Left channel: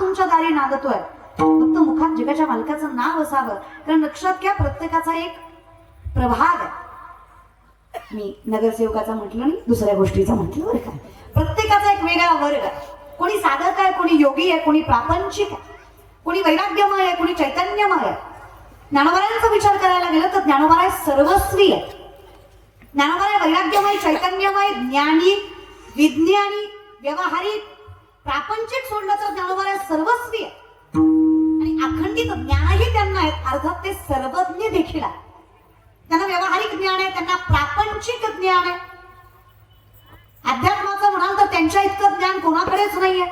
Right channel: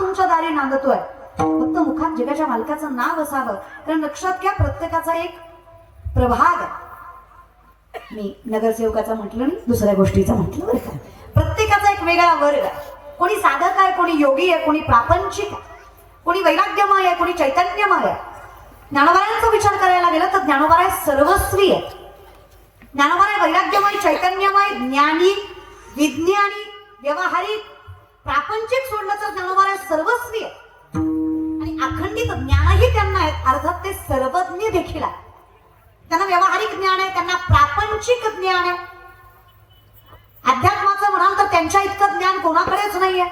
तुमच्या दारी नांदतोय, फक्त मुखात जगाच्या मालकाचं नाव असावं. कारण लक्षात घ्या, प्रत्येकाचा एक प्रभाग आहे. मी नगरसेवकाचा म्हटलं नाही, दुसऱ्या गोष्टीचा म्हटलं बरं का. प्रत्येकाचा एक वेगळा वर्ग आहे. कोणी साधक आहे, कोणी योगी आहे, कोणी प्रापंचिक आहे, कोणी वैराग्यमय आहे, कोणी चैतन्यमय आहे. ज्ञानोबांचा विचार करायला गेलं तर ज्ञानोबा सर्वस्वी आहे. ज्ञानोबा वैराग्यमय, चैतन्यमय, ज्ञानी, विज्ञानी, व्यवहारिक, प्रापंचिक सोडलं तर ज्ञानोबा सर्वस्वी आहे. आणि अखंडित ज्ञानही त्यांना आहेत. अर्थात ते सर्वज्ञ देखील आहे. त्यांना व्यवहारिक ज्ञान आहे, त्यांना प्रापंचिक ज्ञान आहे. अध्यात्माचं म्हणाल तर त्यांच्या इतकं ज्ञान कोणाकडेच नाहीये.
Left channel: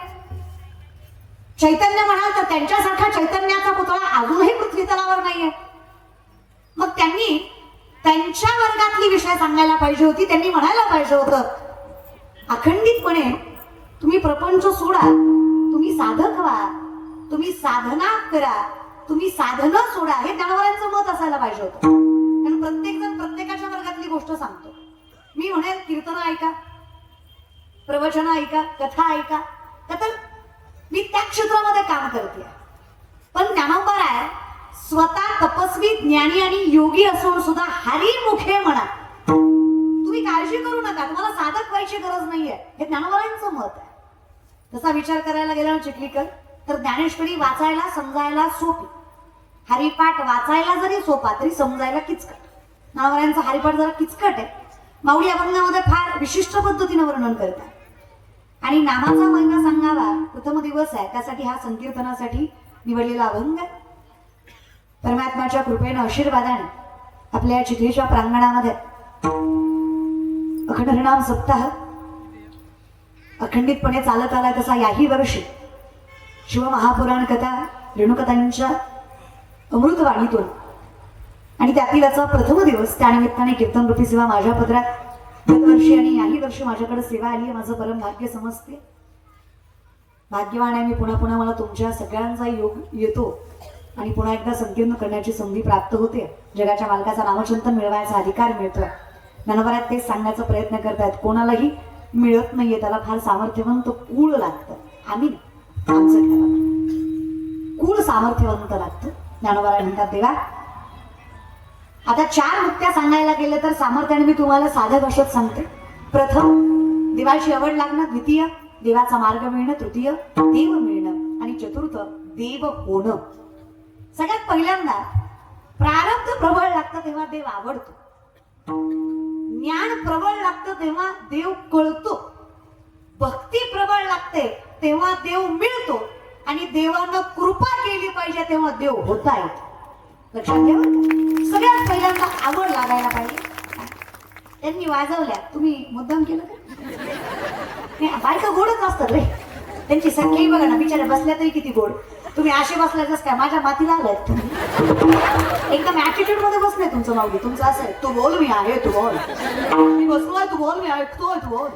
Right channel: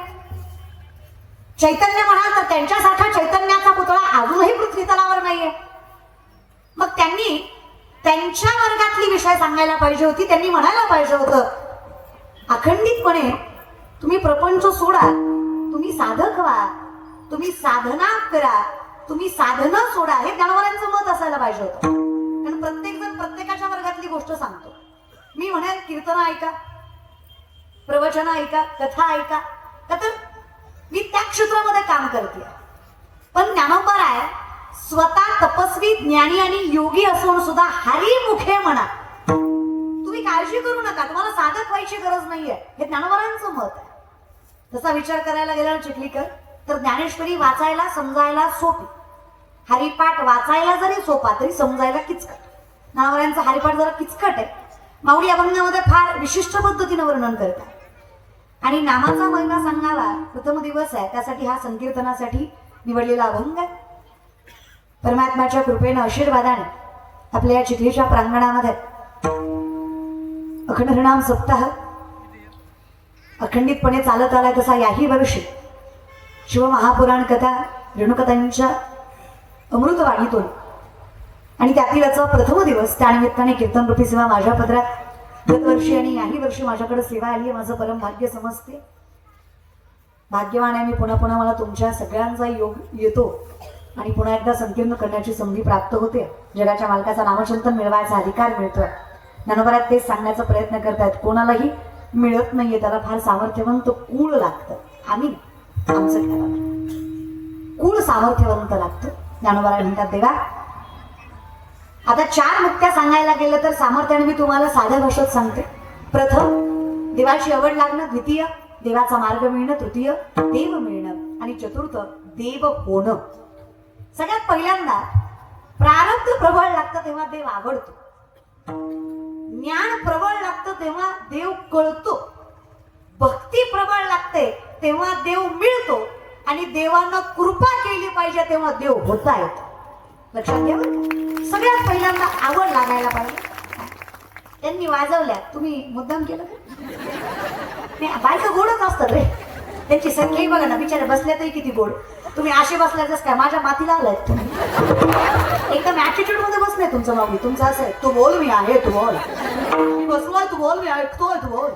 चैतन्य म्हणाल तर त्यांच्यासारखा चैतन्याचा पुतळा अजूनही पृथ्वी तलावर नाहीये. मग त्यांनी त्यांच्या वर्गातली विषय सांगायला पाहिजे होती. त्यांनी म्हणायला पाहिजे होतं, अखंडितपणे तुम्ही प्रपंच सोडा, तुम्ही साधक व्हा, तुम्ही साधना करा, तुम्ही साधना सोडा. हे ज्ञानोबांचं मत असायला पाहिजे होतं. कारण प्रत्येक जण प्रत्येकाच्या वर्गातली गोष्ट सांगतो. मी म्हणेल कीर्तन ऐका, प्रवचन ऐका, कथा ऐका, तर मी त्या क्षेत्रामध्ये काम करते. पण ज्ञानोबा आहे स्वतः तपस्वी, ज्ञानी आणि योगी असून सुद्धा हरिमुखे म्हणा. तुम्ही काळजी करू नका, तुम्हाला साधक व्हायची गरज नाहीये. हे ज्ञानोबांचं मत आहे. तसा विचार करायला गेला ना चिखलीकर, तर ज्ञानेश्वरी वाचायला समजायला सोपी, हरिपाठ वाचायला जरी सोपा तरी समजायला किचकट. ज्ञानोबांचा हरिपाठ जरा किचकट आहे. माऊली अभंगामध्ये फार विशिष्ट पद्धतीने वर्णन करतात. आणि नामाचा महिमा सांगावा, प्रथम दिवस आहे, त्यासाठी हा संकीर्तनासाठी निवडलेला अभंग आहे. परमात्म्याच्या कृपेनं, आशीर्वादाने आपल्या या चिखलीच्या प्रांगणामध्ये अखंड हरिनाम सप्ताह अखंडितपणे चालत आलाय. तसा याही वर्षी शिवमहापुराण कथा रेणुकथांच्या अमृतवाणीतून आणि त्यातीलचा प्रथम दिवस, त्यानिमित्ताने कीर्तनरूपी सेवा माझ्या पदरात दरवर्षी आणि याही वर्षी माझ्याकडे सेवा आली. माझं परम भाग्य समजते. भाग्यवान आहे मी. पुन्हा पुन्हा मला तुमच्या सगळ्यांचा योग येतो आणि पुन्हा एकदा संकीर्ण करण्याची संधी प्राप्त होते. जगाच्या मालकाचा नामचिंतन मिळवायचा अधिकार मिळतोय. ज्ञानोबा तेच सांगण्याचा प्रयत्न करतात. कोणालाही मिळत नाहीये, त्याला फार सामर्थ्यवंत कूळ लागतं. आम्ही आमचं कूळ सामर्थ्यवंत लागतं. ज्ञानोबा म्हणतात देवा, आता 4 मुक्त्या सांगायला गेलं तर सामर्थ्याने मी तुम्हाला साध्या भाषेत सांगते. प्रथम देवाची आवड लागणं, द्वितीय देवाचा मार्ग मिळणं, तृतीय देव मिळणं आणि चतुर्थ देव होणं. सगळ्यात पहिल्यांदा प्रारब्ध प्रबळ लागतं तेव्हा देव आवडतो. ज्ञान प्रबळ लागतं तेव्हा देव कळतो. भक्ती प्रबळ लागते तेव्हा देव मिळतो. आणि देवानं कृपा केली पाहिजे तेव्हा देव होता येतो. लक्षात घ्या. सगळ्यात पहिल्यांदा आवड लागायला पाहिजे. त्यांनी वाजवल्या, तुम्ही मुद्दाम केलं का? बायका गोडच असतात रे. त्यांची संख्याही बघा ना, बिचारे बसल्या तरी किती गोड. तुम्ही असे बसल्याच काय माझ्या माथी लागलायत तुम्ही. एकदम ऍटिट्यूड मध्ये बसले तुमचं नाव. तुमचं असं आहे, तू बोल मी आहे, तू बोल. मी बसलोय, तू बोल मी ऐकतोय, तू बोल.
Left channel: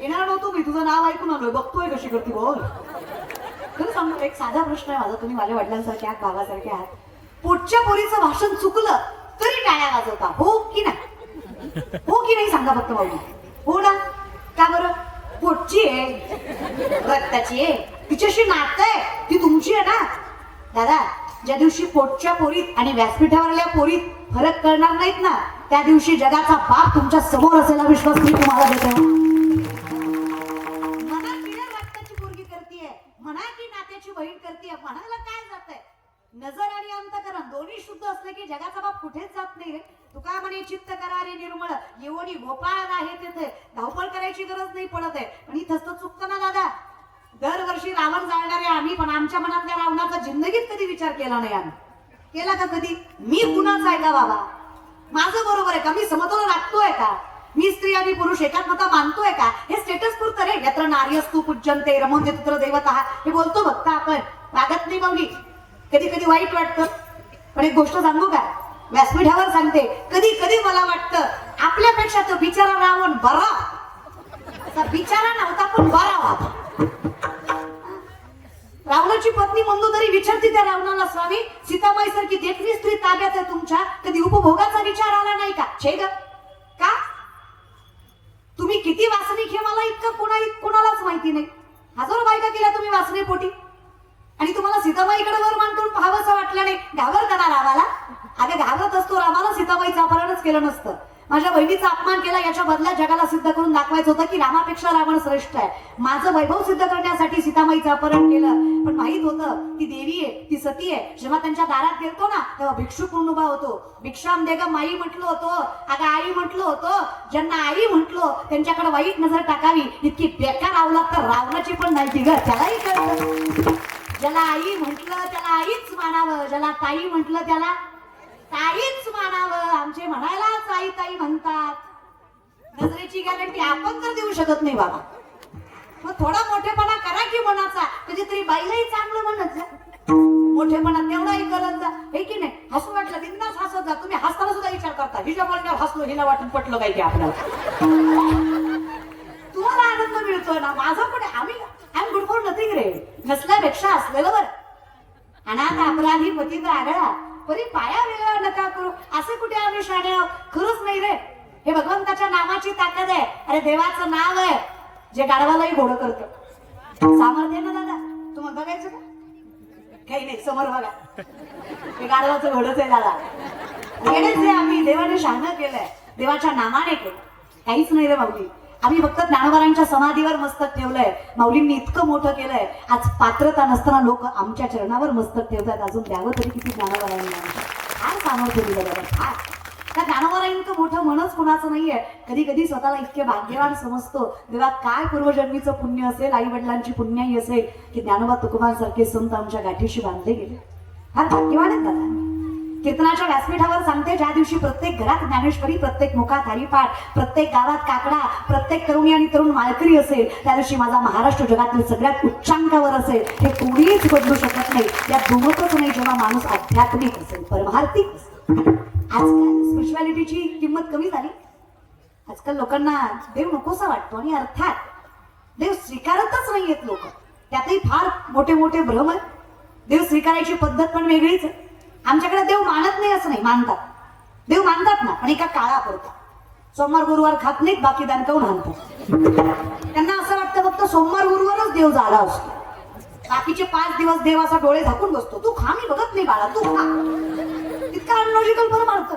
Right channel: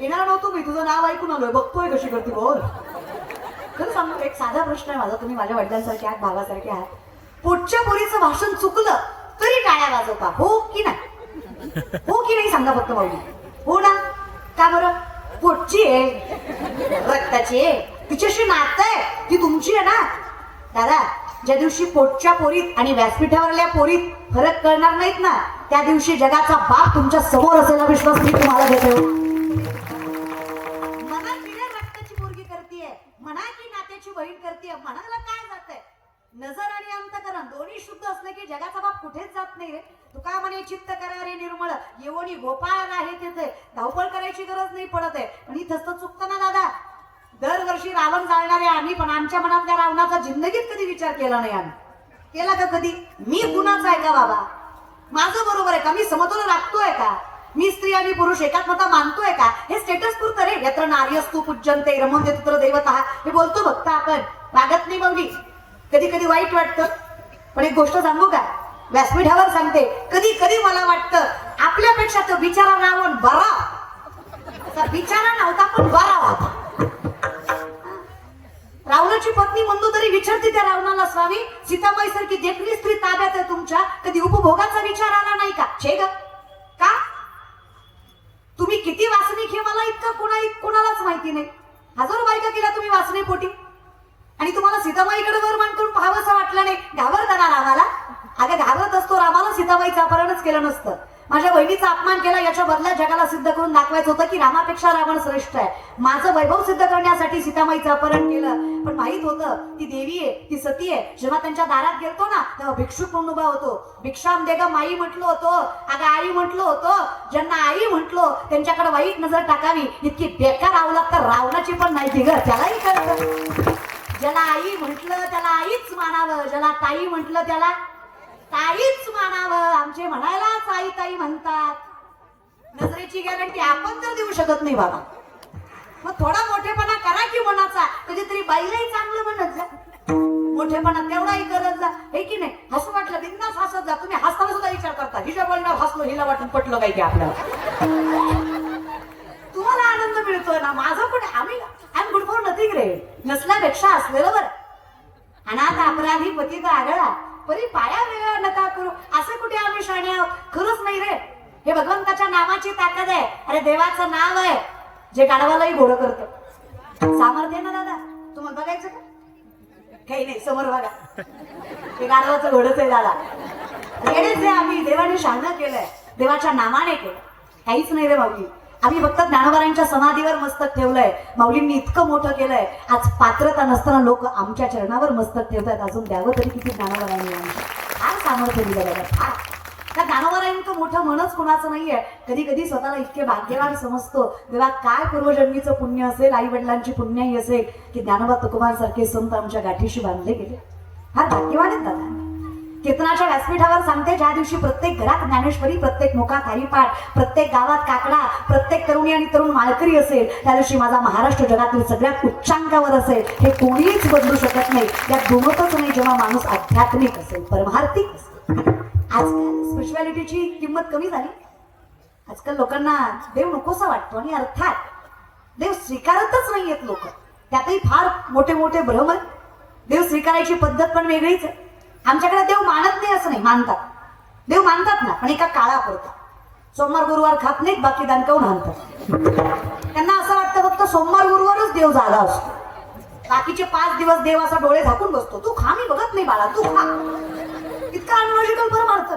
येणार नव्हतो मी, तुझं नाव ऐकून आलोय, बघतोय कशी करते बोल. खरं सांगतो, एक साधा प्रश्न आहे माझा. तुम्ही माझ्या वडिलांसारखे आहात, भावासारखे आहात. पोटच्या पोरीचं भाषण चुकलं तरी टाळ्या वाजवता, हो की नाही? हो की नाही सांगा फक्त माऊली. हो ना? का बरं? पोटची आहे, रक्ताची आहे, तिच्याशी नातं आहे, ती तुमची आहे ना. दादा, ज्या दिवशी पोटच्या पोरीत आणि व्यासपीठावरल्या पोरीत फरक कळणार नाहीत ना, त्या दिवशी जगाचा बाप तुमच्या समोर असेला विश्वास मी तुम्हाला देतो. म्हणा की रक्ताची पोरगी करतीये, म्हणा की नात्याची बहीण करतीये, म्हणायला काय जातंय? नजर आणि अंतकरण दोन्ही शुद्ध असले की जगाचा बाप कुठेच जात नाही रे. तुका म्हणे चित्त करा रे निर्मळ, एवढी गोपाळ आहे तिथे, धावपळ करायची गरज नाही पडत आहे. पण इथंच तर चुकतं ना दादा. दरवर्षी रावण जाळणारे आम्ही, पण आमच्या मनातल्या रावणाचा जिंदगीत कधी विचार केला नाही. आम्ही केला का कधी? मी कुणाचा आहे का बाबा? माझं बरोबर आहे का? मी समतोल राखतोय का? मी स्त्री आणि पुरुष एकात्मता मानतोय का? हे स्टेटस पुरतं रे. यत्र नार्यस्तु पूज्यन्ते रमन्ते तत्र देवतः, हे बोलतो फक्त आपण, वागत नाही माऊली. कधी कधी वाईट वाटतं. पण एक गोष्ट सांगू का, व्यासपीठावर सांगते, कधी कधी मला वाटतं आपल्यापेक्षा तो बिचारा रावण बरा. बिचारा नव्हता पण बरा होता. रावणाची पत्नी मंदोदरी विचारते त्या रावणाला, स्वामी सीताबाई सारखी देखणी स्त्री ताब्यात आहे तुमच्या, कधी उपभोगाचा विचार आला नाही का? छे ग, का? तुम्ही किती वासनिक हे मला इतकं कोणालाच माहिती नाही. हजारो बायका केल्या तुम्ही वासने पोटी, वाटलं नाही. घाबरताना रामाला? अगं घाबरत असतो रामाला सीताबाईचं अपहरणच केलं नसतं. माझ्या बहिणीचा अपमान केला याच्या बदला जगाला सिद्ध करून दाखवायचं होतं की रामापेक्षा रावण श्रेष्ठ आहे. माझं वैभव सिद्ध करण्यासाठी सीताबाईचं अपहरण केलं. पण माहित होतं ती देवी आहे, ती सती आहे. जेव्हा त्यांच्या दारात गेलतो ना तेव्हा भिक्षुक म्हणून उभा होतो. भिक्षाम देगा माई म्हटलं होतं, अगं आई म्हटलं होतं. ज्यांना आई म्हटलो त्यांच्याकडे वाईट नजर टाकावी इतकी बेकार आवलात तर रावणाची पण माहिती ग त्यालाही कळतं. ज्याला आई म्हटलं त्याला आईच मानावं, ज्याला ताई म्हटलं त्याला ताईच मानावं. आमचे म्हणायलाच आई ताई म्हणतात. नजरेची गॅरंटी आपण तर देऊ शकत नाही बाबा. मग थोडा मोठेपणा करा की मनाचा, कधीतरी बाईलाही चांगलं म्हणत जा. मोठेपणा तेवढाही करत जा, हे की नाही. हसू वाटलं बिंदास हसत जा. तुम्ही हसताना सुद्धा विचार करता हिच्या बोलणार हसलो, हिला वाटून पटलं काय की आपल्याला. तुम्हाला आनंद मिळतोय ना, माझं पण आम्ही गुड फॉर नथिंग रे. नसल्यापेक्षा असलेलं बरं. अनाथ अपराधी पतित आढळा परी पाया वेगळा नका करू. असे कुठे आम्ही शाणे आहोत? खरंच नाही रे. हे भगवंताच्या नामाची ताकद आहे. अरे देवाचं नाव आहे जे गाढवालाही घोडं करतं. सामर्थ्य ना दादा, तुम्हाला बघायचं का? काही नाही, समोर बघा. हे गाढवाचं घोडंच आहे दादा. येणेच जे आम्ही देवाने शहाणं केलंय, देवाच्या नामाने केलं. काहीच नाही रे माऊली. आम्ही फक्त ज्ञानोबारांच्या समाधीवर मस्तक ठेवलंय. माऊलींनी इतकं मोठं केलंय. आज पात्रता नसताना लोक आमच्या चरणावर मस्तक ठेवतात. अजून द्यावं तरी किती ज्ञानोबारांनी आमच्या फार सामर्थ्य दिलं बघा. त्या ज्ञानोबारांचं मोठं मनच कुणाचं नाहीये. कधी कधी स्वतःला इतके भाग्यवान समजतो. तेव्हा काय पूर्वजन्मीचं पुण्य असेल, आई वडिलांची पुण्याई असेल की ज्ञानोबा तुकोबांसारखे संत आमच्या गाठीशी बांधले गेले. फार भाग्यवान आहेत दादा. कीर्तनाच्या व्यासपीठावर सांगते, ज्या दिवशी प्रत्येक घरात ज्ञानेश्वरी, प्रत्येक मुखात हरिपाठ, प्रत्येक गावात काकडा, प्रत्येक तरुणी आणि तरुण माळकरी असेल, त्या दिवशी माझा महाराष्ट्र जगातील सगळ्यात उच्चांकावर असेल. हे कोणीच बदलू शकत नाही. यात दुमतच नाही जेव्हा माणूस आध्यात्मिक असेल, परमार्थिक असेल. आजकाल स्पिरिच्युअलिटीची किंमत कमी झाली. आजकाल लोकांना देव नकोसा वाटतो आणि अर्थात देव स्वीकारतच नाहीयेत लोक. त्यातही फार मोठे मोठे भ्रम. देव स्वीकारायची पद्धत पण वेगळीच आहे. आमच्याकडे देव मानत नाही असं नाही, मानतात. देव मानतात ना, पण एका काळापुरता. सोमवार गुरुवार खात नाहीत, बाकी दणकावून मानतात. त्यांना असं वाटतं फक्त सोमवार गुरुवारच देव जागा असतो. बाकीचे 5 दिवस देव असा डोळे झाकून बसतो. तू खा, मी बघत नाही बाळा, तू खा. इतका अनलॉजिकल पण मारतात.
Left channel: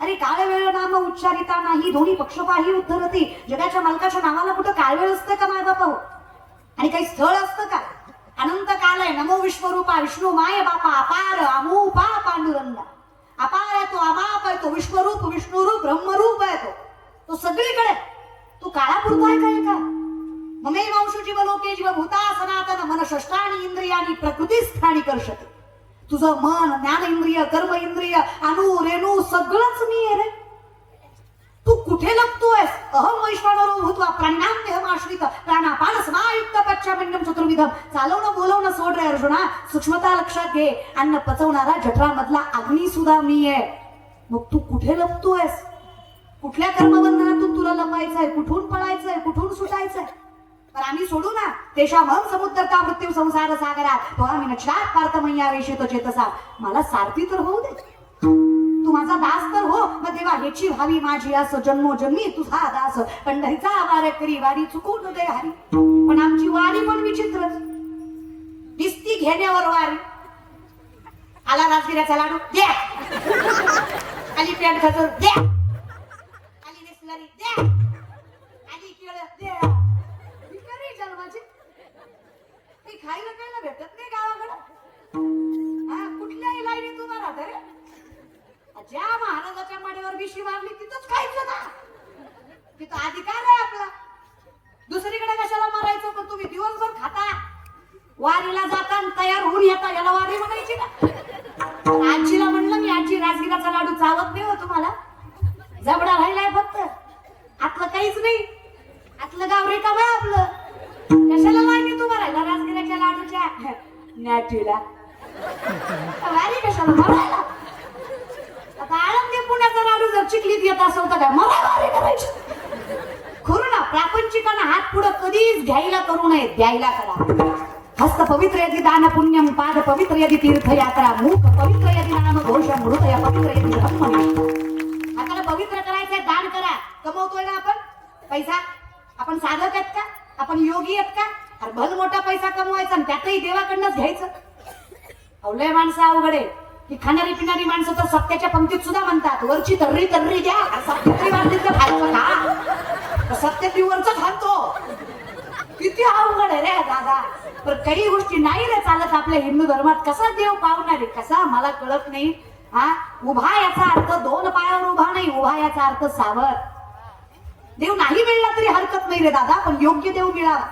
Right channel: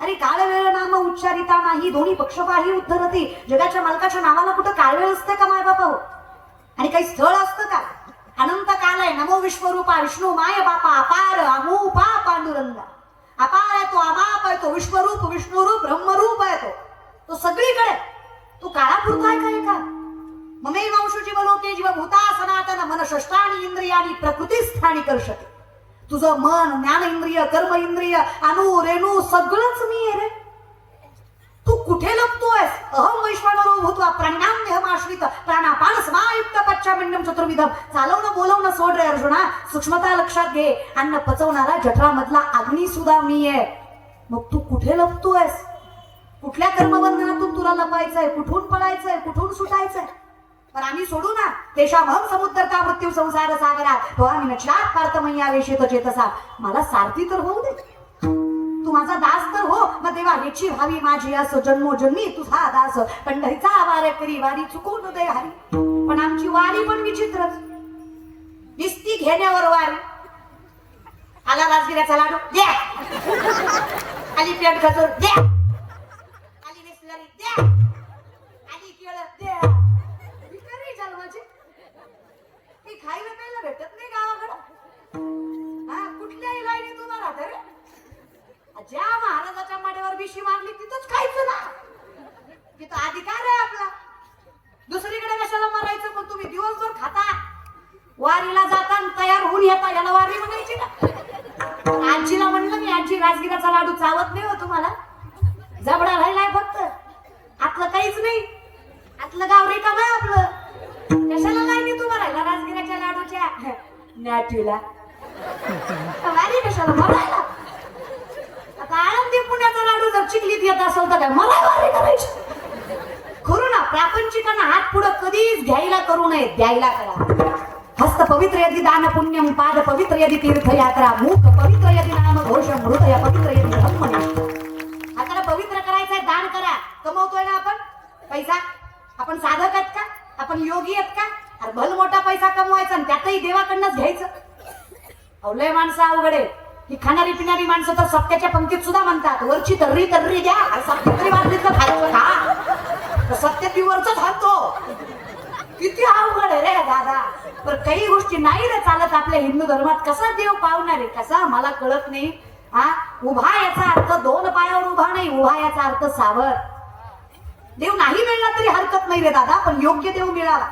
अरे काळ वेळ नाम उच्चारिता नाही, दोन्ही पक्षपाही उद्धरती. जगाच्या मालकाच्या नावाला कुठं काळवेळ असतं का माय बापा हो? आणि काही स्थळ असतं का? अनंत काल आहे. नमो विश्वरूपा विष्णू माय बापा अपार अमूपा पांडुरंगा. अपार आहे तो, अमाप आहे तो, विश्वरूप विष्णुरूप ब्रह्मरूप आहे तो. तो सगळीकडे. तू काळापुरता आहे काय का? ममे वंशुची मलोके जीव भूता सनातन मन षष्टानी इंद्रियानी प्रकृतीस्थानी कर्षते. तुझं मन, ज्ञान इंद्रिय, कर्म इंद्रिय, अणु रेणू सगळंच मी आहे रे. तू कुठे लपतोयस? अहम वैश्वानरो भूत्वा प्राण्याम्यहमाश्रित प्राणापान समायुक्त पच्चामिंडम चतुर्विधम. चालवणं बोलवणं सोड रे अर्जुना. सूक्ष्मता लक्षात घे. अन्न पचवणारा जठरामधला अग्नी सुद्धा मी आहे. मग तू कुठे लपतोयस? कुठल्या कर्मबंधनातून तुला लपायचंय? कुठून पळायचंय? कुठून सुटायचंय? तर आम्ही सोडू ना. तेषामहं समुद्रता मृत्यू संसार सागरात त्वामिन चार पार्थमय्या वेशित चेतसा. मला सारथी तर होऊ दे. तू माझा दास तर हो. मग देवा ह्याची व्हावी माझी आस, जन्मोजन्मी तुझा दास. पंढरीचा आवार करी वारी चुकून दे हरी. पण आमची वारी पण विचित्रच. निस्ती घेण्यावर वारी. आला राजगिऱ्याचा लाडू द्या, आली पेट खजूर द्या, आली बिस्लरी द्या, आली केळ द्या. जन्माची काही खायला प्यायला भेटत नाही गावाकडे. कुठल्याही लाईनीत उभा राहत रे. ज्या महाराजाच्या माडीवर बिशी मारली तिथंच खायचं ना. तिथं अधिकार आहे आपला. दुसरीकडे कशाला मारायचं? पण तुम्ही दिवसभर खाता, वारीला जाता तयार होऊन येता. याला वारी म्हणायची ना. आजीला म्हणलं मी, आजी राजगिराचा लाडू चावत नाही हो तुम्हाला? जबडा राहिलाय फक्त, आतलं काहीच नाही. आतलं गाव रिकाम आहे आपलं. कशाला लाईनीत उभा राहिला राजगिराच्या लाडूच्या नॅटीला? वारी कशाला मारायला? आता आळंदी पुण्याचा लाडू जर चिखलीत येत असेल तर काय मला वारी करायची? खरं ना, प्रापंचिकांना हात पुढं कधीच घ्यायला करू नये, द्यायला करा. हस्त पवित्र यदि दान पुण्यम, पाद पवित्र यदि तीर्थयात्रा, मुख पवित्र यदि नाम घोषम, हृदय पवित्र यदि धर्मनिष्ठा. हाताला पवित्र करायचंय, दान करा. कमवतोय ना आपण पैसा? आपण साधक आहेत का? आपण योगी आहेत का? अरे भल मोठा पैसा कमवायचा आणि त्यातही देवाकडनंच घ्यायचं. अवलय लय माणसं अवघड आहे. ही खाणारी पिणारी माणसं तर सत्याच्या पंक्तीत सुद्धा म्हणतात वरची तर्री तर्री द्या, सत्य तरी वाजलीचं खायचं का? सत्य ती वरच खातो. किती अवघड आहे रे दादा. पण काही गोष्टी नाही रे चालत आपल्या हिंदू धर्मात. कसा देव पावणार आहे कसा मला कळत नाही. हा, उभा याचा अर्थ दोन पायावर उभा नाही, उभा याचा अर्थ सावर. देव नाही मिळला तरी हरकत नाही रे दादा, पण योग्य देव मिळावा.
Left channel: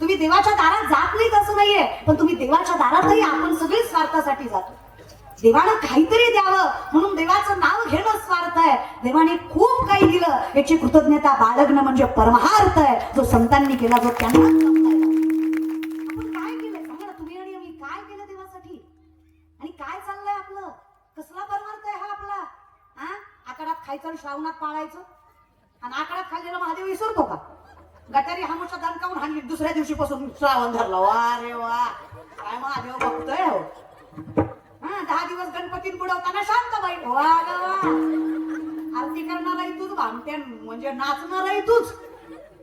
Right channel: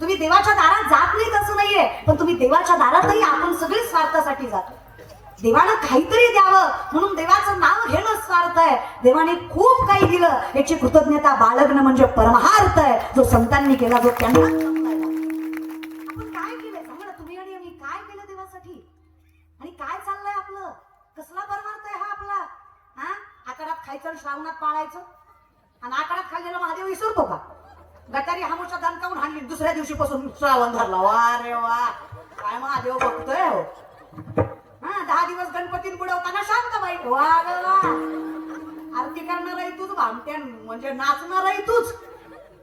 तुम्ही देवाच्या दारात जात नाहीत असं नाहीये, पण तुम्ही देवाच्या दारातही आपण सगळे स्वार्थासाठी जातो. देवानं काहीतरी द्यावं म्हणून देवाचं नाव घेणं स्वार्थ आहे. देवाने खूप काही दिलं याची कृतज्ञता बाळगणं म्हणजे परमार्थ आहे, जो संतांनी केला, जो त्यांना. आपण काय केलंय सांगा तुम्ही आणि मी, काय केलं देवासाठी आणि काय चाललंय आपलं? कसला परमार्थ आहे हा आपला? हा, आकारात खायचं, श्रावणात पाळायचं आणि आकारात खाल्लेला महादेव विसरतो का? गटारी हामुषा दणकावून हाणली, दुसऱ्या दिवशीपासून श्रावण धरला. वा रे वा, काय महादेव बघतोय हो. हा, 10 दिवस गणपती बुडवताना शांत बाई. वा ग वा, आरती करणारही तूच, भामटे म्हणजे नाचणारही तूच.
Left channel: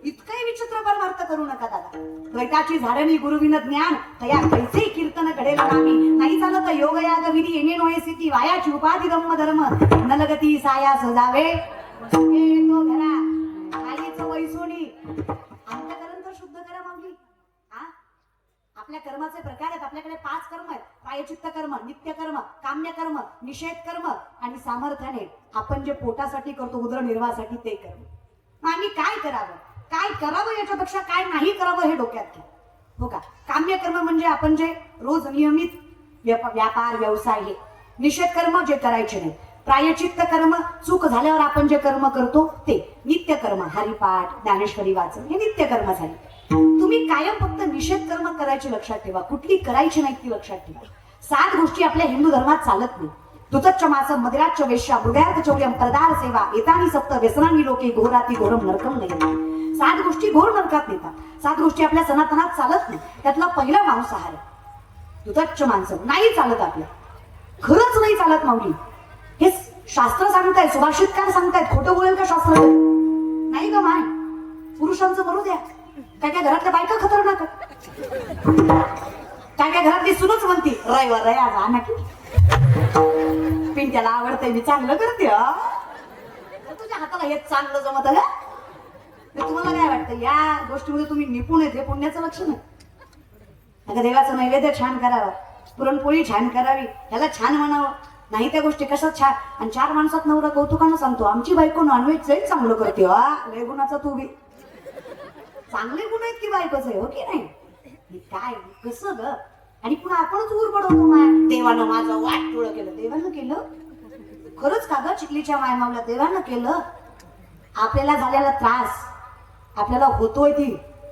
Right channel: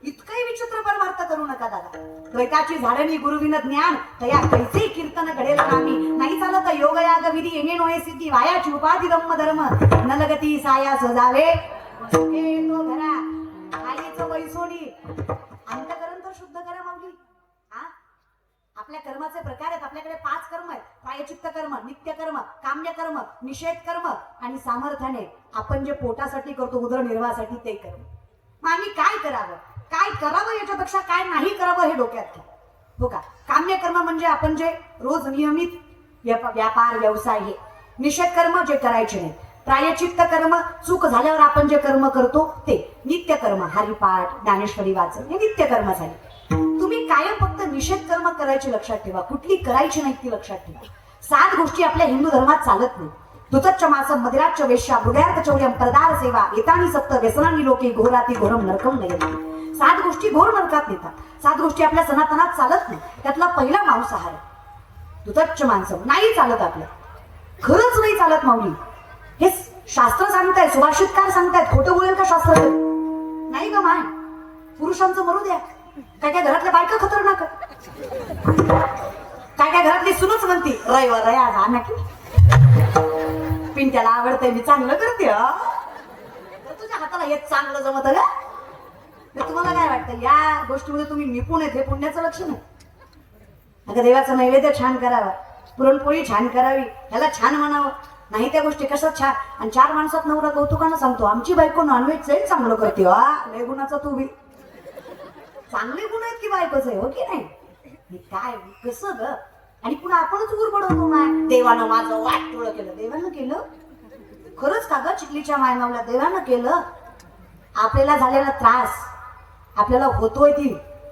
इतकंही विचित्र परमार्थ करू नका दादा. द्वैताची झाडणी गुरुविन ज्ञान तया कैसे कीर्तन घडेल कामी. नाही चालत योग याग विधी येणे नोये सिद्धी, वायाची उपाधी धम्म धर्म नलगती साया सजावे तो घरा. आईचं वैसोनी अंतकरण तर शुद्ध करा माऊली. हा, आपल्या कर्माचे प्रकार आहेत. आपल्याकडे 5 कर्म आहेत. प्रायचित्त कर्म, नित्य कर्म, काम्य कर्म, निषेध कर्म आणि सामर्थ्याने आपण जे पोटासाठी करतो उदरनिर्वाहासाठी ते कर्म. मग आम्ही काय करावं, काय करावं याच्यापेक्षा काय नाही करावं हे डोक्यात घ्या. हो का? काम्य कर्म म्हणजे आपण जे रोज नियमित व्यापार व्यवसाय हे. निषेध कर्म जे करायचे नाही. प्रायचित्त कर्म चूक झाल्यावर आपण जे कर्म करतो ते. नित्य कर्म हरिपाठ, ज्ञानेश्वरी वाचन हे नित्य कर्म झाले. तुम्ही कायम फक्त निषेध कर्म करायची लक्षात ठेवा, कुठली करायची नाही ती लक्षात ठेवा. 7 गोष्टी आपल्या हिंदू धर्मात चालत नाही. दुतच्च मासम मदिराच्च वेश्या हृदयार्थ चौर्यम प्रदार सेवा एतानी सप्त व्यसनानी लोके घोराती घोरम नरकम नयती. 7 गोष्टी घोर नरकात नेतात. 7 गोष्टी आपल्या सनातनात चालत नाही. त्यातला पहिला मांसाहार आहे. दुतच्च मांसम नाही चालत आपलं, खरंच नाही चालत माऊली. हे शास्त्र सांगतायत, सुभाषितकार सांगतायत. खोटं बोलेल का शास्त्र? नाही ग माय, पुरुषांचं मरू द्या. काय काय घरातल्या बायका खतरनाक, काय काय घरातली सुनच म्हणती रविवार रया ना की पिंट्याला आवडतंय मी चांगलं करते. तुझ्या हाताला हे चांगलं जमत का? तुम्हाला काय वाटतं या गोष्टीमध्ये तुम्ही निपुण आहेत हे पुण्याचं लक्षण आहे? अगं देवाचं नैवेद्य छान करावं, पुरणपोळी छान करावी, ह्याला छान म्हणावं. नाही त्या गोष्टी कशा छान. आणि 4 माणसात नवरा कौतुकानं सांगतो आमची बायको नॉनव्हेज लई चांगलं करते. वा लय गुणाचा तू बी. चांगले गुण आहेत की बायकोच आहे, हो की नाही? काय कसं ग? आणि पुन्हा आपणच उर पडवतो माय, देवानं माझं वाटोळं केलं. देवानं केलं खरंच का ग? चिखलीच्या मायमावला देवानं केलं. आपल्याला झालेला त्रास, आपल्याला होतोय ती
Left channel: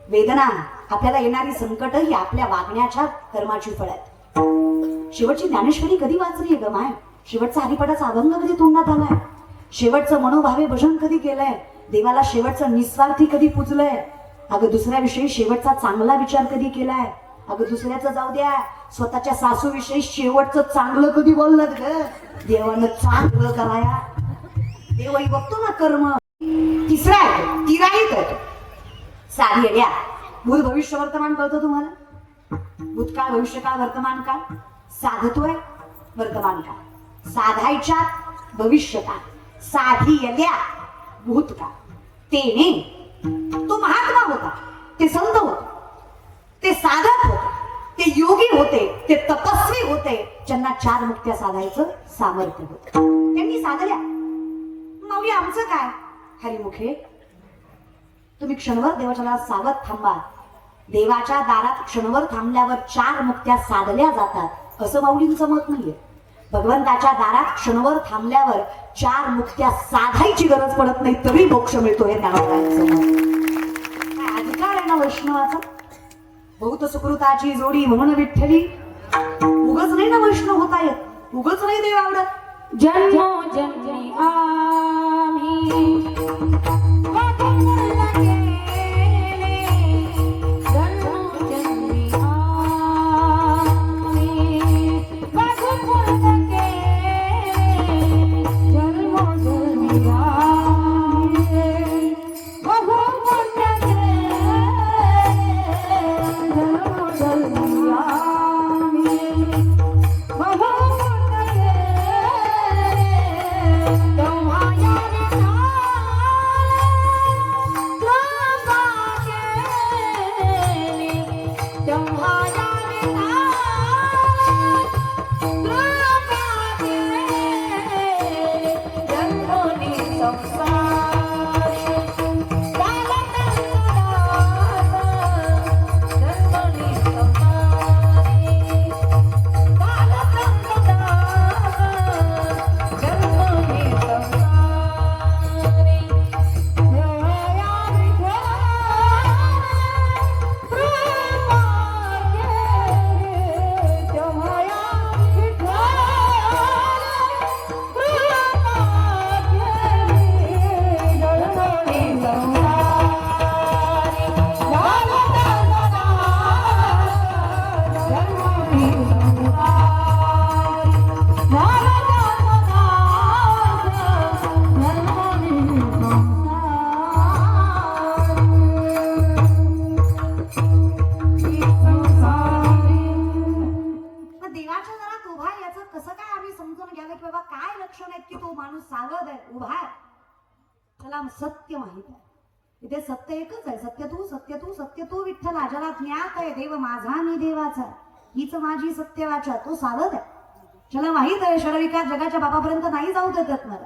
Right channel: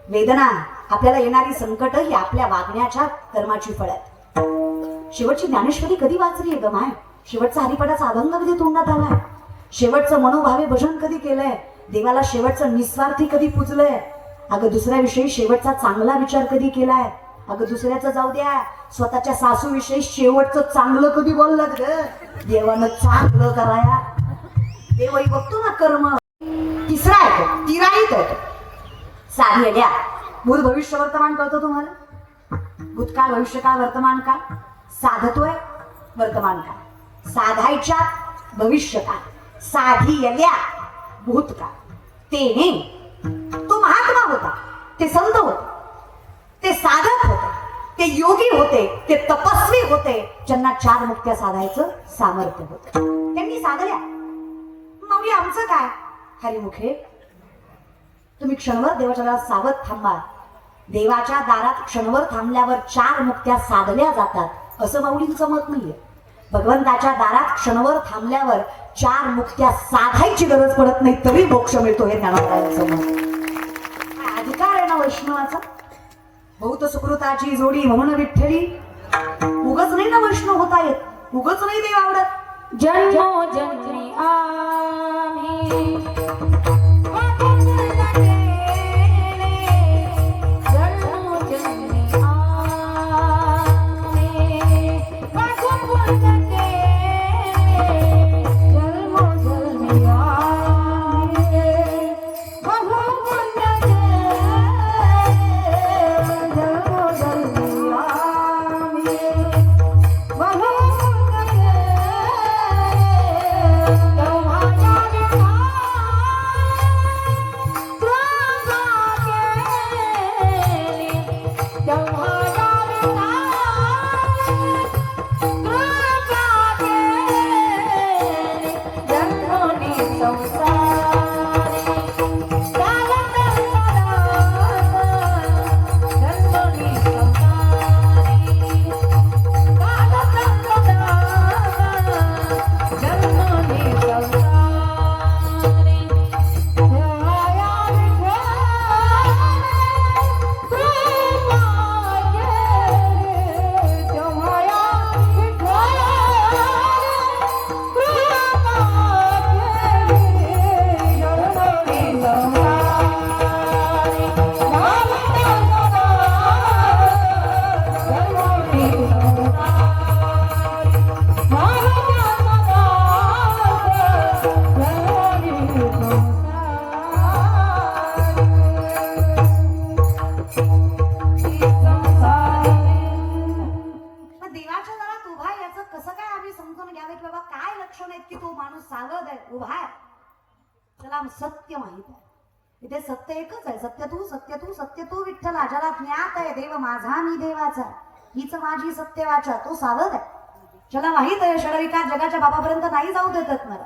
वेदना, आपल्याला येणारी संकट ही आपल्या वागण्याच्या कर्माची फळ आहेत. शेवटची ज्ञानेश्वरी कधी वाचली ग माय? शेवटचा हरिपाठाचा अभंग कधी तोंडात आलाय? शेवटचं मनोभावे भजन कधी केलंय? देवाला शेवटचं निस्वार्थी कधी पूजलंय? अगं दुसऱ्याविषयी शेवटचा चांगला विचार कधी केलाय? अगं दुसऱ्याचं जाऊ द्या, स्वतःच्या सासूविषयी शेवटचं चांगलं कधी बोललात ग? देवानं चांगलं कराया, देवही बघतो ना कर्म. तिसरा आहे तिराईत आहे साधी येड्या. भूत भविष्य वर्तमान कळतो तुम्हाला? भूतकाळ भविष्यकाळ वर्तमान काळ साधतोय. वर्तमान काळ साधायच्या, भविष्यकाळ साधी येड्या, भूतकाळ. तेने तो महात्मा होता, ते संत होते, ते साधक होते, ते योगी होते, ते तपस्वी होते, ज्यांना 4 मुक्त्या साधायचं सामर्थ्य होतं. त्यांनी साधल्या. माऊली आमचं काय? हरिमुखे तुम्ही क्षणभर देवाच्या दारात सावध थांबा. देवाच्या दारात क्षणभर थांबल्यावर 4 मुक्त्या साधल्या जातात असं माऊलींचं मत नाहीये. भगवंताच्या दारात क्षणभर थांबल्यावर 4 मुक्त्या साधायची गरज पडत नाही तरी मोक्ष मिळतो हे ज्ञानोबांचं मत. अधिकार आहे ना वैष्णवाचा? बहुत सुकृताची जोडी म्हणून विठ्ठली. उगच नाही ना वैष्णव होता येत, उगच नाही देव आवडत. जन्मोजन्मी आम्ही जंगलात उभा आहे याचं कसं काय आम्ही समजून घ्यावे की बाबा काय लक्षण आहेत की तो माणूस सावध आहे, उभा आहे. त्याला सत्य माहित आहे. इथे सत्य एकच आहे, सत्य तू सत्य तू सत्य तू विठ्ठला. ज्याला ज्ञात आहे देव माझा मी देवाचा, हीच माझी सत्य वाचा, तो सावध आहे. ज्याला माहित आहे षडविकार जगाच्या बापापर्यंत नाही जाऊ देतात, मला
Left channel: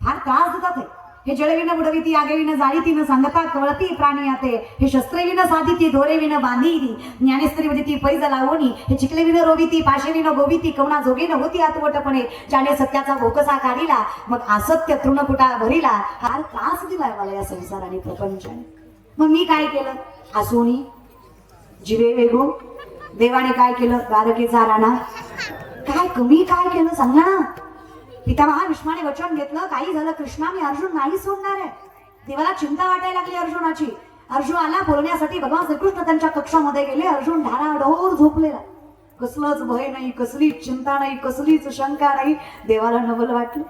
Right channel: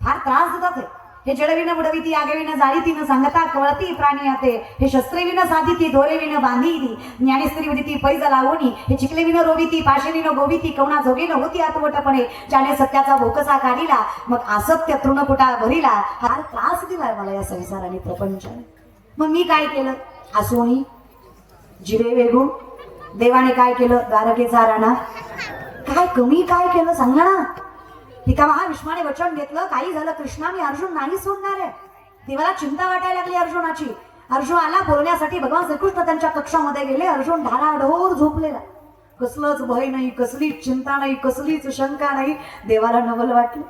फार त्रास देतात हे जडविनं बुडविती आगविनं जाळीतीनं सांगता कवळती प्राणी आते, हे शस्त्रविनं साधिती दोरेविनं बांधिली, ज्ञानेस्त्री उदिती पैज लावणी, हे चिकलेविनं रोविती पाशेविनं गोविती, कवणा जोगीनं होती आतवटपणे, ज्याने सत्याचा भोकसा काढिला मग असत्य तृणकुटा भरिला. फार त्रास दिलाय मला या संसाराने प्रपंचाने. मग मी काय केलं? हसोनी जिवे वेगू. देवाने काय केलं? द्वारकेचा राणा. काय कमी काय केलं सांगा ना. पितामहा भीष्माने वचन घेतलं, काही झालं कृष्णा मी अर्जुन नाही सोडणार आहे. देवाला चिंता वाटायला लागली अर्जुनाची. अर्जुन आला बोलण्यासाठी, भगवान श्रीकृष्ण त्यांच्या कक्षामध्ये गेले. अर्जुन ढाराढोर झोपलेला, कसलंच भय नाही, कसलीच चिंता नाही, कसलीच शंका नाही. देवाला नवल वाटलं.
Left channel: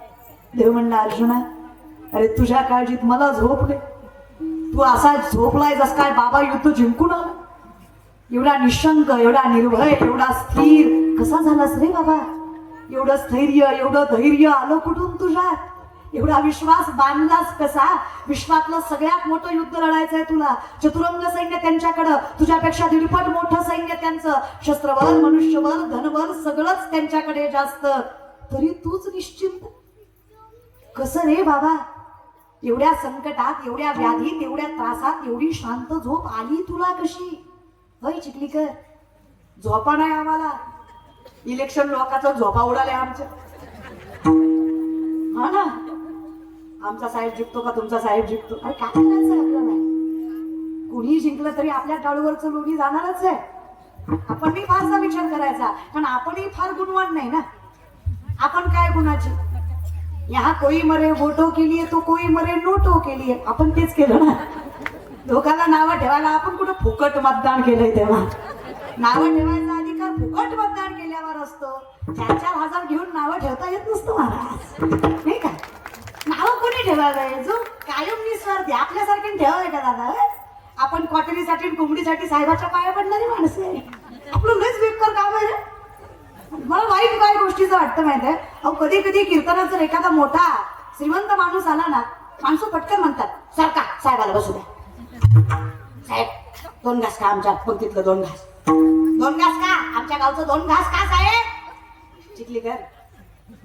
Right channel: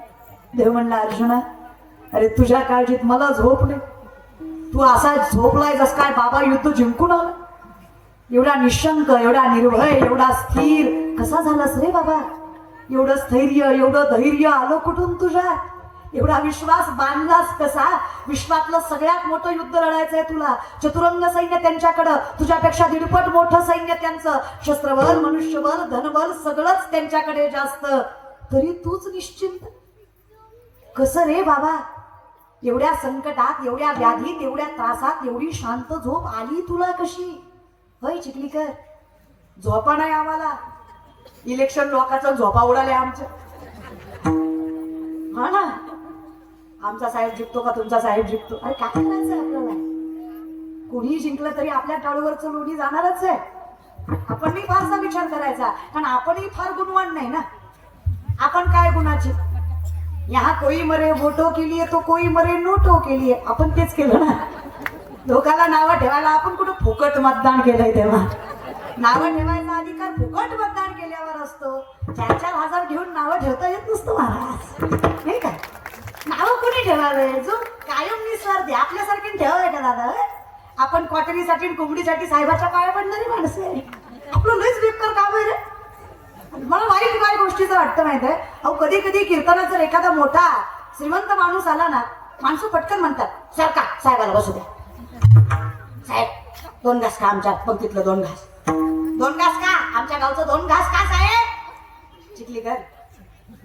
देव म्हणला अर्जुना अरे तुझ्या काळजीत मला झोप नाही, तू असा झोपलाय जस काय बाबा युद्ध जिंकून आला. एवढा निशंक, एवढा निर्भय, एवढा स्थिर कसा झालास रे बाबा? एवढं स्थैर्य, एवढं धैर्य आलं कुठून तुझ्यात? एवढा विश्वास बांधलास कसा? विश्वातलं सगळ्यात मोठं युद्ध लढायचंय तुला. चतुरंग सैन्य त्यांच्याकडं, तुझ्यापेक्षा दीडपट मोठं सैन्य त्यांचं. शस्त्रबळ, मनुष्यबळ, धनबळ सगळंच त्यांच्याकडे जास्त, तरी तूच निश्चिंत कसं रे बाबा? एवढ्या संकटात, एवढ्या व्याधीत, एवढ्या त्रासात एवढी शांत झोप आली तुला कशी? होय चिखलीकर, झोपा नाही आम्हाला. इलेक्शन लोकांचं झोपा उडाल्या आमच्या. हा ना, आमचा साहेब जिंकतो का तुमचा साहेब जिंकतो? अरे काय करायचं आपल्याला? कोणी जिंकलं तरी आपल्या टाळूवरचं लोणी जाणारच आहे. आपण मी फारसा विचार करायचा, कारण आपणही फार गुणवान नाही ना. आपण काय गुणाचे? यहाँ कोई मरे वोटो के लिए तो कोई मरे नोटो के लिए. आपण तेच केलं ना. लोकांना नावं ठेवायला आपण कुठे फुकट मतदान केलंय तेव्हा. नावं ठेवायचा अधिकार फुकट मतदान केल्यावर असतो. 4-4 हजार घेऊन नावं ठेवता येत नसतं महाराज, नाही का? नावं कोणी ठेवावे? जो कायम निस्वार्थी आपल्यासारखे ठेवावे का दादा? आपण क्वार्टरीसाठी कोंबडीसाठी साहेबाच्या पाया पडणारी माणसे आहे. आपलं लयच बेकार काम आहे रे. मला वाईट काय गोष्टीचं वाटतं माहित आहे? अहो कधी कधी कीर्तनात जर एखादा मोठा श्रीमंत माणूस आला ना, माणसं पटकन म्हणतात सारखा साहेबाला बसू द्या. साहेब 2 घास का आमच्या पंक्तीतलं 2 घास. 2 घास का आमच्या गावचं 2 घास का साहेब? चिखलीकर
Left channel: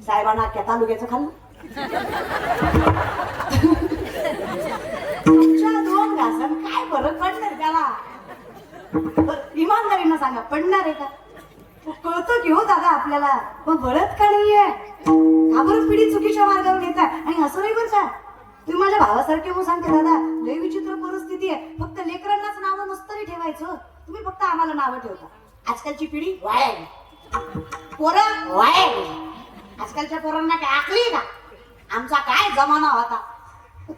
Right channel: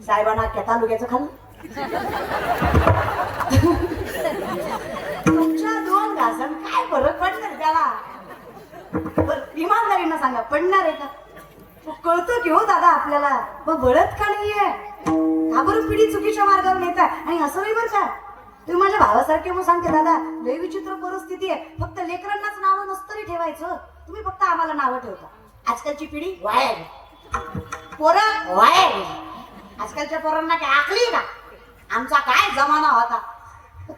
साहेबांना केता लुग्याचं खाल्लं. तुमच्या 2 घासात काय फरक पडणार त्याला? इमानदारीनं सांगा, पडणार आहे का? कळतं की हो दादा आपल्याला, पण गळत का नाहीये? घाबरून पिढी चुकीच्या मार्गावर नेतात. आणि असं नाही बरं का, तुम्ही माझ्या भावासारखे म्हणून सांगते दादा, लय विचित्र परिस्थिती आहे. फक्त लेकरांनाच नावं नसतं रे ठेवायचं, तुम्ही फक्त आम्हाला नावं ठेवता. आजकालची पिढी वाया, पोरं वाया. आजकालच्या पोरांना काय आकली का? आमचा काय जमाना होता.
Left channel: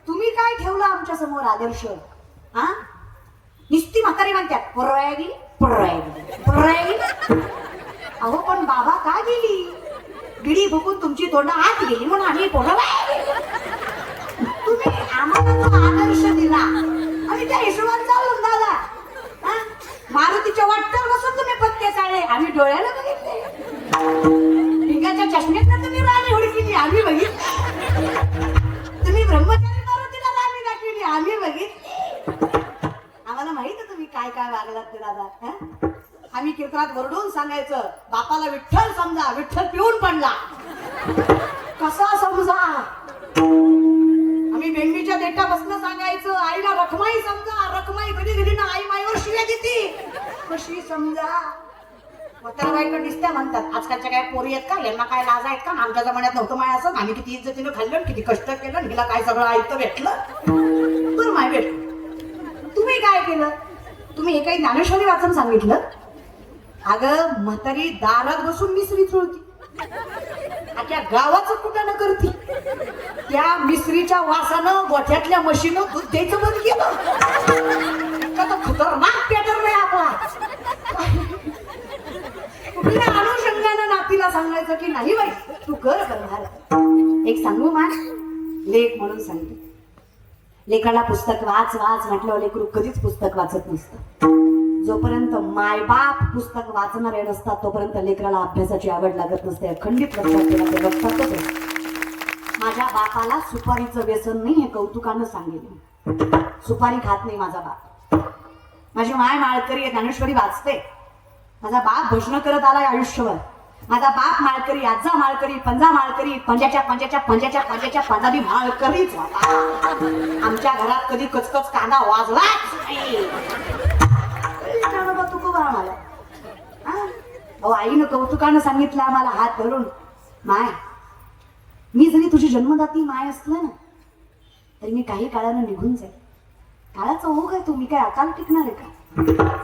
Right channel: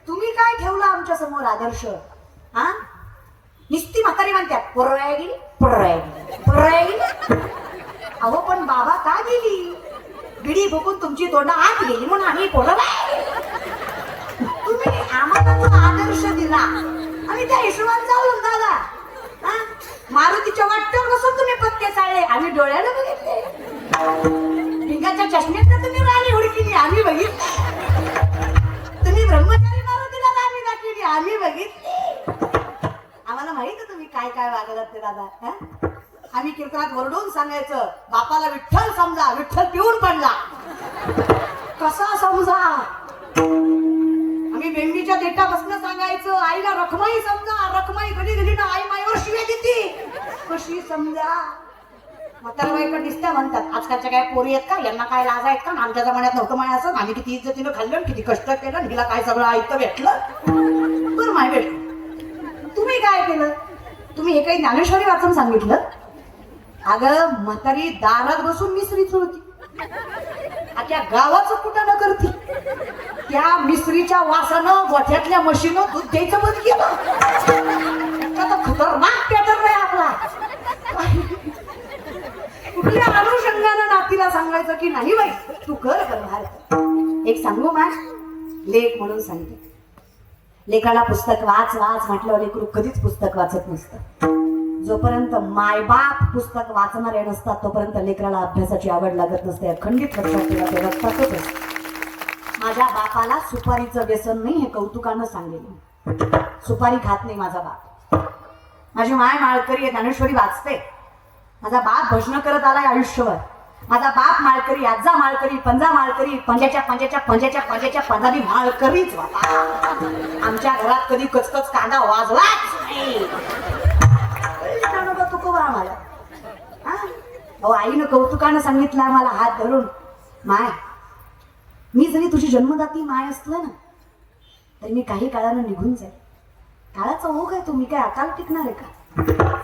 तुम्ही काय ठेवला आमच्या समोर आदर्श? हा, निस्ती म्हातारी म्हणतात पोरं वाया गेली, पोरं वाया गेली, पोरं वाया गेली. अहो पण बाबा का गेली? बिडी बघून तुमची तोंड आत गेली म्हणून आम्ही पोरं वाया गेली. तुम्ही आम्हाला आदर्श दिला आणि त्या हिशोबाने चालून झाला. मारुतीच्या वाटतं नसून तुम्ही पत्ते चालले, आम्ही डोळ्यानं बघितले. भिंगाच्या चष्म्यात तुम्ही राणी हुडकिली, आम्ही बघितले. तुम्ही ब्रह्मचारी मारुतीला राणी दाखविली, आम्ही बघितले. आम्हाला माहित आहे तुम्ही काय काय वागलात ते दादा. आम्ही कीर्तनात ओरडून सांगायचं, बापाला विठ्ठल समजा, विठ्ठल पिऊन पडला. कसा समजा? आम्ही बेंबीच्या देठापासून सांगायचं, आईला रखमाई समजा, रखमाई कधी कधी ना आई माईवर शिव्या देते, कशी समजा? म्हातारा बायका दिसत्या म्हणतात. आजकालच्या काय पोरी आहेत का? यांना काय लाज आहेत का? आमच्या जमान्यात नव्हतं माय असं. आम्ही किती इज्जतीनं खाल्लं, किती कष्ट केलं, हिला काय सगळं ऐकतं भेटलं. तर माय भेट तुम्ही काय केलं? तुम्ही हे काही ज्ञानेश्वरी वाचून सांगितलं? अगं म्हातारी दारात बसून मिसरी चोळती, त्या गावाचं कुठं न करती. त्या मिसरीच्या वासानं गोठ्यातल्या म्हशीनं दूध द्यायचं बंद केलं. खतरनाक पॅटर्न आहे आपला. कुठल्या अनुषंगानं नातीला सांगायचं की नाही बाई तू कर करणार. एक सांगू मा, लेख म्हणून सांगते. लेखाला पुस्तक वाच वाच म्हटल्यावर लेकरू कधीच पुस्तक वाचत नसतं. जोपर्यंत मायबाप पुस्तक वाचणारे नसतात तोपर्यंत लेकराला अभ्यासाची आवड लागत नसते. अखंडित लक्षात ठेवा, ते लक्षातच असतं. माझ्या बापाला सुपारीचं व्यसन नाही हे कौतुकानं सांगेल. सुपारी खात नाही माझा बाप. माझी माय माळकरी आहे, ज्ञानेश्वरी वाचते. माझा बाप भजन करत आलाय आयुष्यभर. माझा बाप माळकरी, आजा माळकरी, पंजा माळकरी, पंजाच्या पंजाच्या पंजाच्या पंजाच्या पंजाबी माळकरीच बाबा. आमच्या घरात कधी कचकच कांदा वाजलाच नाही. तुकोबा आम्हाला अहो, आईनं कौतुकानं सांगितलं आम्हाला हात धरून, माय मी जरी तुझी जन्मदाती माय असलं ना तरी मी काही काळानं निघून जाईल. काळाचा ओघ आहे, तुम्ही काय अकाल टिकणार आहे का?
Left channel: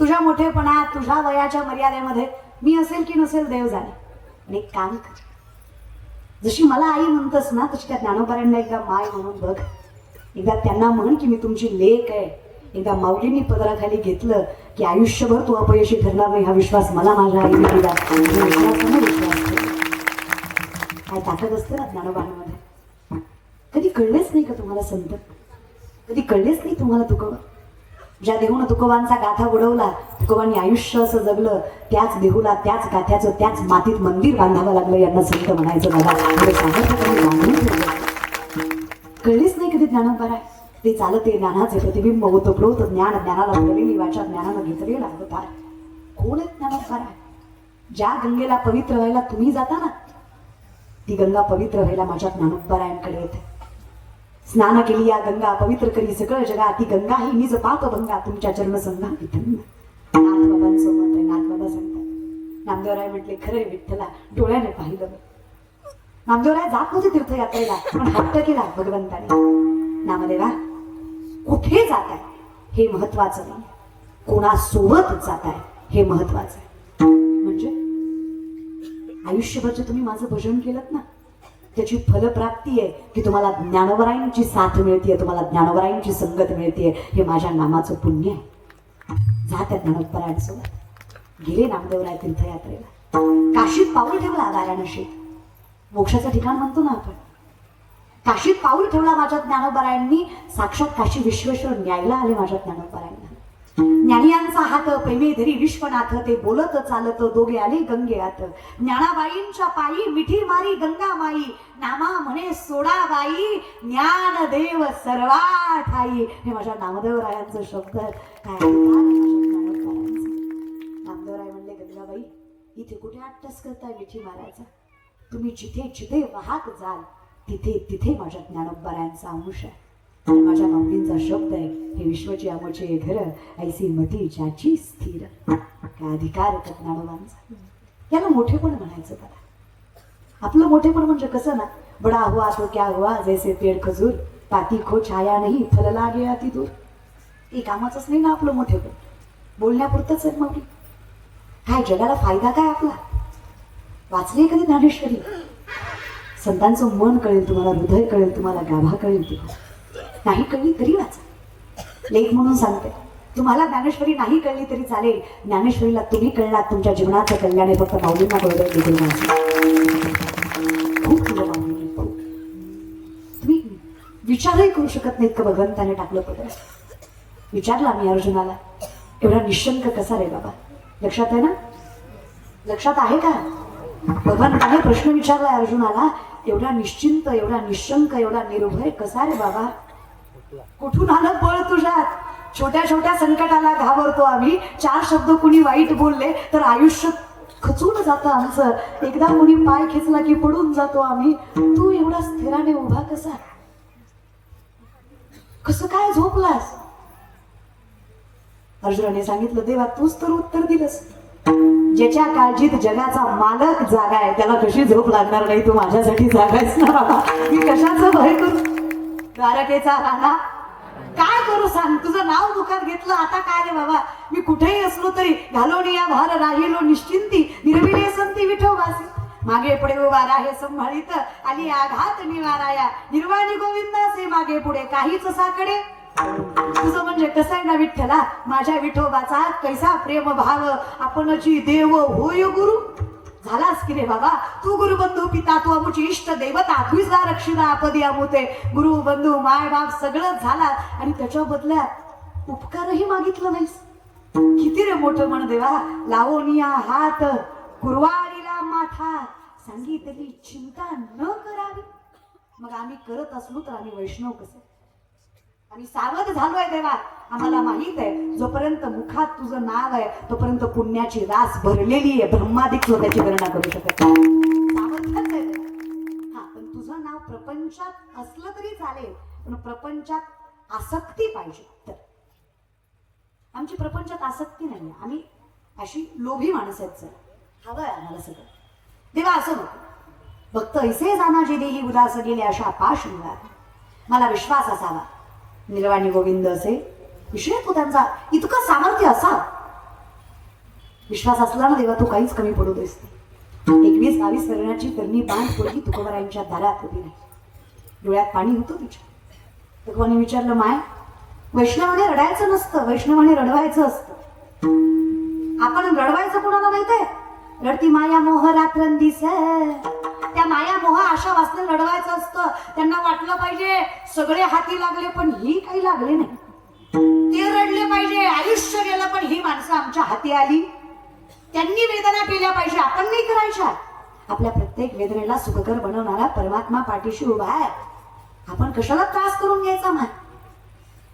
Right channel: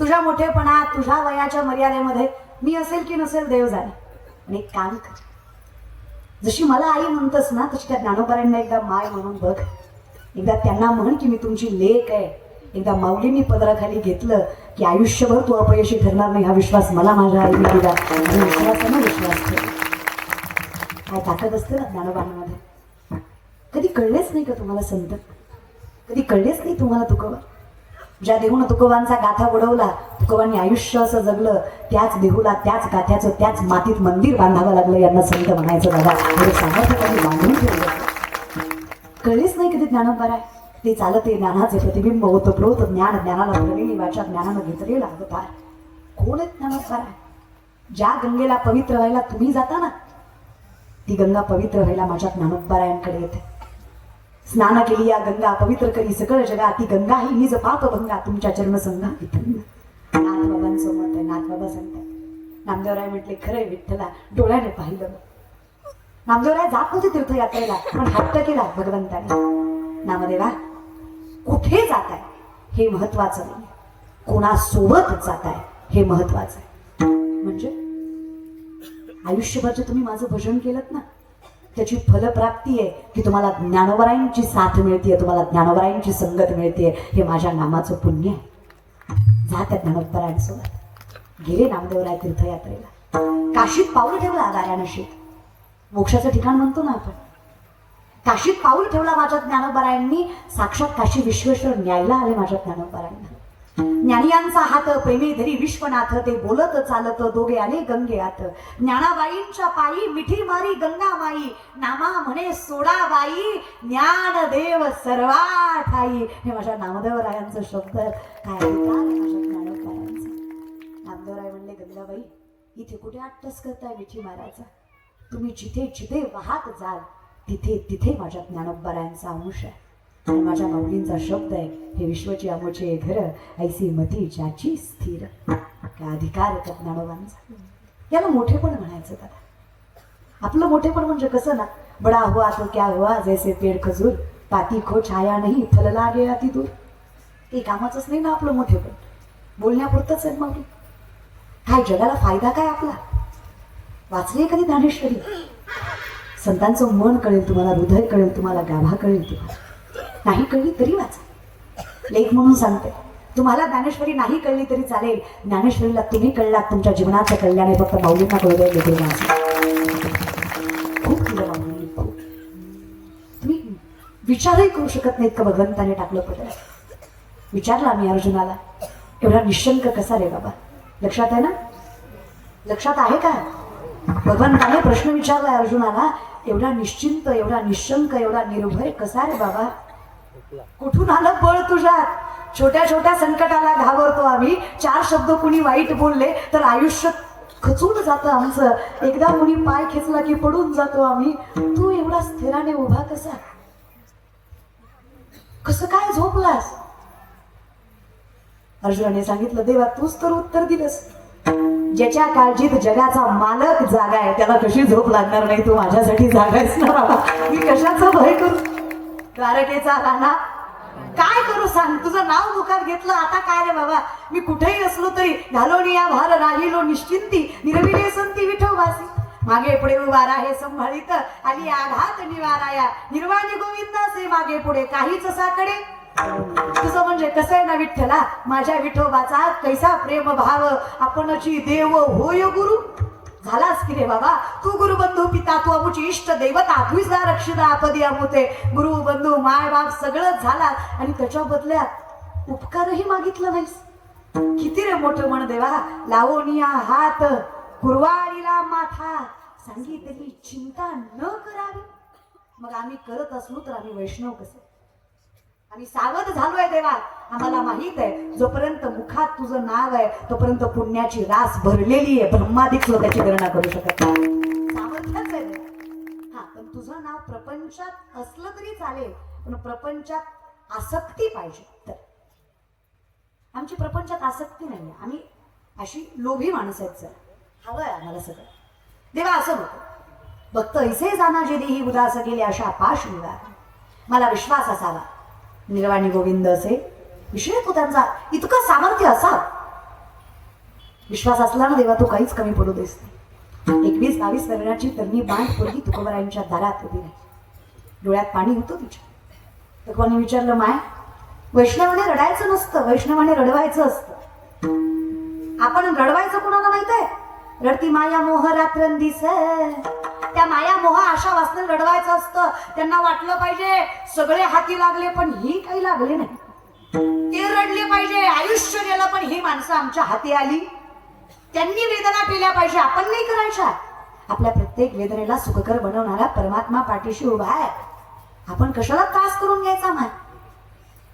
तुझ्या मोठेपणात तुझ्या वयाच्या मर्यादेमध्ये मी असेल की नसेल देव जाणे. आणि एक काम कर, जशी मला आई म्हणतस ना तशी त्या ज्ञानोबारांना एकदा माय म्हणून बघ. एकदा त्यांना म्हण की मी तुमची लेक आहे. एकदा माऊलींनी पदराखाली घेतलं की आयुष्यभर तू अपयशी ठरणार नाही हा विश्वास मला माझ्या आईने दिला. विश्वासानं विश्वास ठेव. काय ताकद असते ना ज्ञानोबारामध्ये. कधी कळलेच नाही का तुम्हाला संत? कधी कळलेच नाही तुम्हाला तुकोबा? ज्या देहून तुकोबांचा गाथा उडवला, तुकोबांनी आयुष्य असं जगलं, त्याच देहूला त्याच गाथ्याचं त्याच मातीत मंदिर बांधावं लागलं. यांना संत म्हणायचं बघा. बांधून ठेवलं. कळलेच नाही कधी ज्ञानोबारा. ते चालते ज्ञानाचे प्रतिबिंब होतं प्रोत ज्ञान, ज्ञानाला भरलेली वाचा, ज्ञानानं घेतलेला अवतार. कोण आहे ज्ञानोबारा? ज्या गंगेला पवित्र व्हायला तुम्ही जाता ना ती गंगा पवित्र व्हायला माझ्या ज्ञानोबारायांकडे येते. स्नान केली या गंगा पवित्र करी सकळ जगा, ती गंगा ही निज पाप भंगा तुमच्या चरणसंगा. नाथबाबांचं मत आहे. नाथबाबा सांगतात, नामदेवराय म्हटले खरंय विठ्ठला, डोळ्याने पाहिलं. नामदेवराय जात होते तीर्थयात्रेला पण हट्ट केला भगवंताने. नामदेवा कुठे जात आहे हे महत्वाचं नाही, कोणासोबत जात आहे हे महत्वाचं आहे. म्हणजे आयुष्यभर जे तुम्ही माझं भजन केलं ना त्याची फलप्राप्ती आहे की तुम्हाला ज्ञानोबरायांची साथ मिळते, तुम्हाला ज्ञानोबरायांची संगत मिळते. हे माझ्या नामाचं पुण्य आहे. जात ज्ञानोबरायांसोबत गेले नामदेवराय तीर्थयात्रेला. काशीत पाऊल ठेवला वाराणसीत, मोक्षाचं ठिकाण म्हणतो ना आपण. काशीत पाऊल ठेवला माझ्या ज्ञानोबरायांनी. साक्षात काशी विश्वेश्वर न्यायला आले माझ्या ज्ञानोबरायांना. ज्ञानियांचा हात प्रेमी धरी विश्वनाथ, ते बोलत चालत दोघे आले गंगेआत. ज्ञानाबाईंच्या पायी मिठी मारी गंगा माई, नामा म्हणे सोडाबाई, ज्ञान देव सर्वा ठाई. हे माझ्या नामदेवरायांचं शब्द काय नामदेवराय म्हणले, गंगाबाई इथे कुठे अट्टस करताय मिठी मारायचा? तुम्ही जिथे जिथे वाहत जाल तिथे तिथे माझ्या ज्ञानोबारायांचा अंश आहे. आणि माझ्या माऊलींचा शब्द आहे, हे विश्वची आमचे घर ऐसी मती ज्याची स्थिर. काय अधिकार आहे ज्ञानोबांचा. याला मोठेपण म्हणायचं का? आपलं मोठेपण म्हणजे कसं ना, बडा हुआ तो क्या हुआ, जैसे पेड़ खजूर, पाती खो छाया नाही, फलला गया ती दूर. हे कामाचंच नाही ना आपलं मोठेपण, बोलण्यापुरतंच आहे. मग काय जगाला फायदा काय आपला? वाचली कधी ज्ञानेश्वरी? संतांचं मन कळेल तुम्हाला, हृदय कळेल तुम्हाला, गाभा कळेल तुम्हाला. नाही कळली तरी वाच. लेख म्हणून सांगते, तुम्हाला ज्ञानेश्वरी नाही कळली तरी चालेल. ज्ञानेश्वरीला तुम्ही कळलात, तुमच्या जीवनाचं कल्याण फक्त माऊलींना कळलं. खूप तुला माऊली, तुम्ही विचारही करू शकत नाहीत का भगवंताने टाकलं पडलं. विचारला आम्ही अर्जुनाला, एवढा निशंक कसा रे बाबा? लक्षात आहे ना? लक्षात आहे का? भगवंताने प्रश्न विचारला अर्जुनाला, एवढा निश्चिंत, एवढा निशंक, एवढा निर्भय कसा रे बाबा? कुठून आलं बळ तुझ्यात? छोट्या छोट्या संकटाला घाबरतो आम्ही. 4 शब्द कुणी वाईट बोलले तर आयुष्य खचून जातं आमचं. एकदा कुणी पाय खेचला की पडून जातो आम्ही. तू एवढा स्थिराने उभा कसा? कसं काय झोपलास? अर्जुनाने सांगितलं, देवा तूच तर उत्तर दिलंस. ज्याच्या काळजीत जगाचा मालक जागा आहे त्याला कशी झोप लागणार नाही? तू माझ्यासाठी जागायच ना बाबा. मी कशाचं भय करू? द्वारकेचा राणा काय करू सांग? तुझं नाव मुखात घेतलं, आता काय रे बाबा? मी कुठेही असलो तरी घालोनिया भार राहिलो निश्चिंती, निर्विणे संती विठोबासी. मागे पुढे उभा राहे संभाळीत, आणि आघात निवाराया, निर्वाणी गोविंदाचे मागे पुढे काहीच साकडे. तुझं म्हणजे कसं आहे ना विठ्ठला, माझ्या विठोबाचा कैसा प्रेम भाव, आपणची देव होय गुरु. झालास की रे बाबा तू गुरुबंधू पिता, तू अमुची इष्ट दैवता, तुझा रक्षिणा आपदी अमुते. गुरु बंधू माय बाप सगळंच झाला आणि त्याच्या बदल्यात उपकारही मागितलं नाहीस. किती रे मोठं म्हण देवा, लावोनिया हात कुरवाडीला माथा, सांगितली चिंता न करावी. मग आम्ही करत असलो तर आम्ही वैष्णव कसे? आम्ही सावध झालोय देवा. आम्हाला माहित आहे जोपर्यंत मुखात तुझं नाव आहे तोपर्यंत पुण्याची रास भरलेली आहे. ब्रह्मादिक लोकांची गणना करू शकत नाही. सामर्थ्यच आहे देवा. हा, पण तुझं नाव प्रपंचात असलं तरी चालेल, पण प्रपंचात आसक्ती पाहिजे. तर आमची प्रपंचात आसक्ती नाही. आम्ही अशी लोभी माणसं आहेत. सर हवंय आम्हाला सगळं. देवा असं नको. भक्त ऐसे जाना जे देही उदास गेले अशा पाश निघा. मला विश्वास असावा निर्वाणी गोविंद असे विषय तो त्यांचा इतकं सामर्थ्य असावं. विश्वास असला ना देवा, तो काहीच कमी पडू देस. 21-22 वर्षाची तरुणी बाण पोरगी तुकोबारांच्या दारात उभी आहे. डोळ्यात पाणी होतं तिच्या. तुकोबांनी विचारलं, माय वैष्णवाने रडायचं नसतं, वैष्णवाने रडवायचं असतं. आपण रडवायचं कुणाला माहित आहे? रडती माया मोह रात्रंदिस. त्या माया मोह आशा वाचून रडवायचं असतं. त्यांना वाटलं पाहिजे सगळे हाती लागले पण ही काही लागले नाही. ते रडले पाहिजे आयुष्य गेलं पण ही माणसं आमच्या हाती आली. त्यांनी वेदना केल्या पाहिजे, आपण नाही करायच्या. आपल्या प्रत्येक वेदनेला सुखकर बनवणारा परमात्मा पाठीशी उभा आहे. आपण कशाला त्रास करून घ्यायचा? माय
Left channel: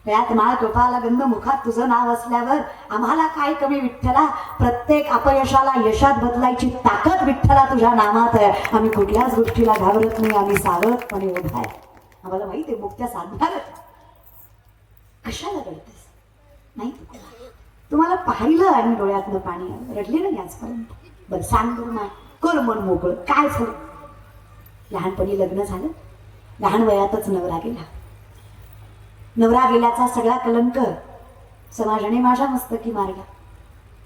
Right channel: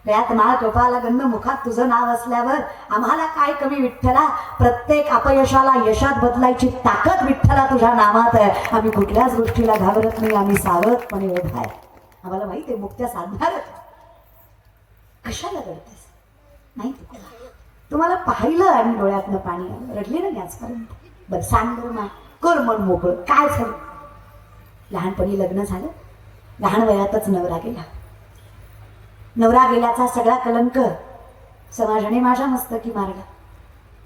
गळ्यात माळ, टोपाला गंध, मुखात तुझं नाव असल्यावर आम्हाला काय कमी विठ्ठला? प्रत्येक अपयशाला यशात बदलायची ताकद विठ्ठला तुझ्या नामात आहे. आम्ही कुठल्याच गोष्टीला घाबरत नाही. आम्ही सावधपणे उभा आहे. आम्हाला माहिती आहे मुक्त्या साधणार. कशाला रडतेस? नाही तुम्हाला पाहिलं आणि डोळ्यातनं पाणी आलं, रडली ना आजपर्यंत? बरं सांग बरं मा, कर मन मोकळं. काय झालं? लहानपणी लग्न झालं, लहान वयातच नवरा गेला. नवरा गेल्याचा सगळा कलंक समाजाने माझ्या मस्तकी मारला.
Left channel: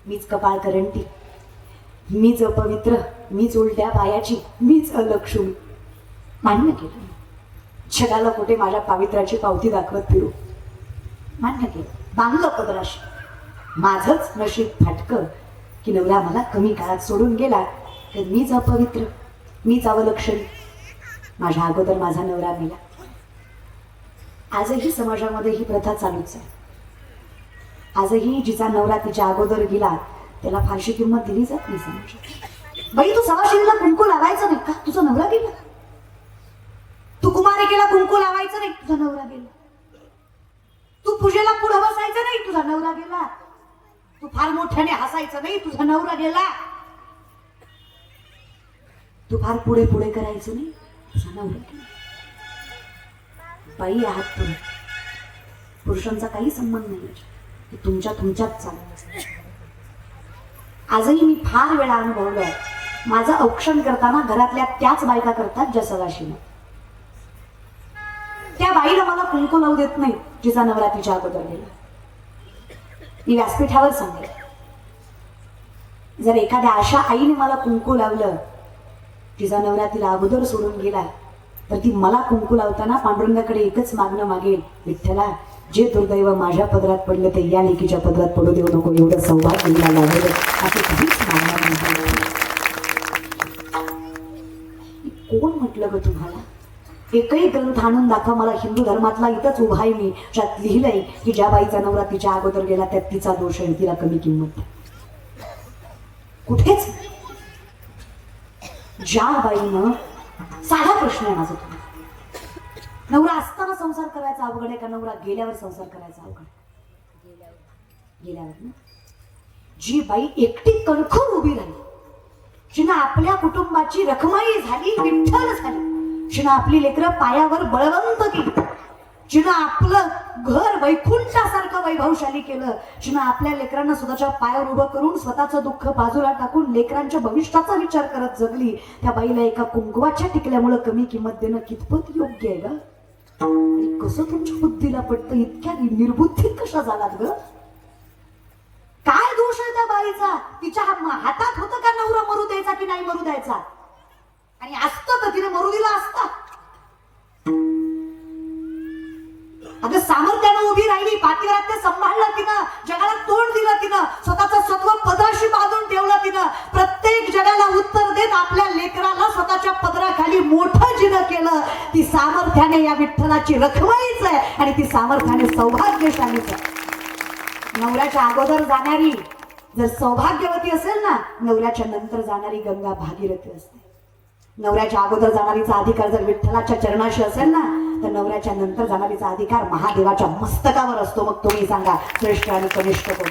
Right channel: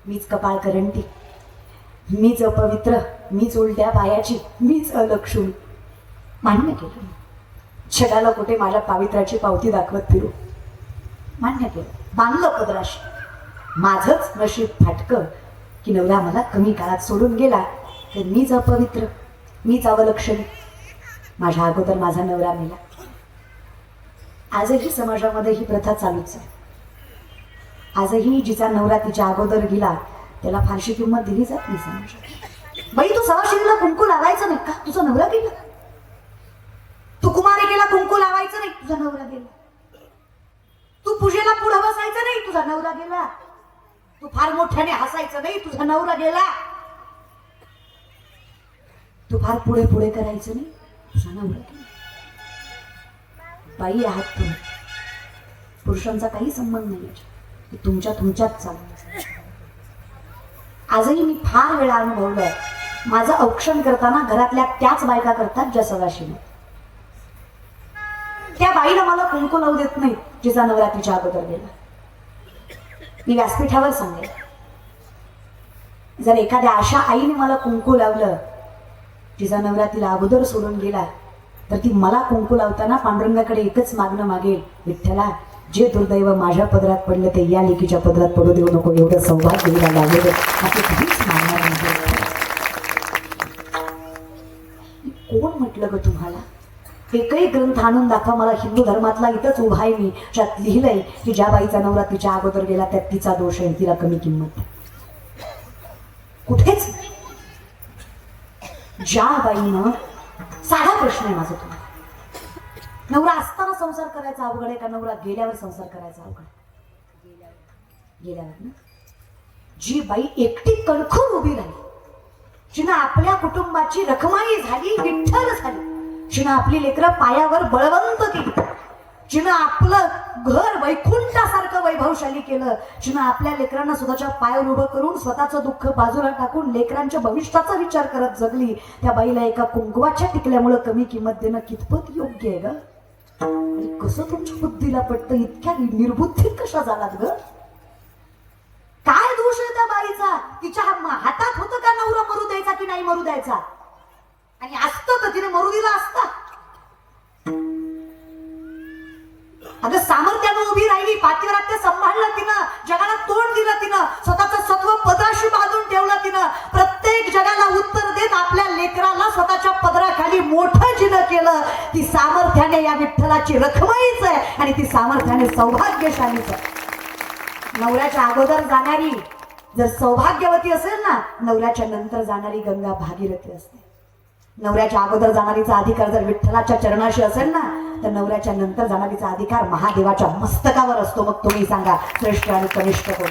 मीच कपाळ करंटी, मीच अपवित्र, मीच उलट्या पायाची, मीच अलक्षुणी. मान्य केलं. जगाला कुठे माझ्या पावित्र्याची पावती दाखवत फिरू. मान्य केलं. बांधलं पदराशी. माझंच नशीब फाटकं की नवरा मला कमी काळात सोडून गेला. तर मीच अपवित्र, मीच अवलक्षणी. माझ्या अगोदर माझा नवरा मेला. आजही समाजामध्ये ही प्रथा चालूच आहे. आजही जिचा नवरा तिच्या अगोदर गेला त्याला फारशी किंमत दिली जात नाही समाजात. बाई तू सवाशिणीला कुंकू लावायचं नाही का? तुझा नवरा गेला. तू कुमारिकेला कुंकू लावायचं नाही, तुझा नवरा गेला. तू पूजेला पुढे बसायचं नाही, तुझा नवरा गेला. तू फार मोठ्याने हसायचं नाही, तुझा नवरा गेला. तू फार पुढे पुढे करायचं नाही, तुझा नवरा गेला. बाई आहात तुम्ही, पुरुषांचा काही संबंध नाही. तुमच्यात चालू. आजही मी फार वेळा अनुभवलंय. माझं औक्षण करताना घरातल्या त्याच बायका करतात ज्या सवाशिणी. त्या बाईला मला कुंकू लावू देत नाही जिचा नवरा तिच्या अगोदर गेला. मी व्यासपीठावर सांगेन, जर एखाद्या अशा आईने मला कुंकू लावलं तिचा नवरा तिला अगोदर सोडून गेला, तर ती मला कुंकू लावताना पांडुरंगाकडे एकच मागणं मागेल, विठ्ठला जे दुर्दैव माझ्या पदरात पडले ते या लेकीच्या पदरात पडू देऊ नको. एवढं सौभाग्य दिला लागलं असं कधीच मागणार नाही. कोण म्हटलं ग तुम्हाला? एकही ग्रंथ आणून दाखवा मला हिंदू धर्मातला. इथंच उभा आहे मी, ज्यात लिहिलंय की ज्या बाईचा नवरा तिच्या अगोदर गेला त्यात तिचा दोष आहे, तिला कमी किंमत. कुठेच ज्या बाईनं. साधा प्रश्न आहे माझा तुम्हाला, नवरा असताना संसार करायचा अवघड आहे का नवरा गेल्यावर संसार करायचा अवघड? गेल्यावर ना. जी बाई एकटी कणखून उभी राहिली, जिनं आपल्या कुटुंबाची रखमाई झाली, विठ्ठल झाली, जिनं आपली लेकरं पायावर बळवंत केली, जिनं आपलं घर वैकुंठासारखं वैभवशाली केलं, जिनं आपल्या लेकरांना स्वतःच्या पायावर उभं करून स्वतःचं दुःख बाजूला टाकून लेकरांच्या भविष्याचा विचार करत जगली, त्या बाईला एका कुंकवाच्या टिकल्यामुळे कमी किंमत देणं कितपत योग्य आहे ग? कसं तुमच्या बुद्धीला पडतं? इतक्या निर्बुद्धीत कशा झालात ग? काय दोष आहे त्या बाईचा? तिच्या हातात होतं का नवरा मरू द्यायचा की नाही मरू द्यायचा? आणि असतं तर तिने मरू दिला असता. अगं सामर्थ्यानं उभी राहिली, पातिव्रत्य सांभाळलं तिनं, जगाला तोंड दिलं तिनं, स्वतःचं सत्व पदराशी बांधून ठेवलं तिनं. प्रत्येक जगाला उत्तर देत आपल्या लेकराला स्वतःच्या पदराखाली मोठं जिनं केलं. ती सामर्थ्याने या विठ्ठलाची रखमाईच आहे आणि ती सामर्थ्याने सौभाग्यशालीच आहे. नवऱ्याच्या अगोदर जाणारी जर सौभाग्यवती असेल ना, नवऱ्याच्या नंतर जाणारी गंगा भागीरथी असते. नवऱ्याच्या अगोदर जाणारीचा अधिकार जर विठ्ठलाच्या चरणाशी असेल ना, तर नवऱ्याच्या नंतर जाणारीचा अधिकार महादेवाच्या मस्तकावर असतो. मग तुम्ही सांगा श्रेष्ठ आणि कनिष्ठ कोण?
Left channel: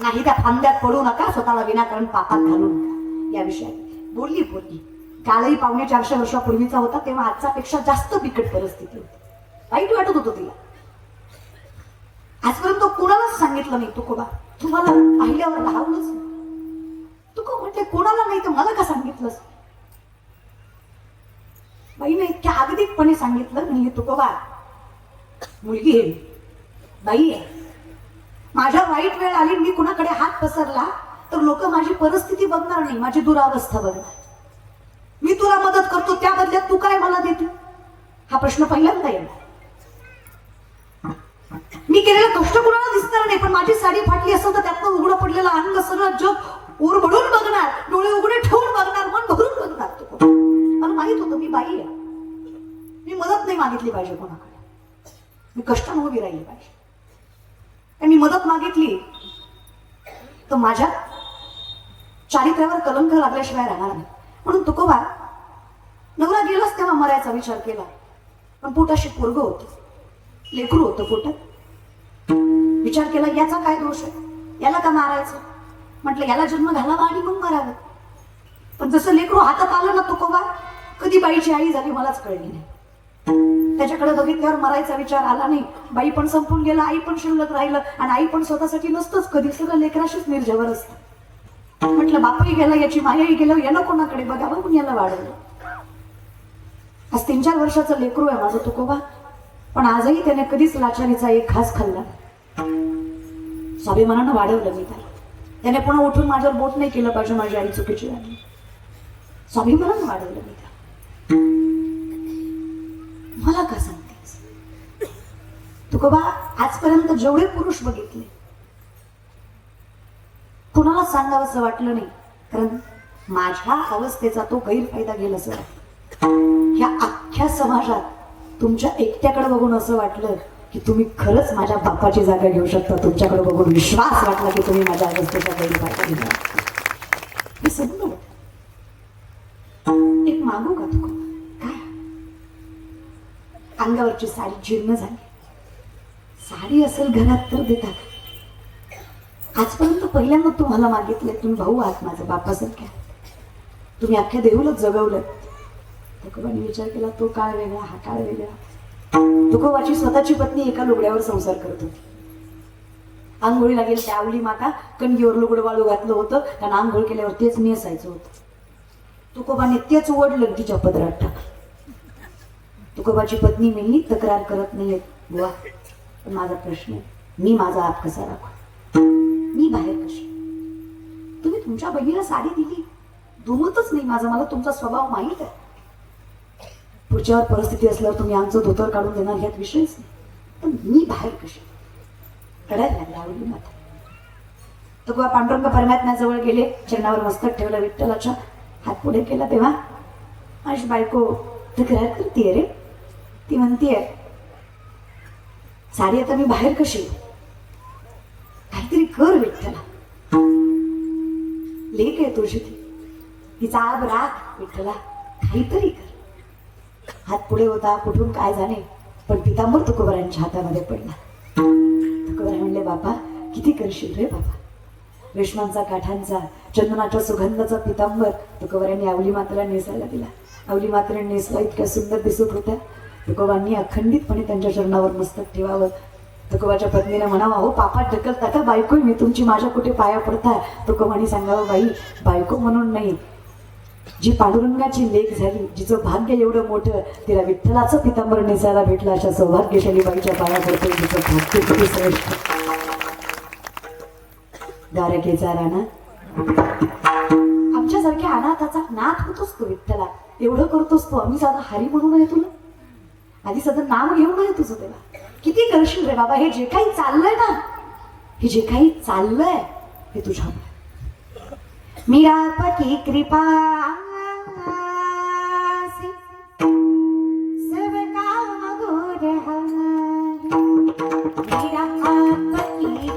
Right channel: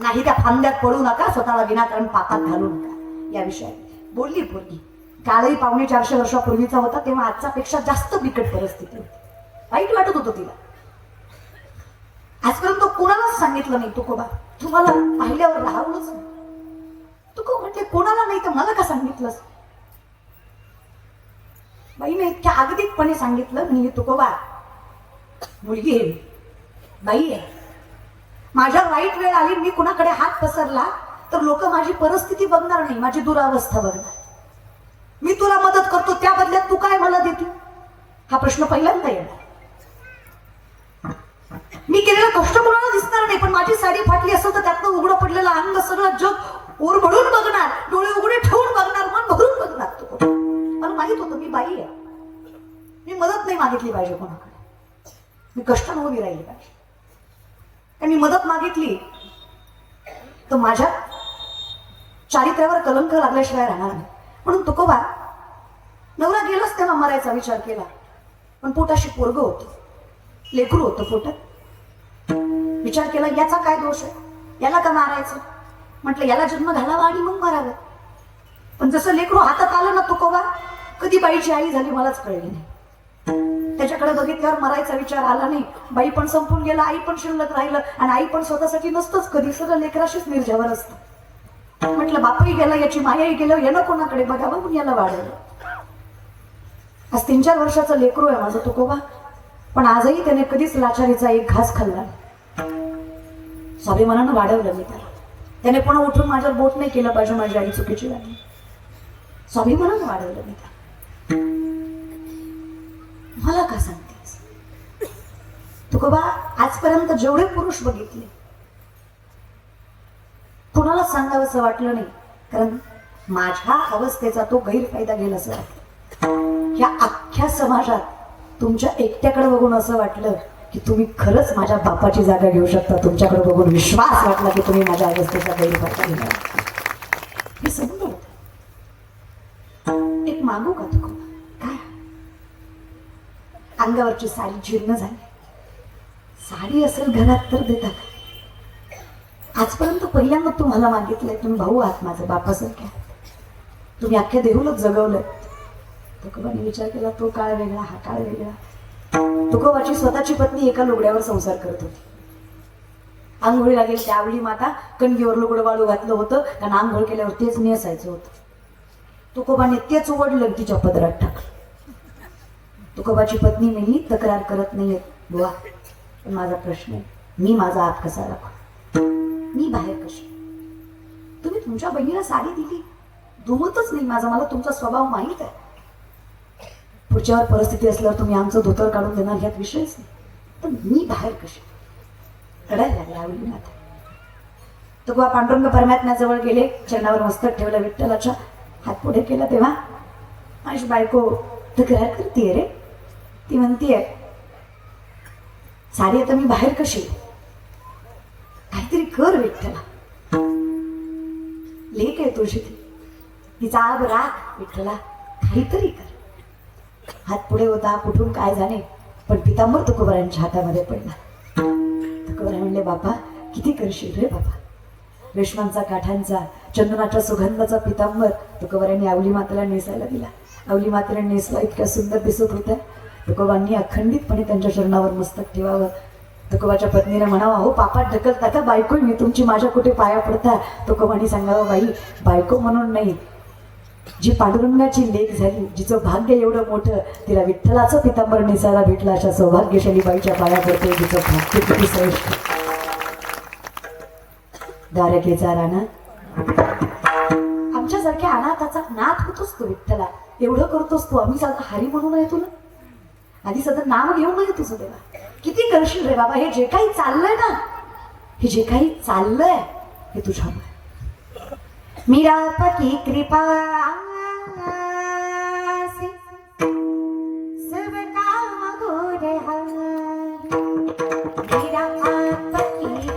नाही त्या फांद्यात पडू नका, स्वतःला विनाकारण पापात घालू नका. या विषयात बोलली. काळही 450 वर्षापूर्वीचा होता, तेव्हा आजच्या पेक्षा जास्त बिकट परिस्थिती होती. वाईट वाटत होतं तिला. आजपर्यंत कोणालाच सांगितलं नाही तुकोबा, तुम्हाला पाहिल्यावर राहूनच तुको म्हटले कोणाला नाही तर मला का सांगितलंस? बाईने इतक्या अगतिकपणे सांगितलं, मी तुकोबा मुलगी आहे, बाई आहे, माझ्या वाईट वेळ आली, मी कुणाकडे हात पसरला तर लोक माझी परिस्थिती बघणार नाही, माझी दुरावस्था बघणार. मी तुला मदत करतो, त्या बदल्यात तू काय मला देते? हा प्रश्न पहिल्यांदा येणार. मी केलेलं कष्ट कोणाला दिसणार नाही, पण माझी साडी फाटली असेल तर त्यातनं उघडं पडलेलं अंग सगळं जग उरभरून बघणार, डोळे उघडे ठेवून बघणार, मन भरून बघणार. तू मला माहित होतं मी बाई आहे, मी मदत नाही मागितली पाहिजे कोणाकडे, मी कष्ट उभी राहिली पाहिजे. आणि मी मदत मागितली तर माझ्या चारित्र्यावर कलंक लागल्याशिवाय राहणार नाही. म्हणून तुकोबा नवरा गेलाच तेव्हा मरायचा विचार केला, पण पोटाशी पोरग होतं, लेकरू होतं पोटात. विचार केला याचा काय दोष आहे, याला का मारायचं? म्हटलं याला जन्म घालावा आणि मग मारावं. पण जसं लेकरू हातात आलं ना तुकोबा, कधी बाईची आई झाली मलाच कळली नाही. त्याच्याकडे बघितल्यावर मरायचा विचार आला नाही. बाई पण संपून गेला, आई पण शिल्लक राहिलं, आणि आई पण स्वतःसाठी नसतंच कधी, सगळं लेकराशीच निर्जवर असतं. म्हटलं बापही गेलं, याची मायाही गेलं, यानं कोणाकडे बघावं, म्हणून याला वाढवलं. आज 3-4 वर्षाचं लेकरू आहे माझं तुकोबा, पण आजही त्याने कधीच लाचारीचा एक घास खाल्ला. स्वाभिमानानं वाढवलं मी त्याला. त्याने पुन्हा उठून माझ्यावर बोट नाही केलं पाहिजे, माझी आई चुकीची वाटली. स्वाभिमानानं वाढवलं मी त्याला. मला का सांगतेस तुकोबा, आजपर्यंत जेवढे पुरुष बघितले कुणाला सांगावं असं वाटलं नाही, कारण माझ्या अवस्थेचा तो गैरफायदा घेईल असं वाटलं. या अख्ख्या समाजात तुमच्या एकट्याकडे बघून असं वाटलं की तुम्ही खरंच माझ्या बापाची जागा घेऊ शकता. तुमच्याकडे बघून विश्वास वाटला की तुम्ही माझ्या अवस्थेचा गैरफायदा घेणार. मी समजले. एक मागू का तुकोबा? काय? अंगावरची साडी जीर्ण झाली. साडी असेल घरात तर देतात. आजपर्यंत पहिल्यांदा तुम्हाला मागितले, तुम्ही भाऊ आहात माझं, बापासारखे आहात, तुम्ही अख्ख्या देऊलच जगवलंय. तुकोबाने विचार केला, तो काळ वेगळा, हा काळ वेगळा. तुकोबाची स्वतःची पत्नी एका लुगड्यावर संसार करत होती. आंघोळी लागेल त्यावेळी माता कणगीवर लुगडं वाळू घातलं होतं, कारण आंघोळ केल्यावर तेच नेसायचं होतं. तुकोबाने तेच ओढलं, तिच्या पदरात टाकलं. तुकोबाची पत्नी मेली, तक्रार करत नाहीये बुवा, पण माझा प्रश्न आहे, मी माझा हात कसा राखू? मी बाहेर कशी? तुम्ही तुमच्या बहिणीला साडी दिली, दुमतच नाही माझा, मला तुमचा स्वभाव माहीत आहे. पुढच्यावर परिस्थिती असल्यावर तुम्ही आमचं धोतर काढून देणार ह्यात विषयच नाही, पण मी बाहेर कशी? रडायला लागला आवडी माता. तुकोबा पांडुरंग परमात्म्याजवळ गेले, चरणावर मस्तक ठेवलं विठ्ठलाच्या, हात पुढे केला. तेव्हा माझी बायको तक्रार करतीये रे. ती म्हणतीये, साडी आता मी बाहेर कशी? काहीतरी कर विठ्ठला. लेक आहे तुझी, तिचा आब राख विठ्ठला, काहीतरी कर. हात पुढे होता, कुठून काय झाले, पण पितांबर तुकोबरायांच्या हातामध्ये पडला. तुकोबराय म्हणले, बापा किती करशील रे बाबा? रेशमांचा, काठांचा, चंदनाच्या सुगंधाचा पितांबर तुकोबरायांनी आवली मातेला नेसायला दिला. आवली मातेला नेसवा इतक्या सुंदर दिसत होत्या. तुकोबांनी अखंडितपणे त्यांच्या चरणावर मस्तक ठेवावं. तुकोबाच्या पत्नीला म्हणावा, हो पापात ढकलता का बायको, मी तुमची, माझ्या कुठे पाया पडता? तुकोबांनी सांगावं, बाई बायको म्हणून नाही, जी पांडुरंगाची लेक झाली, जिचं भाग्य एवढं मोठं, तिला विठ्ठलाचं पितांबर नेसायला भेटलं, अशा सौभाग्यशाली बाईच्या पाया पडते, जिचं भाग्य किती श्रेष्ठ. द्वारकेचा राणा आमच्यासारख्या अनाथाचा नाथ होतोस तू विठ्ठला, एवढं करतोस तू. आम्ही साधं हरी म्हणून आहे तुला, आधी सध्या नाव घेऊन आहे तुझं तेव्हा. किती करशील रे बाबा? हे जे काही चाललंय ना, हे जे काही चाललंय हे तुझ्या मीरापती कृपा सब काम गुर मीरापती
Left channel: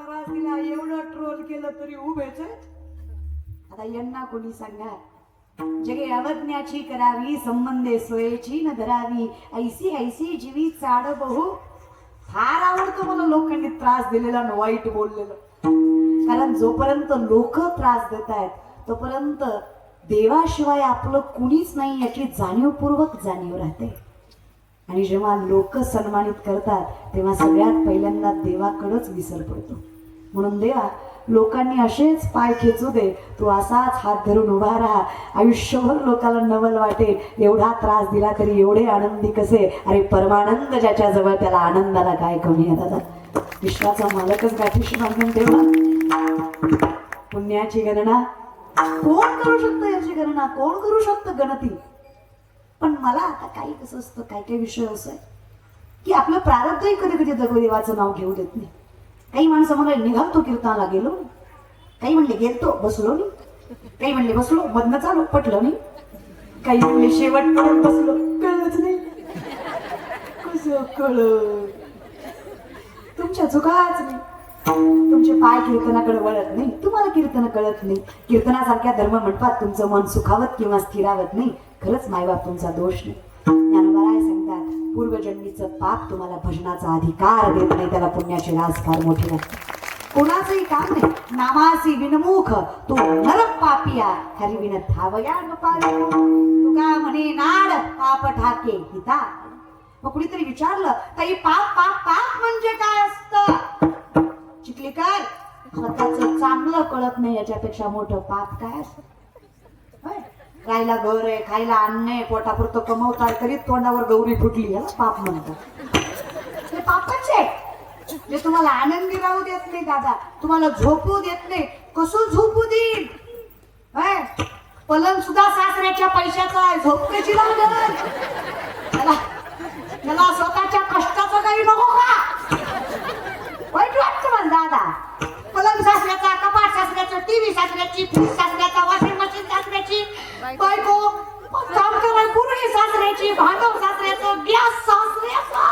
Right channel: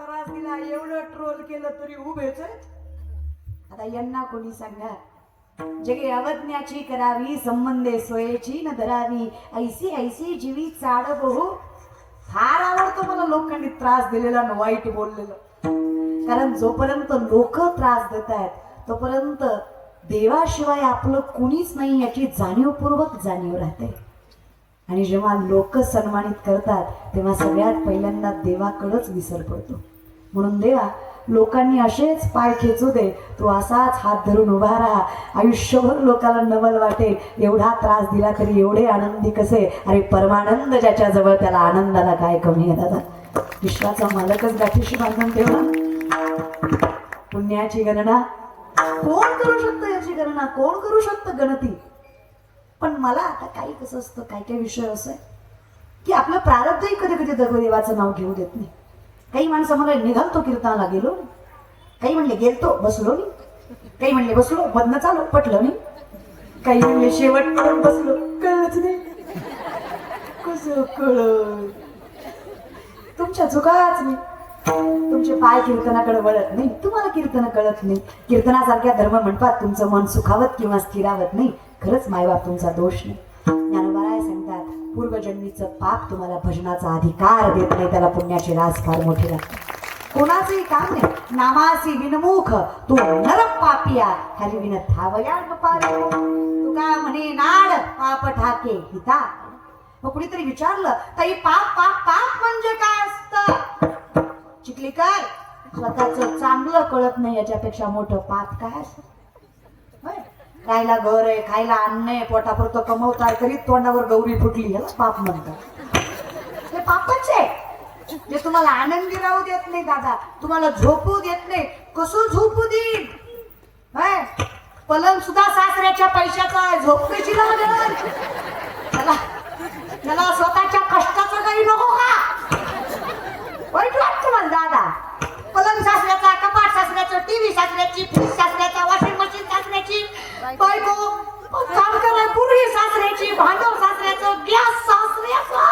त्रास दिला, एवढं ट्रोल केलं तरी उभेच आहे. आता यांना कोणी सांगणार जगे अवज्ञाची करावी, संबंधे सोयेची न धरावी, ऐसी ऐसी जीवी चाड बहु. फार आवडतो मला लोकांनी त्रास दिलेला न वाईट बोललेलं. कारण जोपर्यंत लोक त्रास देत आहेत तोपर्यंत देवाशिवाय आपलं कुणीच नाही याची जाणीवपूर्वक जाणीव राहते. आणि जेव्हा लोक सन्मानित करतात तेव्हा सगळ्यात पहिल्यांदा देवाकडंच विसर पडतो. म्हणून देवा लोकांनी असेच पाय खेचू दे, तू असाच हात धरून उभा राहा, आयुष्यभर लोकांना नवल वाटेल. एवढा त्रास दिला तरी एवढे आनंदी कसे. अरे परमानंद ज्याच्या जवळ त्याला आनंदाला काय कमी आहे दादा. विश्वाचा मालकच गाठीशी बांधून ठेवला. पुण्याची गणना कोण करू शकतं, याची गणना कोण करू शकतं गणती. पण मला आता काही कसं असतं, काही काही विषय असं आहे की आपलं प्रारब्धही कधी कधी देवाचं नाव घेऊ देत नाही. काही माणसं म्हणले निघालतो कीर्तनाला गेलो, काही म्हणले गेलतो बसलो नाही, काही म्हणले बसलो मधनं चालू पटलं नाही, काही म्हणले शेवटपर्यंत बसलो कळलंच नाही. कसं कळ तुमच्या चुकाच नाही. तुमचे पाय कीर्तनाकडे वळत नाही, तुम्हाला कीर्तन कळत नाही. कीर्तनासारख्या धर्म म्हणतात तुमचं मन सुखावत किंवा स्थिरावत नाही. खरंच मायबाप तुमचा दोष नाही. ज्ञानोबा सांगतात पूर्वजन्मीचं पाप तुम्हाला भजनाचा अधिकार देत नाही. त्याला पुण्याचे रास फार मोठे लागते. कोणाचंही काम नाही. नामासी विनमुख तो नर पापिया खाली विन धावया न पावे. तुका म्हणे नाड पाप ठाके हिता. मग कुणीतरी विचारलं ताई पाप पाप पाप म्हणजे काय असतं. चिखलीकर स्वतःच चांगलं कळत नाही याच्यापेक्षा मोठं पाप काय असतं. खायला घर आहे, खायला अन्न आहे, पोटापुरतं कमवताय तरी तोंडावर गौरी फुटली याला पाप म्हणतात. हे पापच आहे जे तुम्हाला आनंदी राहू देत नाही दादा, तुम्हाला झोपू देत नाही. कसं झोपू देईल. पलंग सुद्धा सासऱ्याच्या पैशाचा आहे, झोप कशी लागेल त्याला. त्याला स्वतःच्या कष्टाचं काही नको का. वाईट वाटतं मला दादा. पलंग सासऱ्याचा, कपाट सासऱ्याचं, टीव्ही सासऱ्याची, फ्रीज सासऱ्याचा, वॉशिंग मशीन सासऱ्याची, बायको काम करायला पूर्वी सासऱ्याची, भांडव सासऱ्याचं, गॅस सासऱ्याचा.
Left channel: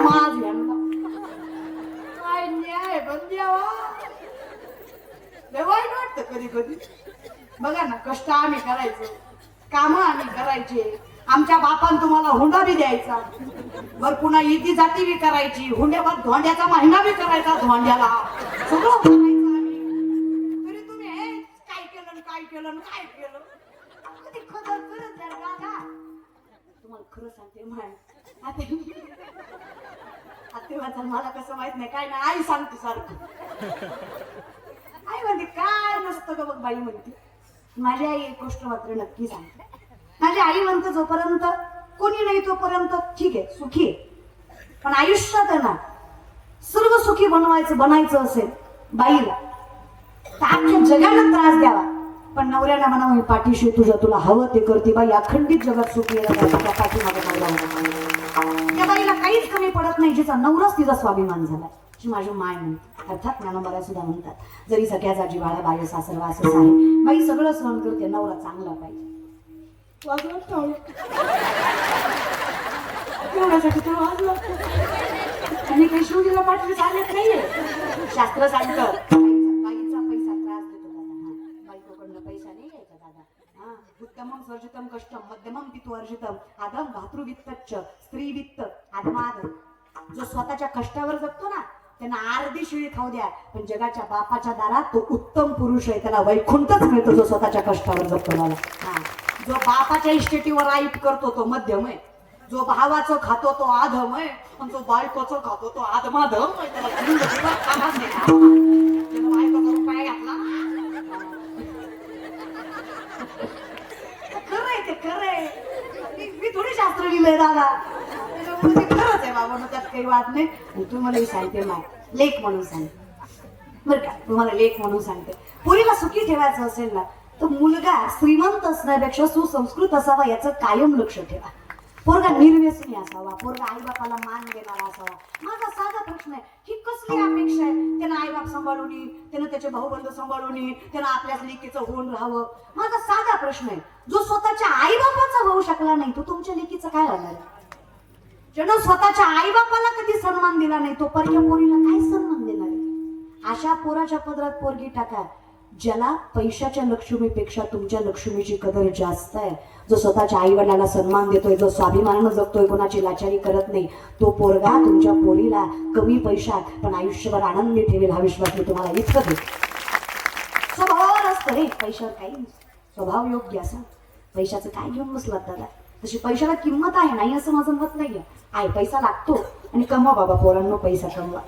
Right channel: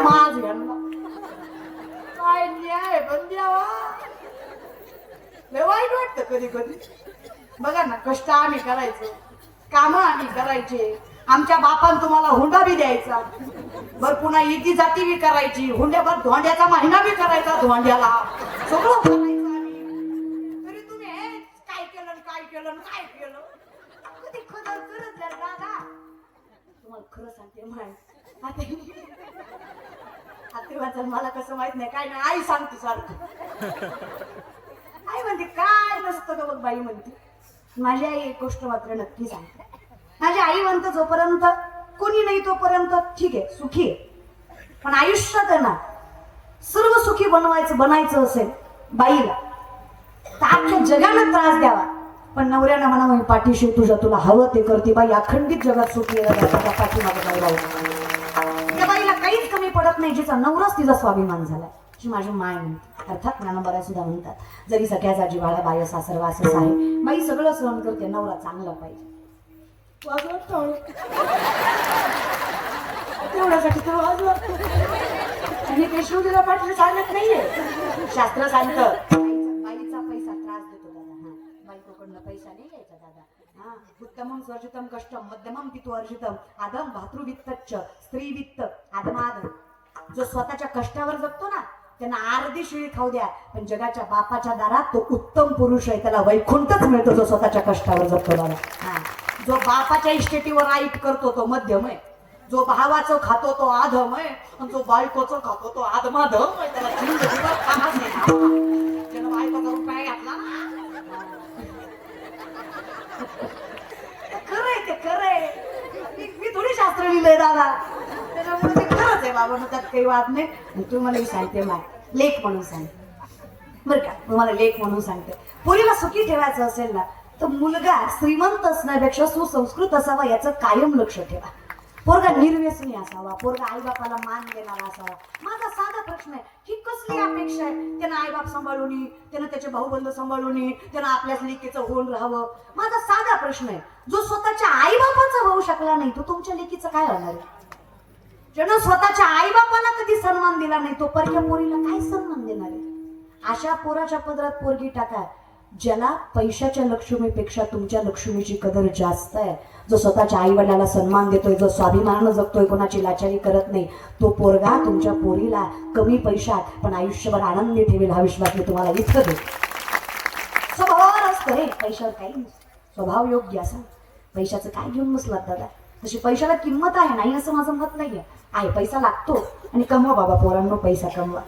माझ काय न्याय बंद्यावा. लय वाईट वाटतं कधी कधी. बघा ना कष्ट आम्ही करायचो, काम आम्ही करायचे. आमच्या बापान तुम्हाला हुंडा बी द्यायचा, बर पुन्हा इती जाती बी करायची, हुंड्यावर धोंड्याचा महिना बी करायचा, धोंड्याला सगळं करायचं आम्ही. तरी तुम्ही काय केलं काय केलं काय केलं. कधी खरं करत द्या दादा. तुम्हाला खरं सांगते माय आता मला कसं माहित नाही काय नाही. आई सांगते सारखं. आई म्हणते काय नसतं का बघ बाई म्हणते. माझी आई एक गोष्ट मात्र नक्की सांगते. माझी आई म्हणते जोपर्यंत कोणी नाही तोपर्यंत ठीक आहे सुखी आहे. पण आयुष्यात ना सर्व सुखी बनायचं असेल बाईला तर अख्ख्या जगाला त्रास द्यावा. पण नवऱ्याला म्हणा पाठीशी तुझ्या तुला हवं ते करते बाई. अखंडित जगात सुखी यायला पाठीमागे त्या बाईला काहीच कमी पडत नाही. जिचा नवराच तिचा स्वाभिमान झाला जी माझी माय म्हणते. अर्थात ज्ञानोबा सुद्धा म्हणतात जरी सगळ्याचा जिव्हाळा बाह्य सासर वासच आहे, बाई सगळं सहन करते, नवरा चांगला पाहिजे. तेवढ्यासाठी तो वाज लागतो. मी काही शिवजीला पाठवून सांगत नाहीये. शास्त्र सांगतं बाईचा पैसा त्रास देतो दादा. बाईकडनं पैसा नाही घ्यायचा दादा. उत्तमं स्वर्जितम कष्टम मध्यमं पितु अर्जितम आदम भातृवित्तच्च स्त्री वित्त आदमाद. जो स्वतःच्या कष्टावर जगतो ना त्यांना अर्धी शिळी खाऊ द्या, पण जगाच्या बापाच्या दारात तो उत्तम पुरुष आहे, त्याला वैकुंठच मिळतो जो स्वतःच्या कष्टावर जगतो दादा. जो बापाच्या इस्टेटीवर आईट करतो तो मध्यम आहे, जो भावाचं खातो तो आधम आहे, पण जो बायकोचं खातो तो आधमाधम आहे. त्याला बायको करून काय घातला. खरंय ते खरंय. मी थोडी शास्त्र लिहिलंय दादा, त्याच्यामुळे ते खरंच आहे बाबा. मग त्यात काही वाद नाही. तुम्हालाही सांगते माय लेख म्हणून सांगते बरं का. तुम्हाला लेख म्हणून सांगते पोरीला सुखी ठेवायचं असेल ना तर मुलगा श्रीमंत असण्यापेक्षा सुसंस्कृत असावा याचं कायम लक्ष ठेवा. पोरगा निर्व्यसनी असावा, पोरगा आईबापाला मान देणारा असावा. माझा साधा प्रश्न आहे ही कसली अपेक्षा आहे. त्यानं आईबाप सांभाळून, त्यानं त्याचे भाऊबंध सांभाळून, त्यानं आपल्याच लेकीचं होऊन राहावं. माझा साधा प्रश्न आहे जो स्वतःच्या आईबापाचा होऊ शकला नाही तो तुमच्या लेकीचं काय होणार आहे. ज्यानं स्वतःच्या आईबापाला कधी सन्मान दिला नाही तो परक्या पोरीला काय सन्मान देणार आहे. अशा पोराच्या पदरात पोरगी टाका ज्याला पैशाच्या लक्ष्मीपेक्षा तुमच्या लक्ष्मीची कदर जास्त आहे, जो स्वतःच्या आई वडिलाला सन्मान देतोय, जो स्वाभिमानानं जगतोय, कोणाची लाचारी करत नाही, तो पोरगा तुमच्या पोरीला कमी पैशात पण आयुष्यभर आनंदी ठेवेल हा विश्वास मी तुम्हाला इतकं देतो. स्वभावावर असतं रे, पैशावर काही नाही. स्वभाव योग्य असा पैशाचं काय घेऊन बसलात दादा. तशी पैशाला किंमत आहे नाही असं माझं मत नाहीये. आहे पैसा लागतो आणि कमवा बाबा पोरांनो, पैसा कमवा.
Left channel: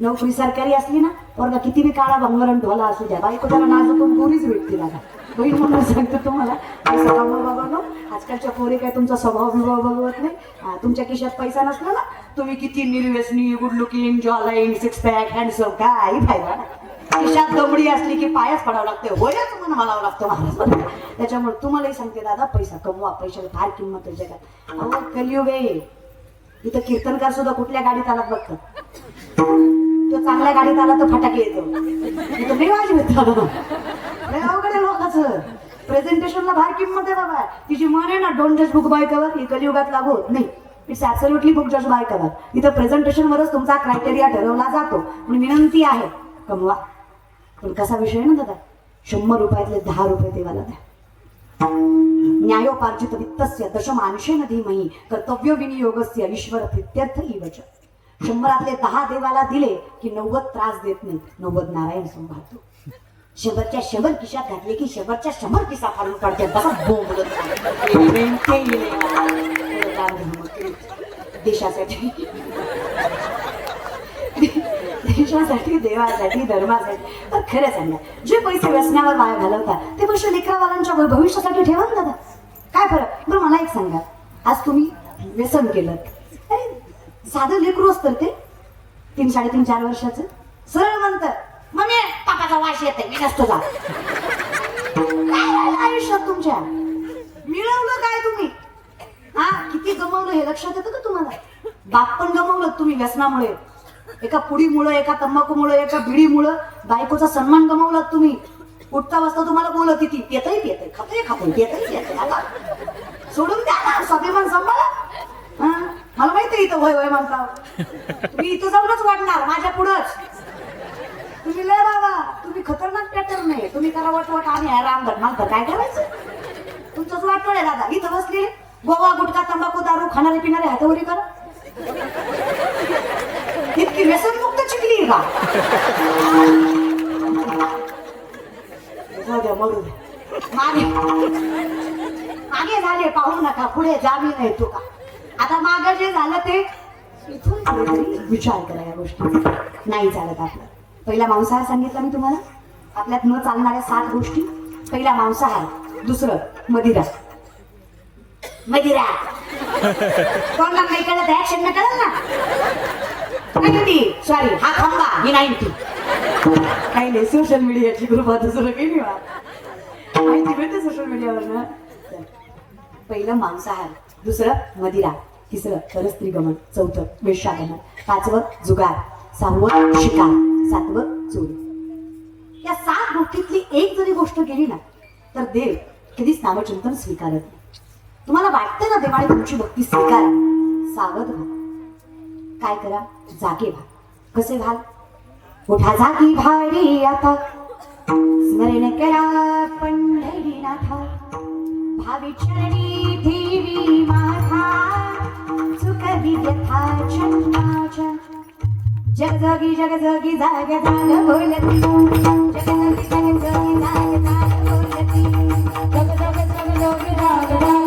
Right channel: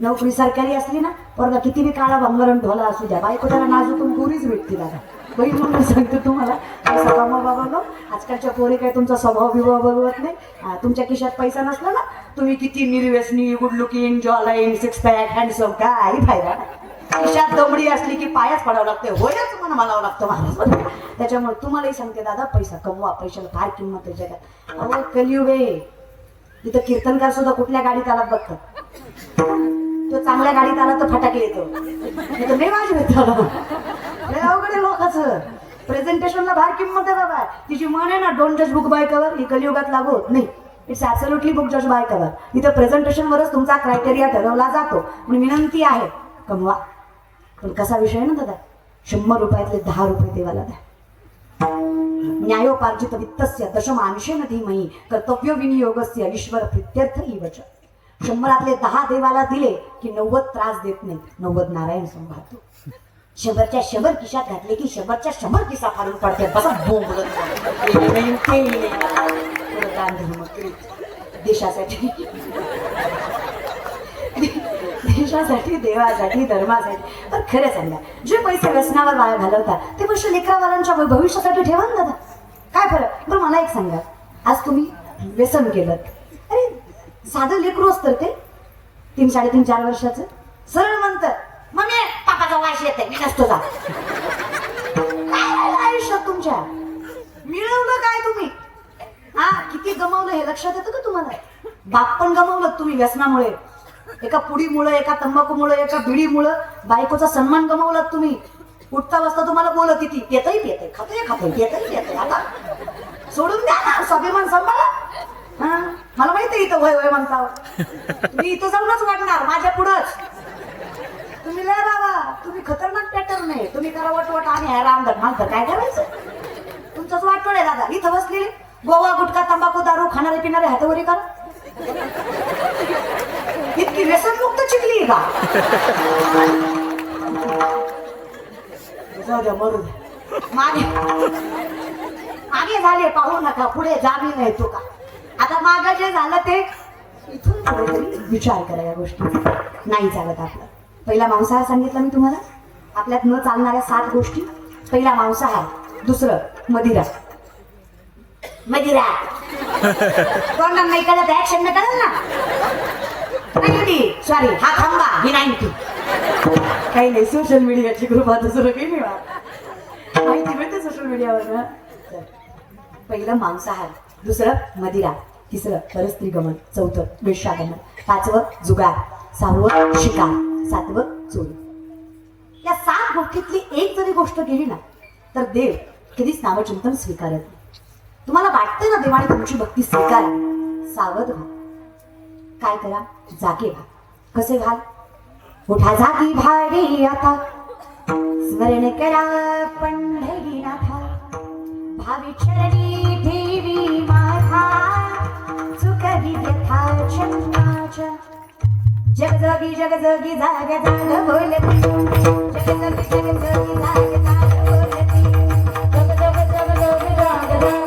नोकरी सरकारी असली ना पोरगा किती बी काळा भंगरण ढोला असू द्या, बायको त्याला नाजूकून पोरीच भेटते दादा. बहीण म्हणून सांगते तुम्हाला, पैसा कमवा बाबा नो. आजकालच्या पोरी काय तुमचा स्वभाव बिभाव बघत नाही. तुमच्या खिशात पैसा नसला ना तुम्ही किती निर्व्यसनी, good looking, jawline, six pack, handsome, काही फायदा नाही. खिशात दमडी असली की पायच पडावं लागते, होयच म्हणून म्हणावं लागतं मला. त्याच्यामुळे तुम्हालाही सांगते दादा पैसा कमवा, पैशाला फार किंमत आहे जगात. अहो कलियुग आहे. इथं कीर्तनकार सुद्धा कुठल्या गाडीत आला बघतो, तो चांगल्या गाडीत आला तर फटाके येतो, इथं नाही वाजवत. अवघड लोकांचं प्रेझेंटेशनला फार किंमत आहे बाबा. तिची मन आहे ना डोंट जज बुक बाय कव्हर, ही कलियुगात लागू होत नाही. इट्स ऍब्सोल्युटली बुक जज बाय कव्हर. इथं प्रेझेंटेशनवरच तुमचा क्रायटेरिया ठरवला जातो. म्हणून विनंती आहे कमवा. पण कसा विषय आहे ना दादा, 100 रुपयातले 10 रुपये देवाला द्या. न्यायोपार्जित वित्तस्य दशमांशेन धीमहि कर्तव्य विनियोगस्य ईश्वर प्रीत्यर्थ इवच. 100 10 देवाला दिले की 90 त्रास देत नाही, 90 नारायण सांभाळतो. 100च्या 100 खिशात घातले की 100च्या 100 खिसा फाडून पडते. देशासाठी देशासाठी, देवासाठी, धर्मासाठी. पण खरं सांगा, जे पैसे व्यसनावर वाया घालवतात ते पैसे लेकरावालांच्या भविष्यासाठी ठेवा ना दादा. काय फरक. बरं मला एक सांगा, आज तुम्ही व्यसन केलं, अरे साधं लेकरू असतं ते 3, 3.5, 4 वर्षाचं, सरळ म्हणतात मम्मी पापाचा वास येते मी नसतो जा. आयुष्यात तुमच्या मिळवलं काय तुम्ही, हा किती गमावलं हे लक्षात येतं का तुम्हाला. बाप पण गमावलं तुम्ही व्यसनामुळे, एका पुडीमुळं, एका तंबाखूमुळं, एका बिडीमुळं बायकोचा सन्मान गमावलात तुम्ही. उठता बसता तुम्हाला बोलत ती येतही खातोय येतही आता सोडून द्या ना, स्वाभिमान सांभाळा. मला माहिती इथं वय वय म्हणता, मी इथं जाऊनच वाटणार माझ्या पुढंच. तुम्ही लय बाबा, तुम्ही खतरनाक पॅटर्न नाही. तुम्ही करा वटवट आम्ही आहे रामधन मागतं, काय करायचं तुमचंच वाटवड आहे दादा. इथं बसली गोवा गुटखा तंबाखू दारू खाणारे पिणारे हातावरी करा. इतकी व्यसनमुक्त चिकली का. जाऊ द्या मरू द्या. मागे झाले पाहू नका, पुढे जामी नाही तो का. आता मागं जे झालं ते इथून पुढे विचार करा या गोष्टी. नाही चालत आपलं. पहिला मांसाहार सांगितलं मी तुम्हाला. आपल्यात न चालणाऱ्या 7 गोष्टी. पहिला मांसाहार, दुसरं मदिरा. तोंडात नाही कळत, ऍक्शन न कळत ना. सॉरी हा खंबा ही 90. काही नाही, सोशल मीडियाची कृपा दुसरं काही नाही. माहिती मिळते सोशल मीडियावर. पहिलं मांसाहार, दुसरं मदिरा, तिसरं परस्त्रीगमन, चौथं वेश्यागमन, 5वं जुगार, 6वं शिकार, 7वं चोरी. या 7 गोष्टीतली एक जरी गोष्ट गेली ना तर देव कधीच नामचिंतन स्वीकारत नाही. तुम्हाला वाटतं ना देवाने तुमची भक्ती स्वीकार, सावध व्हा. काय करा, जागे व्हा. कसे व्हा. उठा जागी भारी आता, स्मरण करा पंढरीनाथा, भावी चरणी देवी माथा, चुकवी व्यथा क्षमाच्या. जगजगी जगजगी जाग जाग बोलती, जगजगी जगजगी जाग जाग बोलती, जग जग जग जग जाग जाग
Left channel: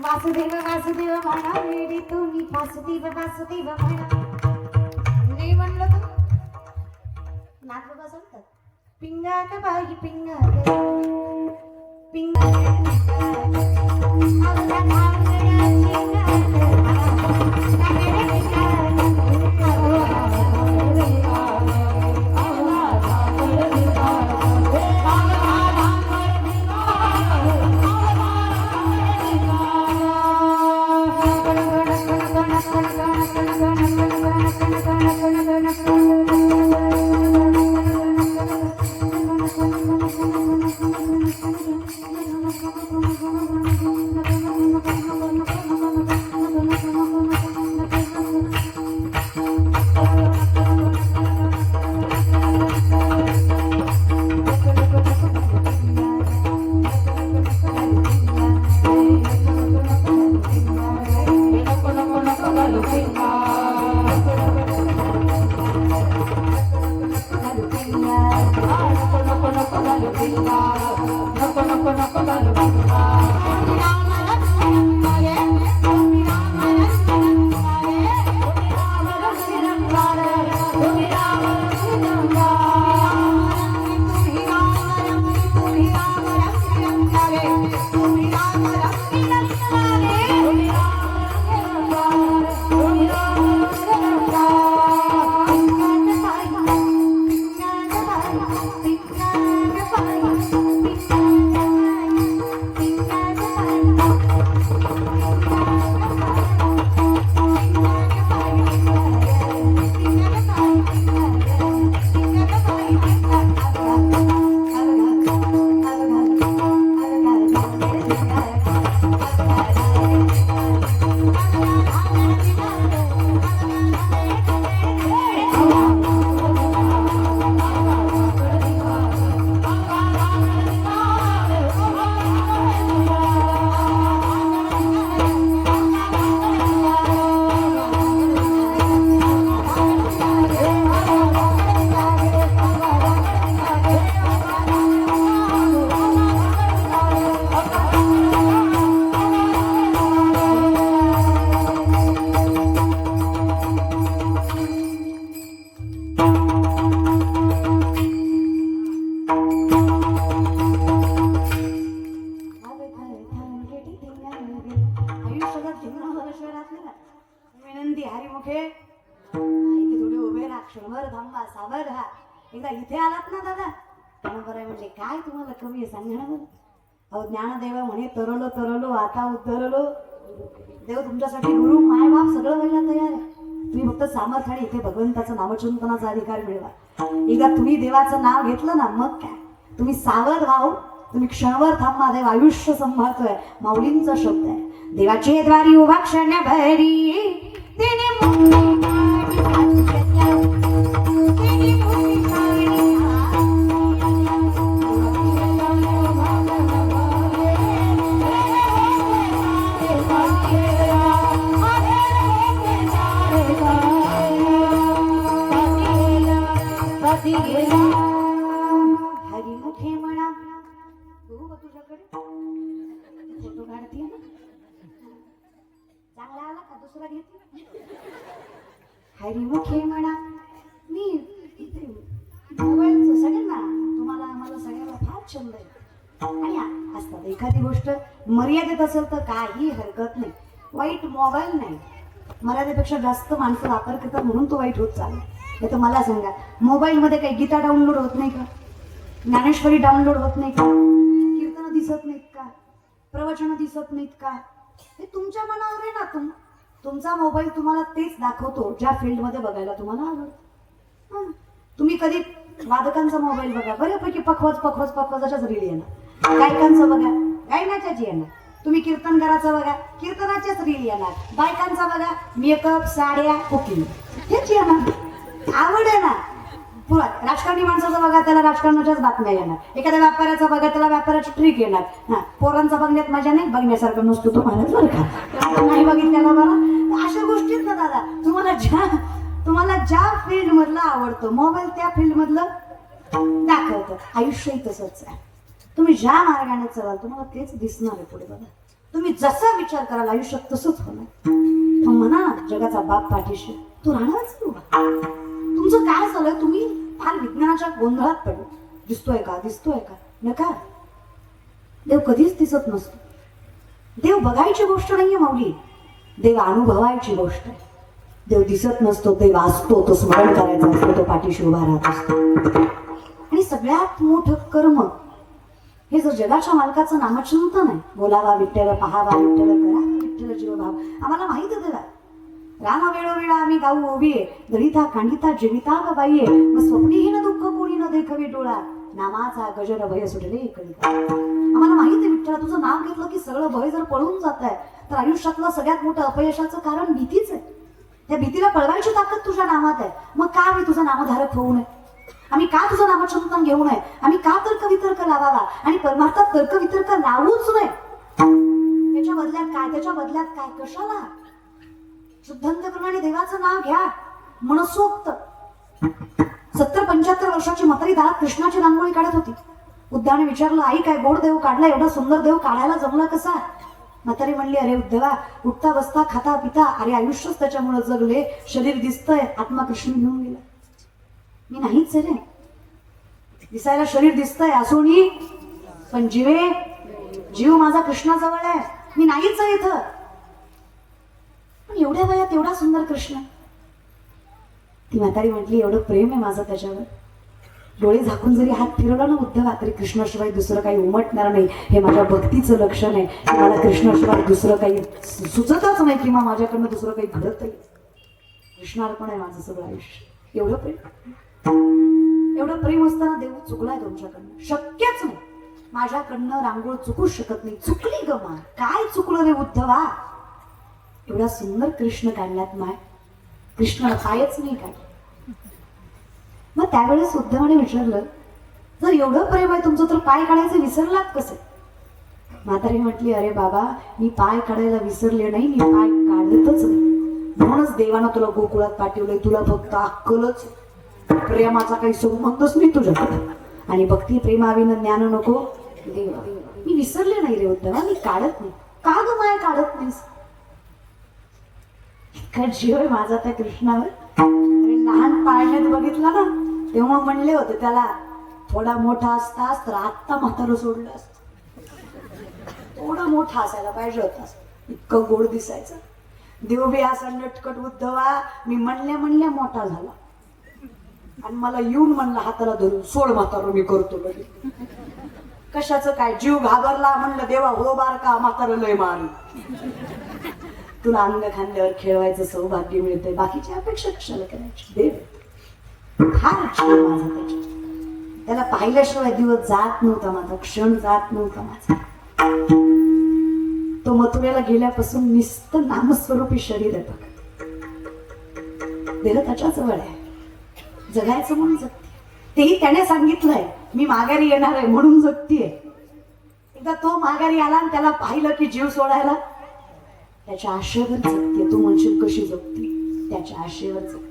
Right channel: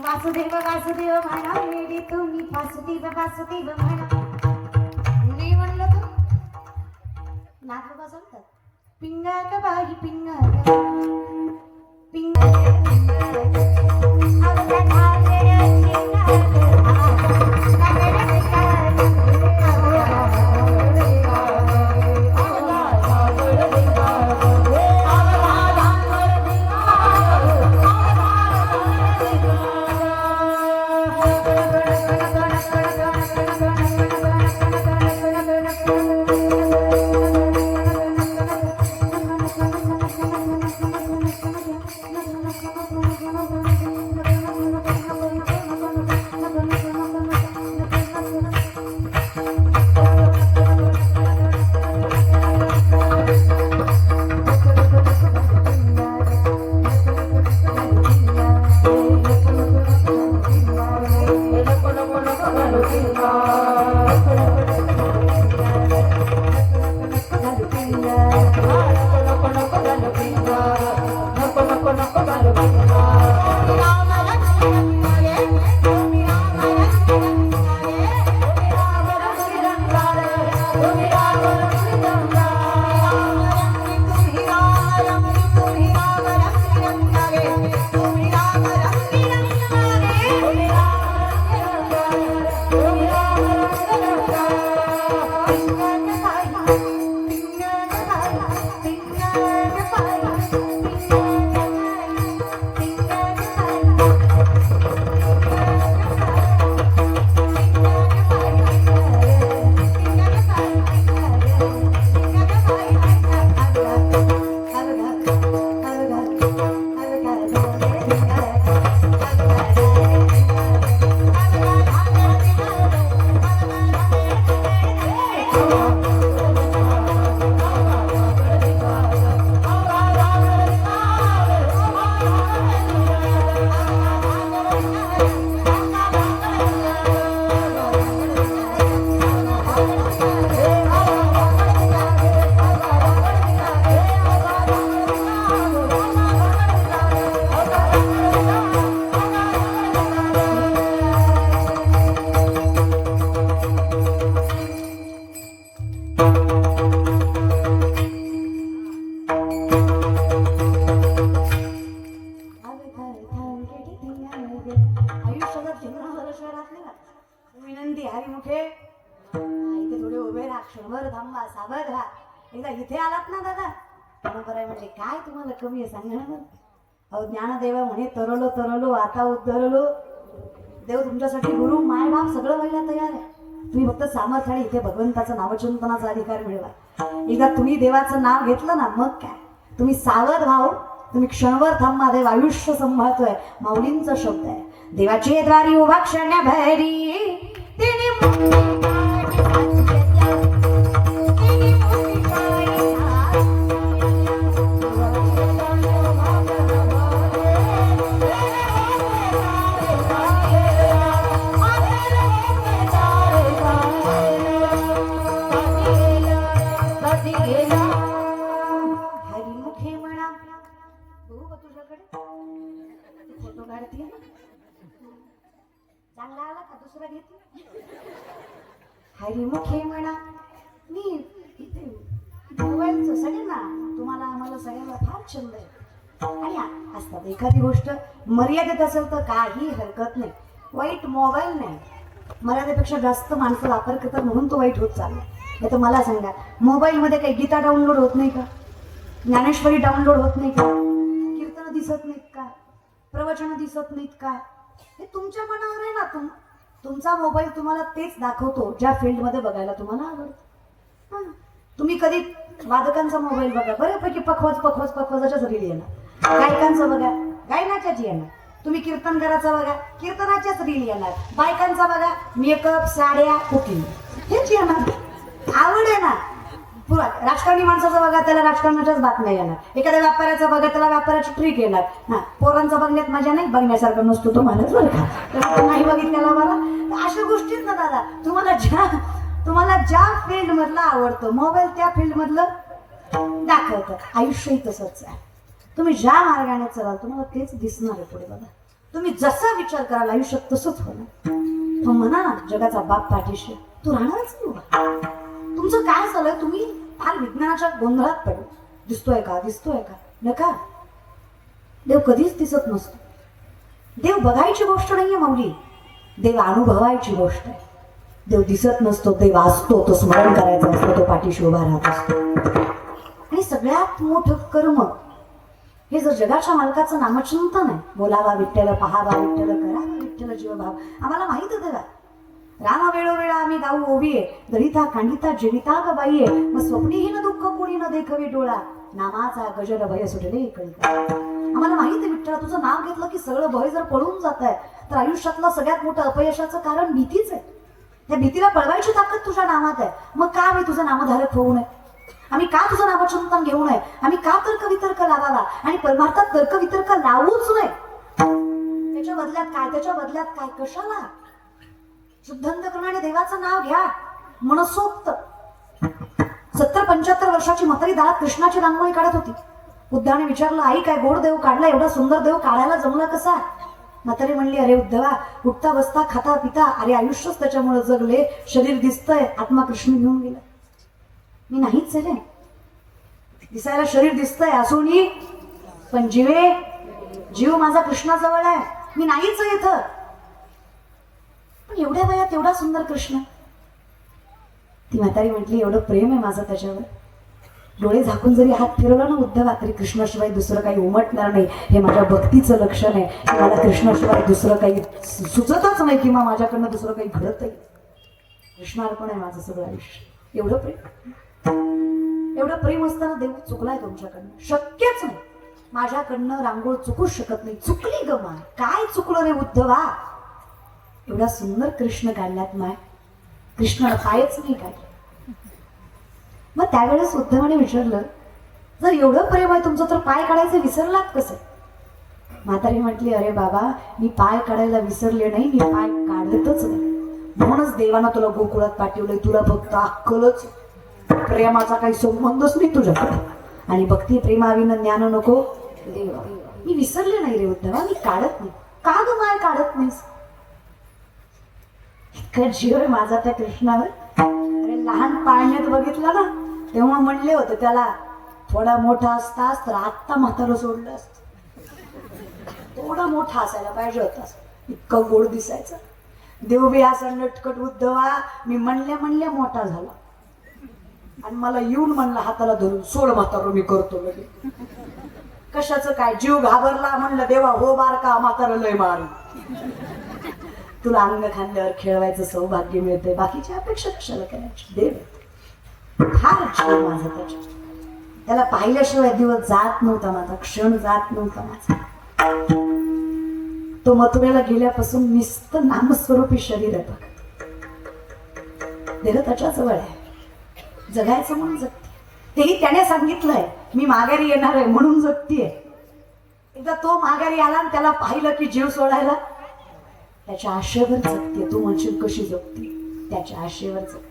वासुदेव वासुदेव म्हणा वेडी तुम्ही वासुदेव वासुदेव म्हणा नाही म्हणलं तू नाच बसवतात पिंगा का बाई पिंगा पिंगा विनंती हरिमुखे इथे थोडे उभे राहा क्षणभर थांबा साबर राहा एकदा इथे आलात ना दादा बरं म्हणजे काय तुम्हाला कमी आहे सांगा ना अहो ज्ञानदेवा म्हणे तरलो तरलो आता उतरलो देव तुमच्यासाठी गुरु मायबाप सगळं व्हायला तयार आहे तुम्ही फक्त सामर्थ्याने इथे भगवंताचं नामचिंतनाचा अधिकार मिळवा एकदा तुम्ही देवाचं नाव घेतलं ना मग काय तुम्ही सावध व्हावं तुम्ही क्षणभर थांबा देव आयुष्य सांभाळतोय माऊलींचा शब्द आहे देवाची द्वारी उभा क्षण भरी तिने हरिमुखे म्हणा बघू का तुझ्याकडे फोटो काढतीये ना चांगला आला का दुसरा घेतला हरिमुखे म्हणा मी मोबाईलचं सगळ्यांना तुम्हाला आम्हाला सगळ्यांना फार छंद आहे आणि असतात एखादी गोष्ट मर्यादेत असेल तर काही हरकत नाही वाईट मोबाईल नाही मर्यादेपेक्षा जास्त माणसं वापर करतात म्हणून तो वाईट होत चालला नाही तर मला सांगा मोबाईलमध्ये काही गीता डाउनलोड होत नाही का ज्ञानेश्वरी डाउनलोड होत नाही का कीर्तन दिसत नाहीत का प्रवचन दिसत नाहीत का हे तुमच्या मनावर आहे ना तुमचा मोबाईल तुम्हाला तेच दाखवतो ज्या फील्डमध्ये बघायला तुम्हाला आवडतं तुम्ही कधी वादकांचा मोबाईल बघा बऱ्यापैकी पखवाजाच्याच रील येणार गायकांचं बघा गायनाच्याच येणार तुम्ही कीर्तनकाराचं बघा कीर्तनाच्याच रील येणार बायकांचा बघा मेकअप साड्या कुकिंग हेच येणार आवड आहे ना पुरा राजकारणी माणसाचं बघा त्याला राजकारणाच्याच बातम्या येणार एखाद्या व्यापाऱ्याचं बघा त्याला व्यापाराची ट्रिक येणार हा पोरांचा बघण्यात मजा नाही बघण्यासारखं नसतो तो म्हणत बरं का नाही बघितल्याला बरं अशा गोष्टीत ना दादा तुम्हाला ज्या फील्ड मधलं आवडतं मोबाईल त्या फील्ड मधलं दाखवतं आयुष्यही तसंच आहे तुम्ही ज्या मार्गाने चलाल तुम्हाला तेच दिसणार आहे पुढे बघा तुम्ही जसा विचार कराल आयुष्यात तसंच होणार. मग म्हणा ना जगाचा बाप पाठीशी तो राहणारच नाही उभा. तुमचं काय झालंय, तुम्ही फार विज्ञानाच्या गोंधळात पडले. दिसतोय का, दिसतोय का, नका. देव कधीच दिसत नसतो. देव बघायची गोष्ट नाहीये माऊली, देव अनुभवायची गोष्ट आहे. देव दिसत नसतो, देव असतो, तो स्मरण करायचा असतो, तो पाठीशी उभा राहत असतो. आणि सगळ्यात मोठं कर्म हे जर जगाच्या मालकाचं नामचिंतन आहे, बोलावा विठ्ठल, पहावा विठ्ठल, करा विठ्ठल जीवभाव. आम्हाला माहित आहे बघा, रामा वेळोवेळा आम्ही गाऊ ओबी आहे, दरिता कांडिता जनिता ग बाई आहे, मग स्वप्नीहीन दुःख कोणी न देखवे डोळा, नामाचा गजर भय सुटले इकडे. आम्हाला माहित आहे विठ्ठला, तुझं नाव घेतलं की सगळं भय जर पळून जात आहे तर आयुष्यातलं सगळ्यात मोठं अपयशाचं कारण भीतीच आहे. त्या भीतीला पळवायची ताकद तुझ्या नामात आहे. मग का आम्ही तुझं नामधारक होऊ नये, आम्ही का तुझं नामचिंतन घेऊ नये, आम्ही का तर्कवितर्क लावावा आणि परमार्थात तर्कवितर्क लावूच नये. त्याच्या बदल्यात काय कशाला शुद्धांत करून आणि देवाचं नाव घ्या. मनसोक्त 70-75 वर्षाची म्हातारी दारात कृष्णाची रांगोळी काढत होती. उद्धाने विचारलं, आई काय गोड देव काढला, एवढा सुंदर देव काढायला जमला कसा? म्हातारी म्हणली, अरे उद्धवा, उठता बसता खाता पिता, अरे आयुष्यच त्याच्यामुळे जगले, शरीर दिसतंय, आत्मा कृष्ण घेऊन गेला. मी नाहीच आहे रे. दिसायला शरीर दिसतंय असूनही पण जीव माझा कृष्णाजवळ आहे. मी नाहीच आहे इथं, पण एवढ्या वयात एवढा सुंदर कृष्ण. ती म्हातारी म्हटली, एवढं प्रेम आहे माझं त्याच्यावर, डोळे झाकून जरी हात फिरवला ना उद्धवा तरी कृष्णाशिवाय दुसरं काही उमटणार नाही. हे माझ्या भक्तीचं लक्षण आहे. मला कृष्णाशिवाय दुसरं काही सुचतच नाही किंवा माझ्याकडनं दुसरं काही घडतही. कृष्णार्पण आहे माझं सगळं आयुष्य. एवढं प्रेम असताना देव चुकलाय तुमच्याकडनं, शक्यच नाही. माझ्याकडनं रांगोळ चुकूच शकत नाही. चुकली ग माय, काय चुकलं रे उद्धवा? एवढा सुंदर कृष्ण काढलात माय, कृष्णाला पायच नाही काय. मग त्यावेळेस उद्धवाने विचारलं, जर एवढं प्रेम आहे तुमचं तर पाय काढायचं विसरलात कसं? म्हातारी म्हटली, अरे बाबा, मी पाय काढायला विसरले नाही, मी पाय काढतच नाही. म्हणूनच देवानं तुला गोकुळात पाठवलंय. तुला फक्त अक्कलच, प्रेमाचा काही संबंधच नाही तुझ्याकडे, आणि भक्ती प्रेमाविनं ज्ञान नको देवा. मी विसरले नाही रे उद्धवा, मी काढत नाही. का ग माय काढत नाहीस? इतका जीव आहे माझा त्या कृष्णावर. अरे लहान पाळण्यात बघितला ना तेव्हा म्हणले होते त्याला, थोडा मोठा असतास तर आत्ता म्हातारं सोडलं असत. थोडा मोठा असायला पाहिजे होता, इतकं गोड दिसायचं. देव बी असा नटकट उद्धवा. मी म्हणले मोठा झाला आणि मला येऊन म्हणला हाताला धरून, सोड म्हातारं मी करतो लगे. कशाचं काय, जीव घाबरला. म्हणलं देवा हो बारका, म्हातारं लय मारू, तुला अंग खांद्यावर खेळवायचं सौभाग्य मिळतंय, बाकीची अपेक्षा कशाला करायची. देव फार जीव माझा त्याच्या, त्याला पाहिल्याशिवाय दिवस जात नव्हता माझा, क्षण जात नव्हता माझा. तो मथुरेला गेल्यापासून नुसतं नामस्वरूपी शरीर आहे बघ. देव त्याच्या जवळ आहे, जगायचं म्हणून जगते. तेही त्याने सांगितलंय, मी माघारी येणार आहे म्हणून जगतीये. एकदा तो माघारी आला आणि त्याला पाहिलं की जीव सोडायला, त्याच्या आशेवर जगते. तू म्हणशील कशी जगते? त्याच्या आशेवर जगते.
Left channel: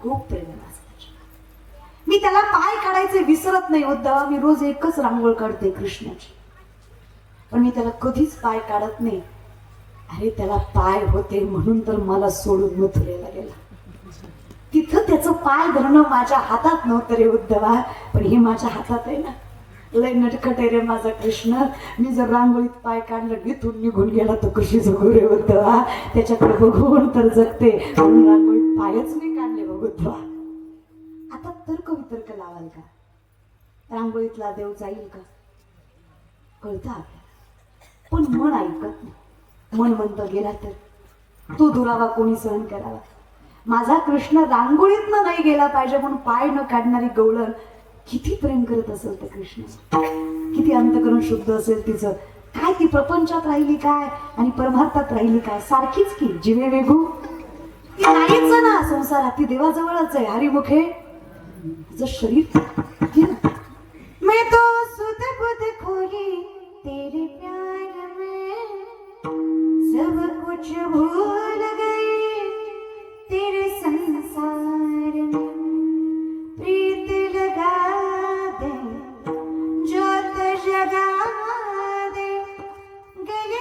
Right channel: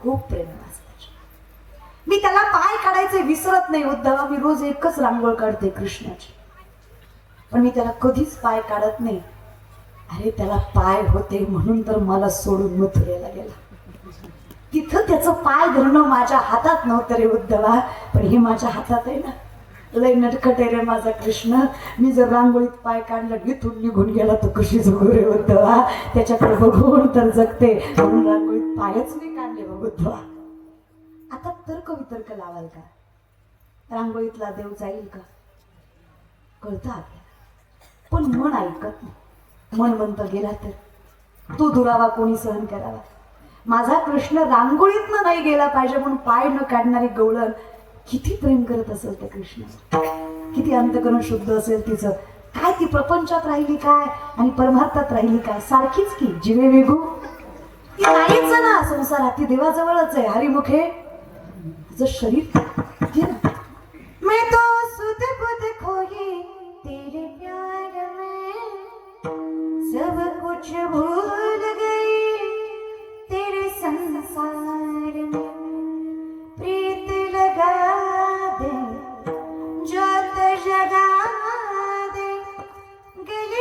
खूप प्रेम माझं त्याच्यावर. मी त्याला पाय काढायचे विसरत नाही उद्धवा. मी रोज एकच रांगोळ काढते कृष्णाची, पण मी त्याला कधीच पाय काढत नाही. अरे त्याला पाय होते म्हणून तर मला सोडून मथुरेला गेला. तिथं त्याचं पाय धरणं माझ्या हातात नव्हतं रे उद्धवा, पण हे माझ्या हातात आहे ना. लय नटखट आहे रे माझा कृष्ण. मी जर रांगोळीत पाय काढलं इथून निघून गेला तर कशी जगू रे उद्धवा? त्याच्याकडे बघून तर जगते, म्हणून रांगोळीत पायच नाही काढले बघ उद्धवा. आता तर्क वितर्क लावाल का? रांगोळीतला देव जाईल का? कळतं आपल्याला, पण मन ऐकत नाही. मन म्हणतं गेला तर तू दुरावा कोणी सहन करावा. माझा कृष्ण रांगोळीतनं नाही गेला पाहिजे म्हणून पाय न काढणारी गवळण किती प्रेम करत असेल त्या कृष्ण, किती अंतकरण शुद्ध असेल तिचं. काय ती प्रपंचात राहिली काय आणि परमार्थात राहिली काय? सारखीच की जिवे वेगू ती नाहीच ना संसारात. ती देवाजवळच आहे, हरिमुखे तिचं शरीर. मैं तो सुध बुध खोई तेरे प्यार में, सब कुछ भूल गई तेरे संसार में, प्रीत लगा दे ज्योत जगा दे, गले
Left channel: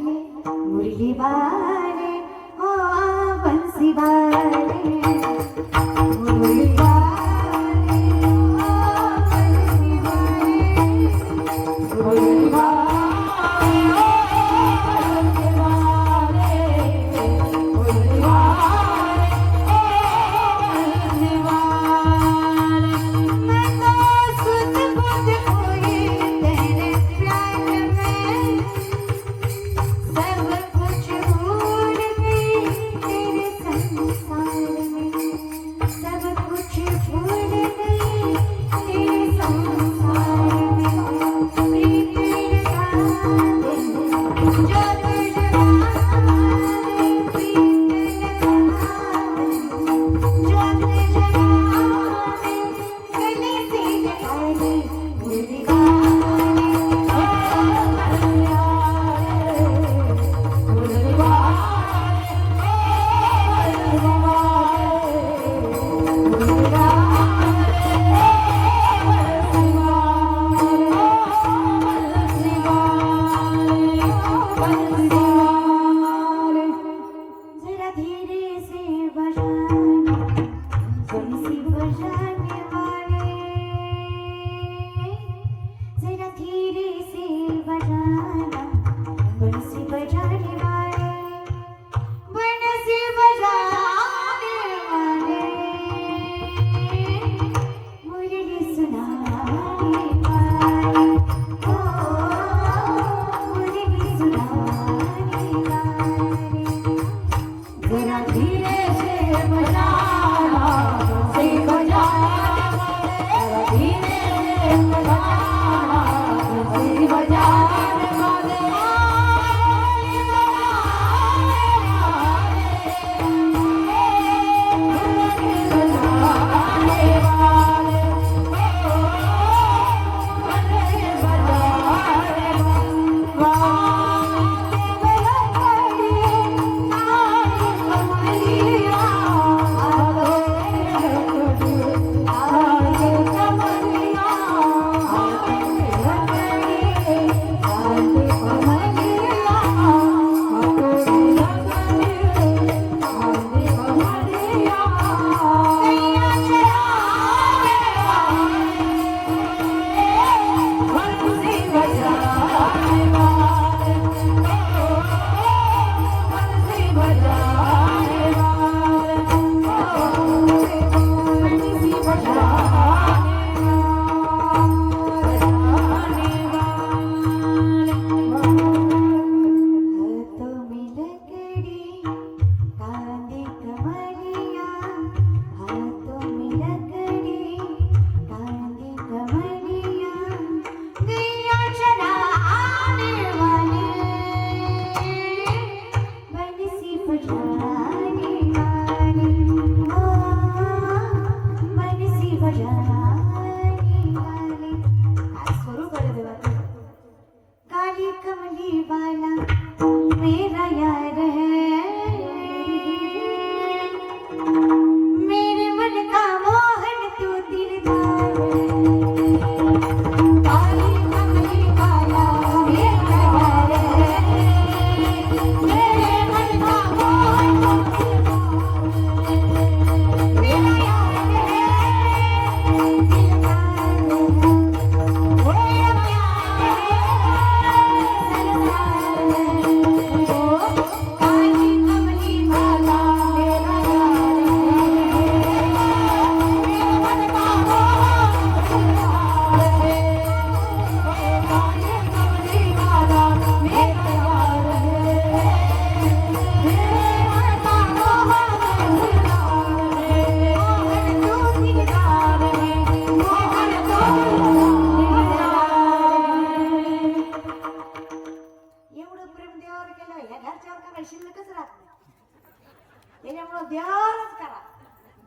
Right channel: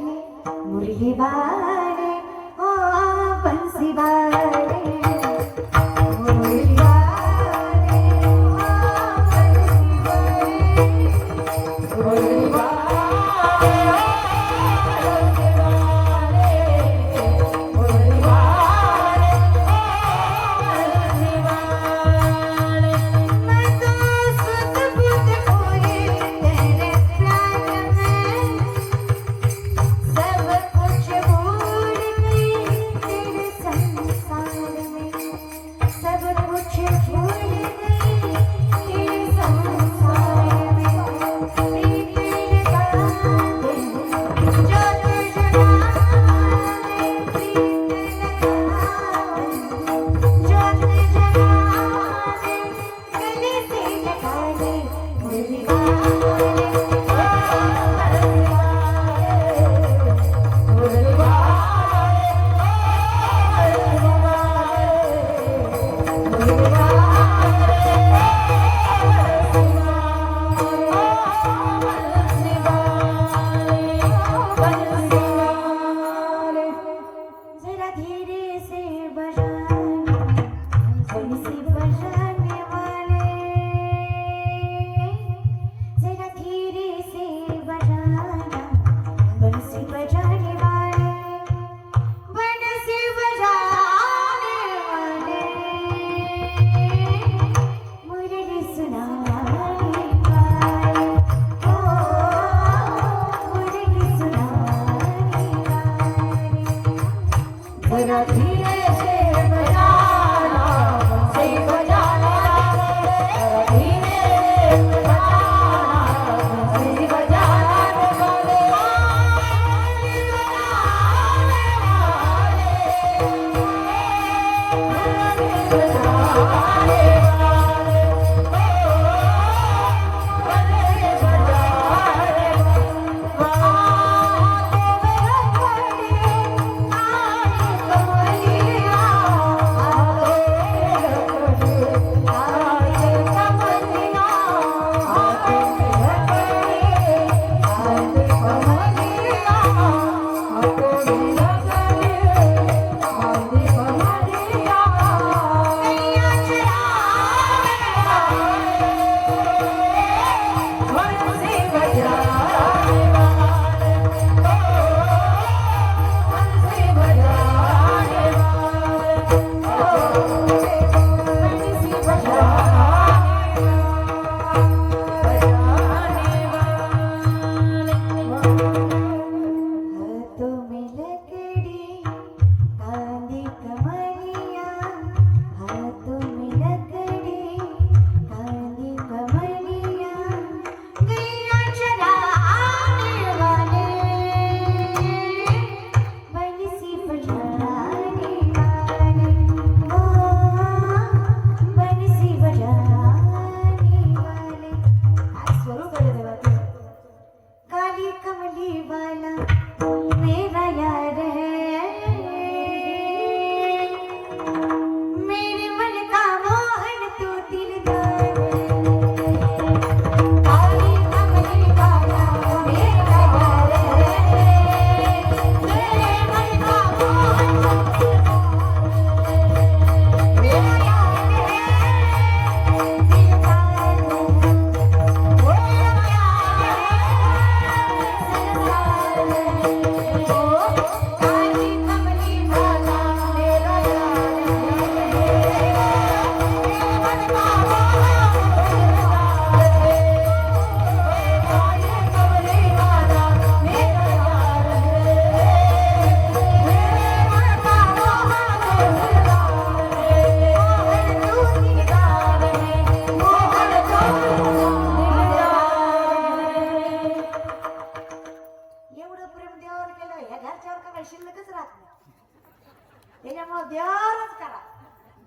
मुरली वाले ओ बंसी वाले मुरली वाले ओ बंसी वाले मुरली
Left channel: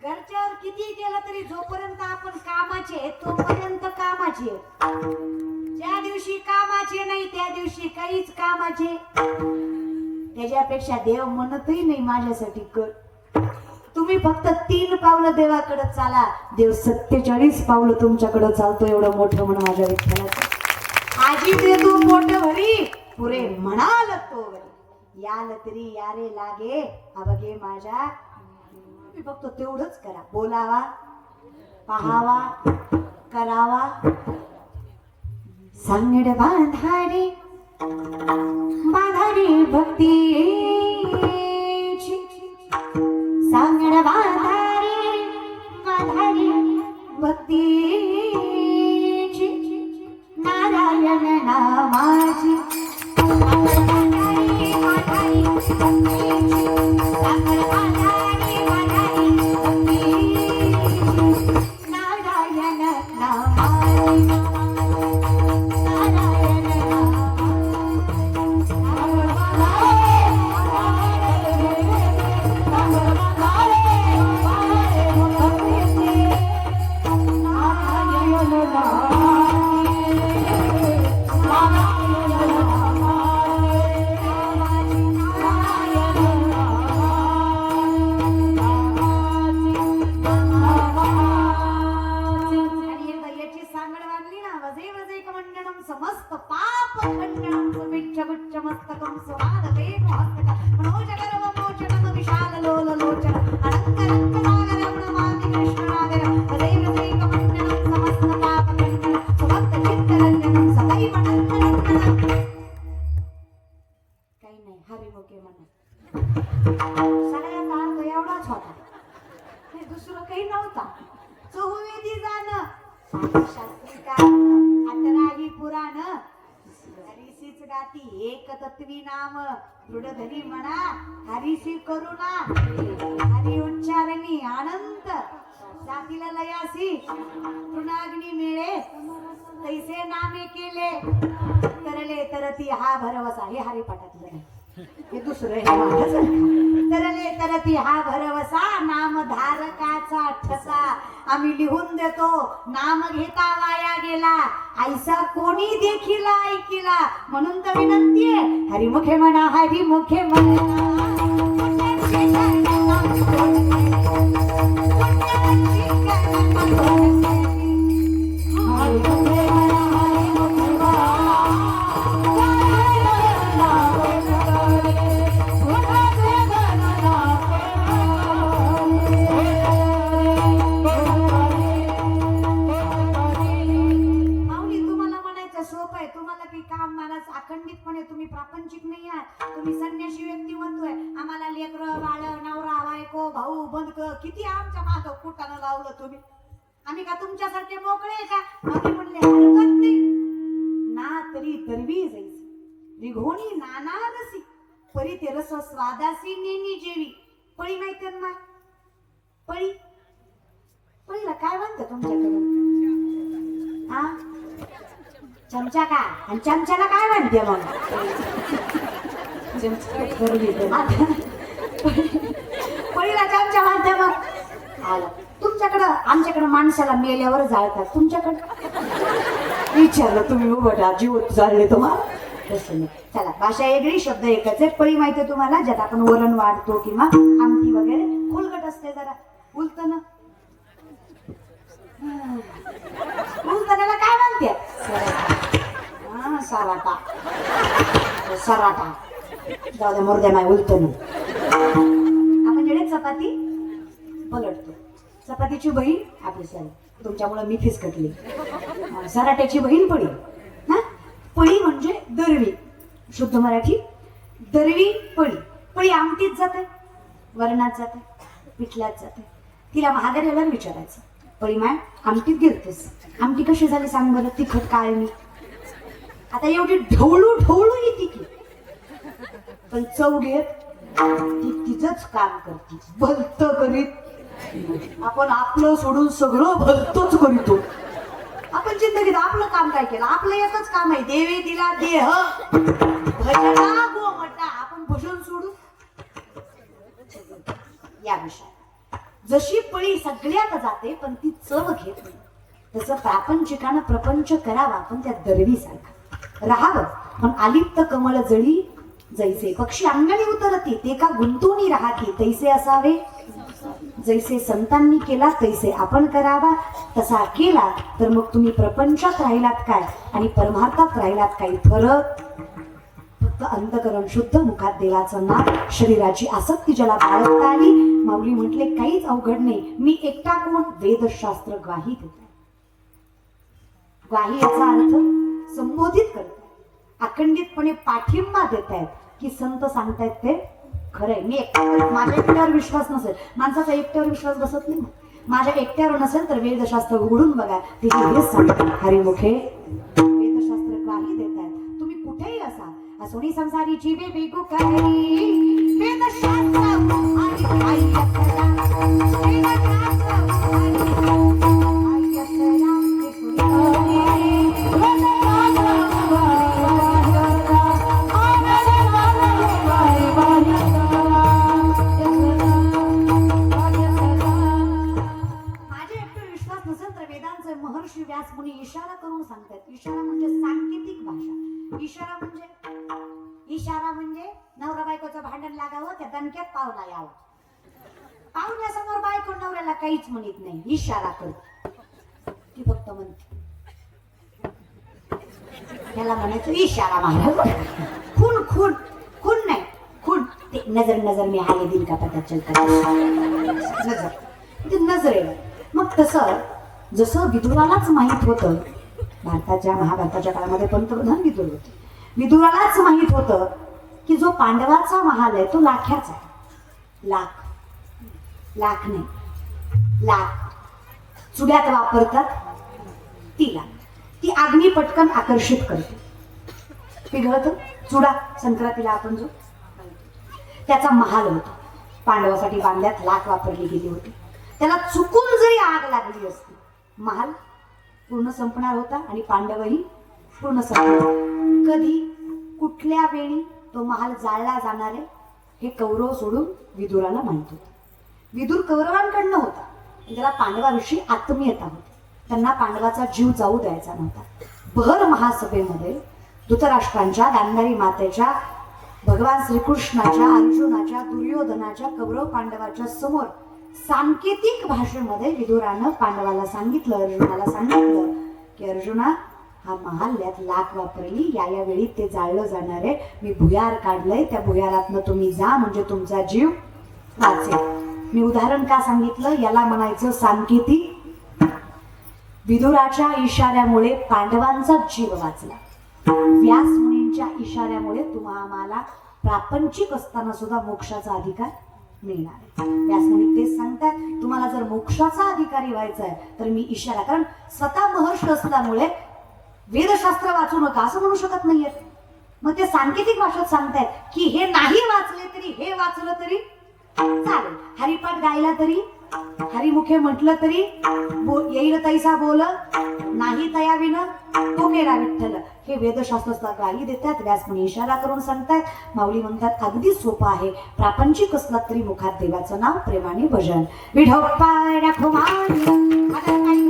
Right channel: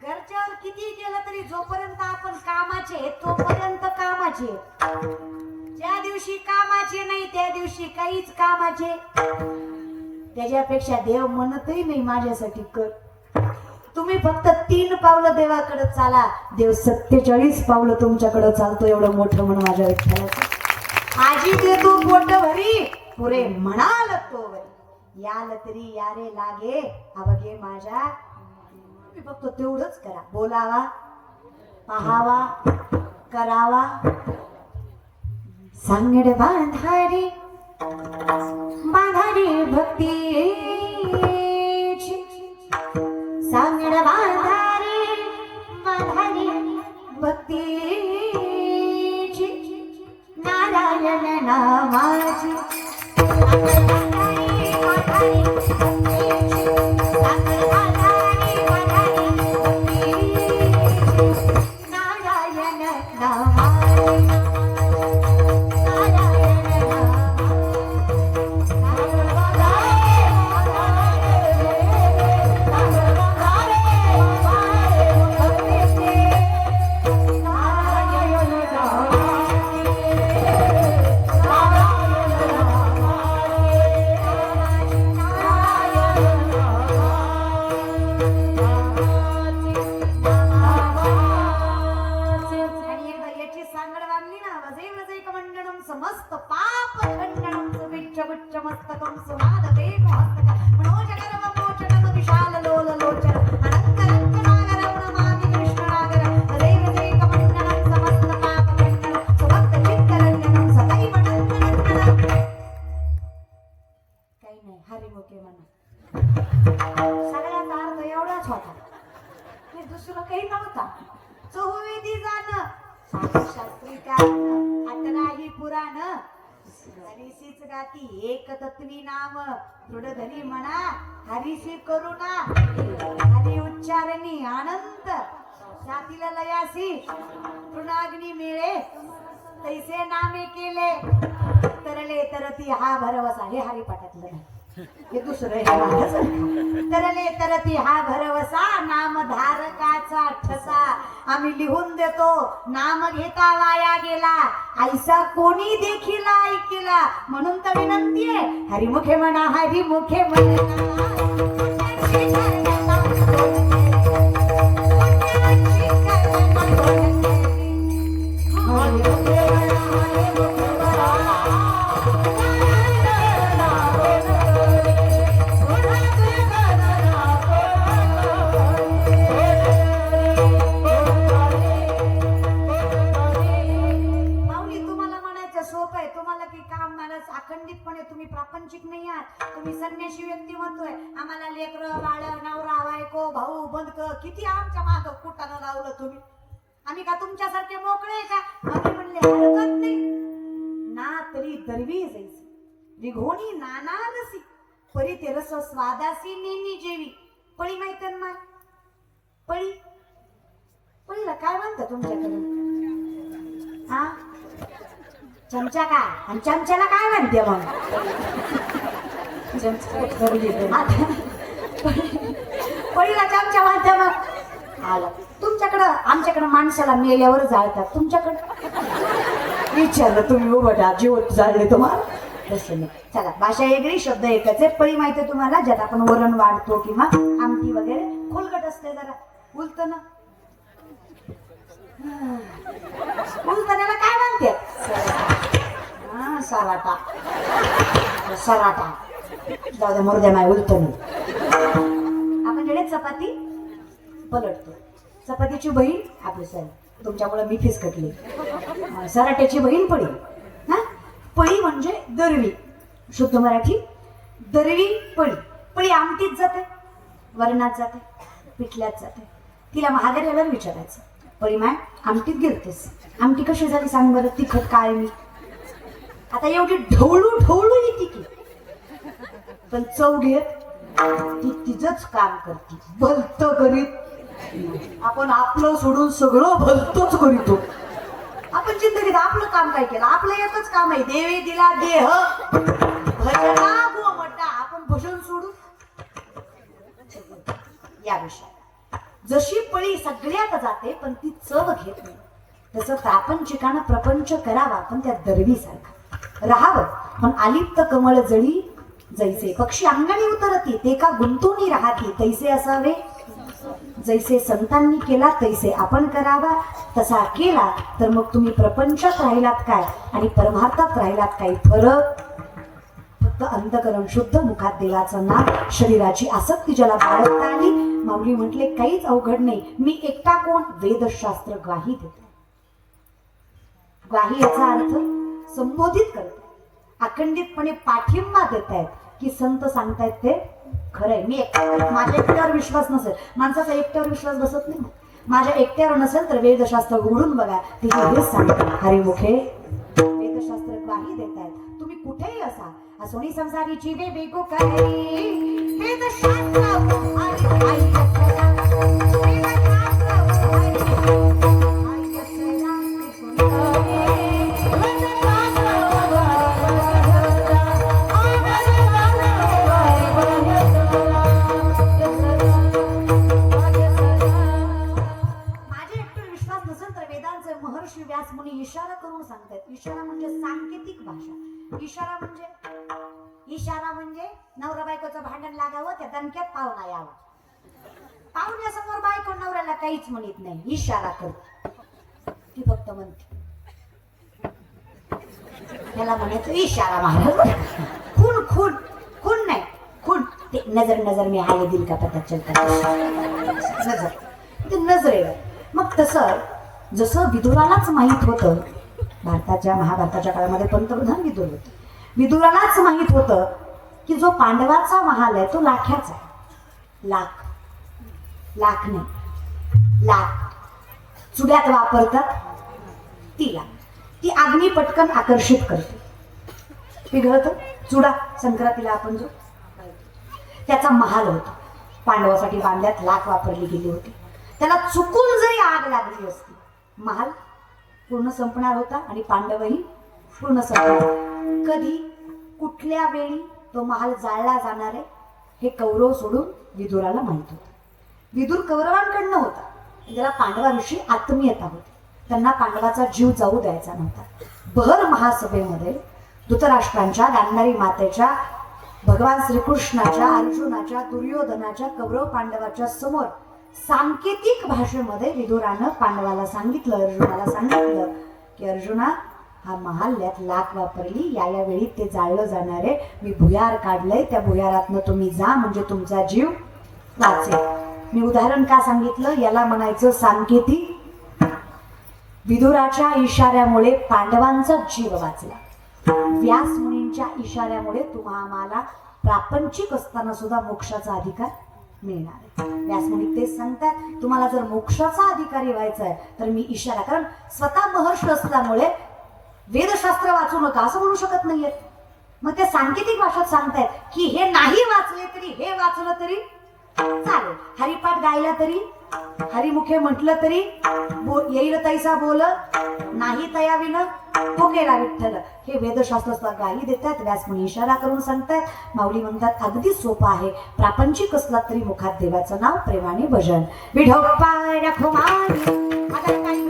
घरच्यावर किती केलं तरी जोपर्यंत आपण कामाचे तोपर्यंत कामाचे, ज्या दिवशी कामाचे नाही त्या दिवशी काहीच कामाचे. त्याच्यापेक्षा देव म्हणतही नाही माझ्यासाठी कर. तुम्ही फक्त 3 पावलं देवाकडे चाला, देव 47 पावलं तुमच्याकडे चालतो. एवढं मोठं म्हणून माझ्या विठ्ठलाचं. आजी ते तू पोट भरी पुरे म्हणाल तोवरी याल तरी यारे लागे अवघे माझ्या. मी फक्त तेवढंच करा, बोलावा, पाहावा, करावा. सांगड बांधारी बांधारी भक्तीची, सांगड बांधारी बांधारी भक्तीची, नारायण नामाची. समस्त पाप खंडनं सुविच्छ गुच्छ मस्तकं सुवादते मोहस्तक मनोजगरव मोचनं विशाल लोल लोचन अनंत रंग नागरवण माति कृष्ण नागर सदैव सैकमंडनं समस्त पाप खंडनं सुभक्त चित्तरंजनं सदैव नंदनंदनं. काही नाही, हरिमुखे म्हणा. सगळ्याचा अर्थ एवढाच होता, दुसरं काही नव्हता. चहुवेदी जाणं शास्त्रिका अटराही पुराण हरिसीच गाती एक तत्वी नाम दृढधनी म्हणा हरिसी करुणा हरी उच्चारणी अनंत जातीला लयासी तृणाग्नी मेळे तैसे नामे केले तरले तरती हा भरवसा. हे हरिपाठातलं नाही, हे दुसरं हे माझंच. तरले तरती हा भरवसा नामधारकाचा ठसा आम्ही लिहून देतो. नाम घेता वाया गेला ऐसा कोणी देखील ऐकिला. म्हणून तर विनंती आहे, हरिमुखे म्हणा हरिमुखे म्हणा. अखंडितपणे तुम्ही प्रापंचिक नाही आहात, तुम्ही संन्यासी व्यक्तिमत्व आहे. आम्हाला लेकरं बाळ नवरा बायको भाऊ बंधक किती आमच्या माग कुटानं लावलं तुम्ही. आम्ही का तुमच्यासारखे मोकळे आहे का? मग म्हणले हरकत नाही ना तरी दरवी जायची निघोणी नाना रसी परी ते रस स्वादासी नेनी जेवी. पळी माहिती ना? पळी पळीला काय म्हणतात तुमच्याकडे? हा चमचा का? आणि चमच्याला काय म्हणते मग? पळीला चमचा म्हणते मग. आला तुमच्याकडं. आमच्याकडे माणसाला मेल्यावर जाळतात, तुमच्याकडं विचारलं तुम्ही उभटा जीव जाळले तुम्हाला तसं नाही. चला भाषा वेगळी शब्द एकच आहे. पळी माहिती तुम्हाला, ज्यात आपण वरण वाढतो किंवा आमटी वगैरे खोलगट असते जरा उलत ना. उलटण्याला काय म्हणते? सराटा. सराटा जाऊ दे मुर्दे माय उलटणी. आपण जेडे चपाती पलटतो. चपातीची बहीण आपली सर तुमच्यामुळे मी फीस कटली. सराट्याची बहीण पळी. हा पळी म्हणजे दरवी. शुद्ध मराठी दरवी पळी. पळी आमटीत जाते, वरणात जाते, पिठल्यात जाते. तिला महागाऱ्याला विचारायचं, पळी माय आमटीत गिरतेस, आमटी कशी झाली सांग बरं, तिखट काय मी. आता एवढी ढवळू ढवळू येते की पण चव घेत ती तिचंच काम करते. भलत करीत आपण आपलं सोडून सगळं भलतच करीतो. आपण जिंदगीत आपलं काम काय केलं? आपलं एकच काम आहे, देवे दिला देह भजना गोमटा. आपण भजन सोडू या विषयात. जशी पळी सगळ्यात जाते पण ती चव घेत नाही, तसं प्रापंचिकानं प्रपंच करावा आपण त्या दरवीसारखा राहावं. पण आलिप्त कमळ जळी जैसे पक्षी अंगणी उतरती ते का गुंतूनी राहती तैसे असावे. जैसे संतांनी केला तैसे आपण करावा. तसा केला तर मग तुम्ही प्रपंचात राहिलात काय आणि परमार्थात राहिलात काय. फरक फक्त अंतकरण शुद्ध, मुखात देवाचं नाम, शरीराची आसक्ती ज्याला बाळगता आली. माऊली म्हटले काहीच अवघड नाही. मी एकटा कोण? वेदशास्त्र ग्वाही देतो. ग्वाही याचा अर्थ संबोधित करतो, अखंडितपणे पाठिंबा देत आहेत की संत सांगतायत ते खरंय. मी माझ्या एकट्यावर विश्वास नसेल, माणसाचा एकट्यावर विश्वास बसत नाही. माझ्या एकट्यावर नसेल तर वेदशास्त्र उघडून बघा, ते हेच सांगतात. हरिमुखे वेदशास्त्र ग्वाही देत आहेत. तुम्ही कुठेही असा, सोनी संसारीची वेगो करी वेदशास्त्र आणि आई असला, वेदशास्त्र आणि आई असला, ते सोनी महर्षी व्यास मुनी इशारा करून सांगतात. इशारा म्हणजे सांकेतिक भाषा. इशारा म्हणजे नवरा बायकोचं भांडण लागावं, त्या दणक्यात पाहुणा यावा. पाहुण्यासमोर बायको नवऱ्याला काहीच म्हणत नाही, इशारा करते. ती फक्त म्हणते, त्याला म्हणायचं इशारा महाराज. खून खून खून नाही, खून ते नजर नजर में हाय दिल का पता चलता. नजर ते नजरेवर. मग तसं जसं विदुरालाच माहित होतं, भारताच्या महाभारताच्या काळामध्ये पंतप्रधान विदुर होते. विदुरालाच माहित होतं की जो पांडवाचा महाल आहे तो लाख्याचा. लाख नाही, लाख चुड्यात वापरतात तिला. ती अग्नी पटकन आकर्षित करते. पिघळत चुडा संक्रांतीला आपण जो त्याचा महाल होता, पांडवासाठी बांधल्यात लाख वापरली गेली होती. त्याला चुकून जरी आग लागली असती, महाल पूर्ण संपणार होता आणि पांडवही पूर्ण संपणार. कधी कुठल्या वेळी तो महाल जाळला जाणार आहे हे कौरव सोडून विदुराला माहित होतं. विदुर कौरवांकडनं होता, त्याला पांडवाविषयी आत्मीयता होती. त्यांना पांडवाचा जीव जाऊ द्यायचा नव्हता. भर महासभेमध्ये धृतराष्ट्रांच्या, गांधारी मातेच्या, भगवान श्रीकृष्णाच्या, अर्जुनाच्या, दुर्योधनाच्या, कौरव पांडवाच्या समोर सांकेतिक भाषेमध्ये विदुरानं पांडवाला सांगितलं, अर्जुनाला सांगितलं की अर्जुना, हा महाल्यात लाख वापरली, या वेळी ते जाळलं जाणार आहे. मी भुयार काढलंय, त्या भुयारातनं तुम्ही जा म्हणजे तुमचा जीव वाचेल. मी उदाहरण का सांगितलं, याला म्हणायचं सांकेतिक. विदुराच्या इशाऱ्यामुळे पांडवांचा जीव वाचला. व्यास मुनींच्या इशाऱ्यामुळे तुम्हाला प्रापंचिक असताना सुद्धा मोक्षाचा अधिकार मिळणार. व्यास मुनी तेच सांगतात, तुम्हाला जर मोक्षाचा अधिकारी व्हायचा आहे तर मी इशारा, कारण स्वतः महर्षी असल्यामुळे वेदशास्त्र वाचू नका असं म्हणू शकत नाहीये. मग ते सांकेतिक भाषेत सांगतायत की हे नाही वाचले तरी, हे वाचलं तरी चालेल. हरिपाठ गायला तरी, हरिमुखे म्हटलं तरी येईल तैसा बोल, नाही तयाविन तो केला विठ्ठल. हे वेदशास्त्र ग्वाही देतात. व्यासमुनी इशारा करून सांगतात. माऊली म्हणतात अगदी सोपं आहे. प्रापंचिक असला तरी मुखात देवाचं नाव प्रेमाने भजन. विठोप्पा रखुमाई आता काही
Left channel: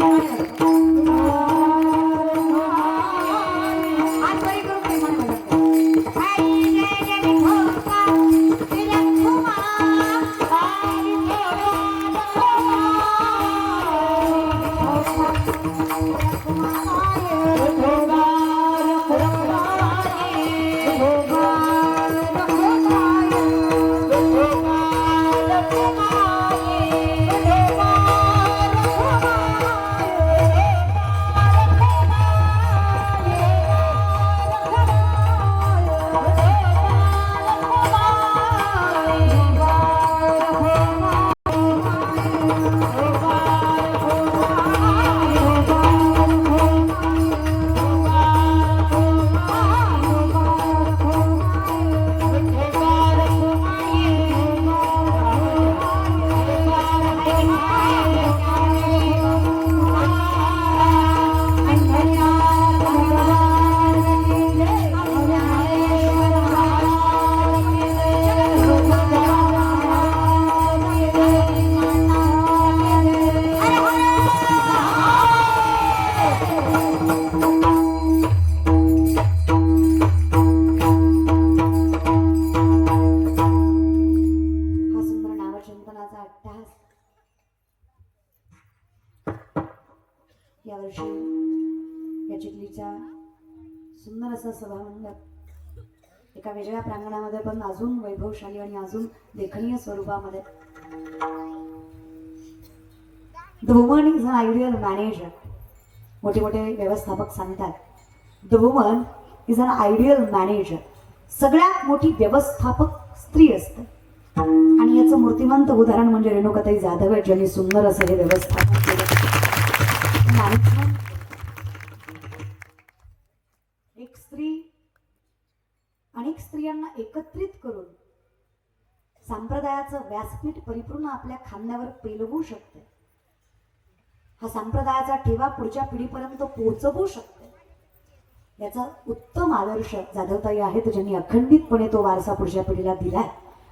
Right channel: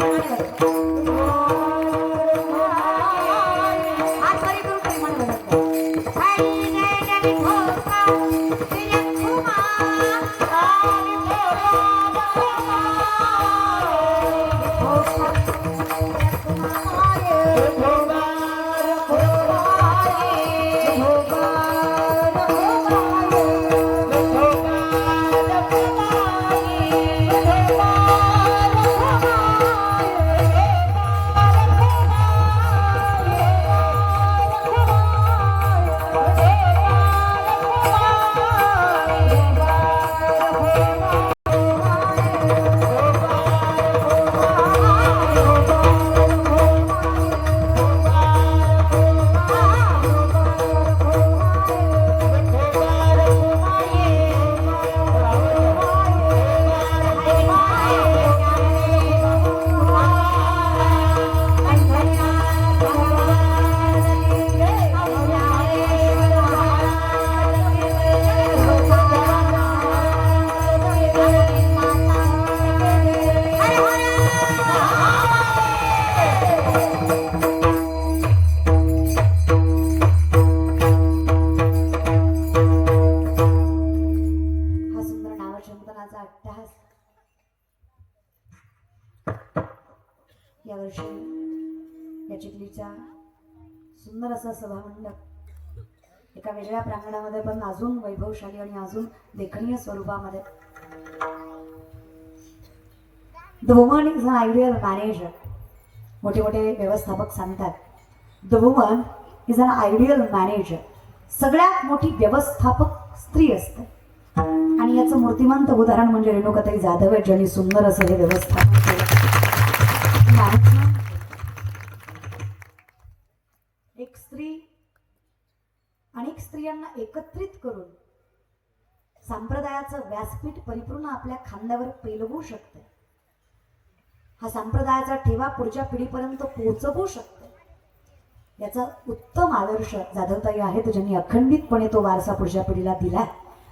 यावर्षी या चिखलीचा सुंदर असा सभामंडप एका वेगळ्या प्रांगणामध्ये पण अजून वैभवशाली आणि अजून देखणीय स्वरूपामध्ये. The woman is an ideal manager. मोठे मोठे व्यवस्थापक सांगतात the woman is an ideal manager. सगळ्यात मोठी व्यवस्थापक स्त्री असते. आणि याचं मूर्तिमंत उदाहरण म्हणजे रेणुकाताई जाधव आहे, ज्यांनी सुंदर असं हे व्यवस्थापन केलं. मॅनेजमेंट. एक स्त्री अनेक स्त्रियांना एकत्रित करून संप्रदायाचं व्यासपीठ परिपूर्ण आपल्या खांद्यावर पेलवू शकते. हा संप्रदायाचा ठेवा पुढच्या पिढीपर्यंत पोहोचवू शकते. याचा उत्तम आदर्श जाधवताई आहेत, ज्यांनी अखंडितपणे तो वारसा पुढच्या पिढीला दिलाय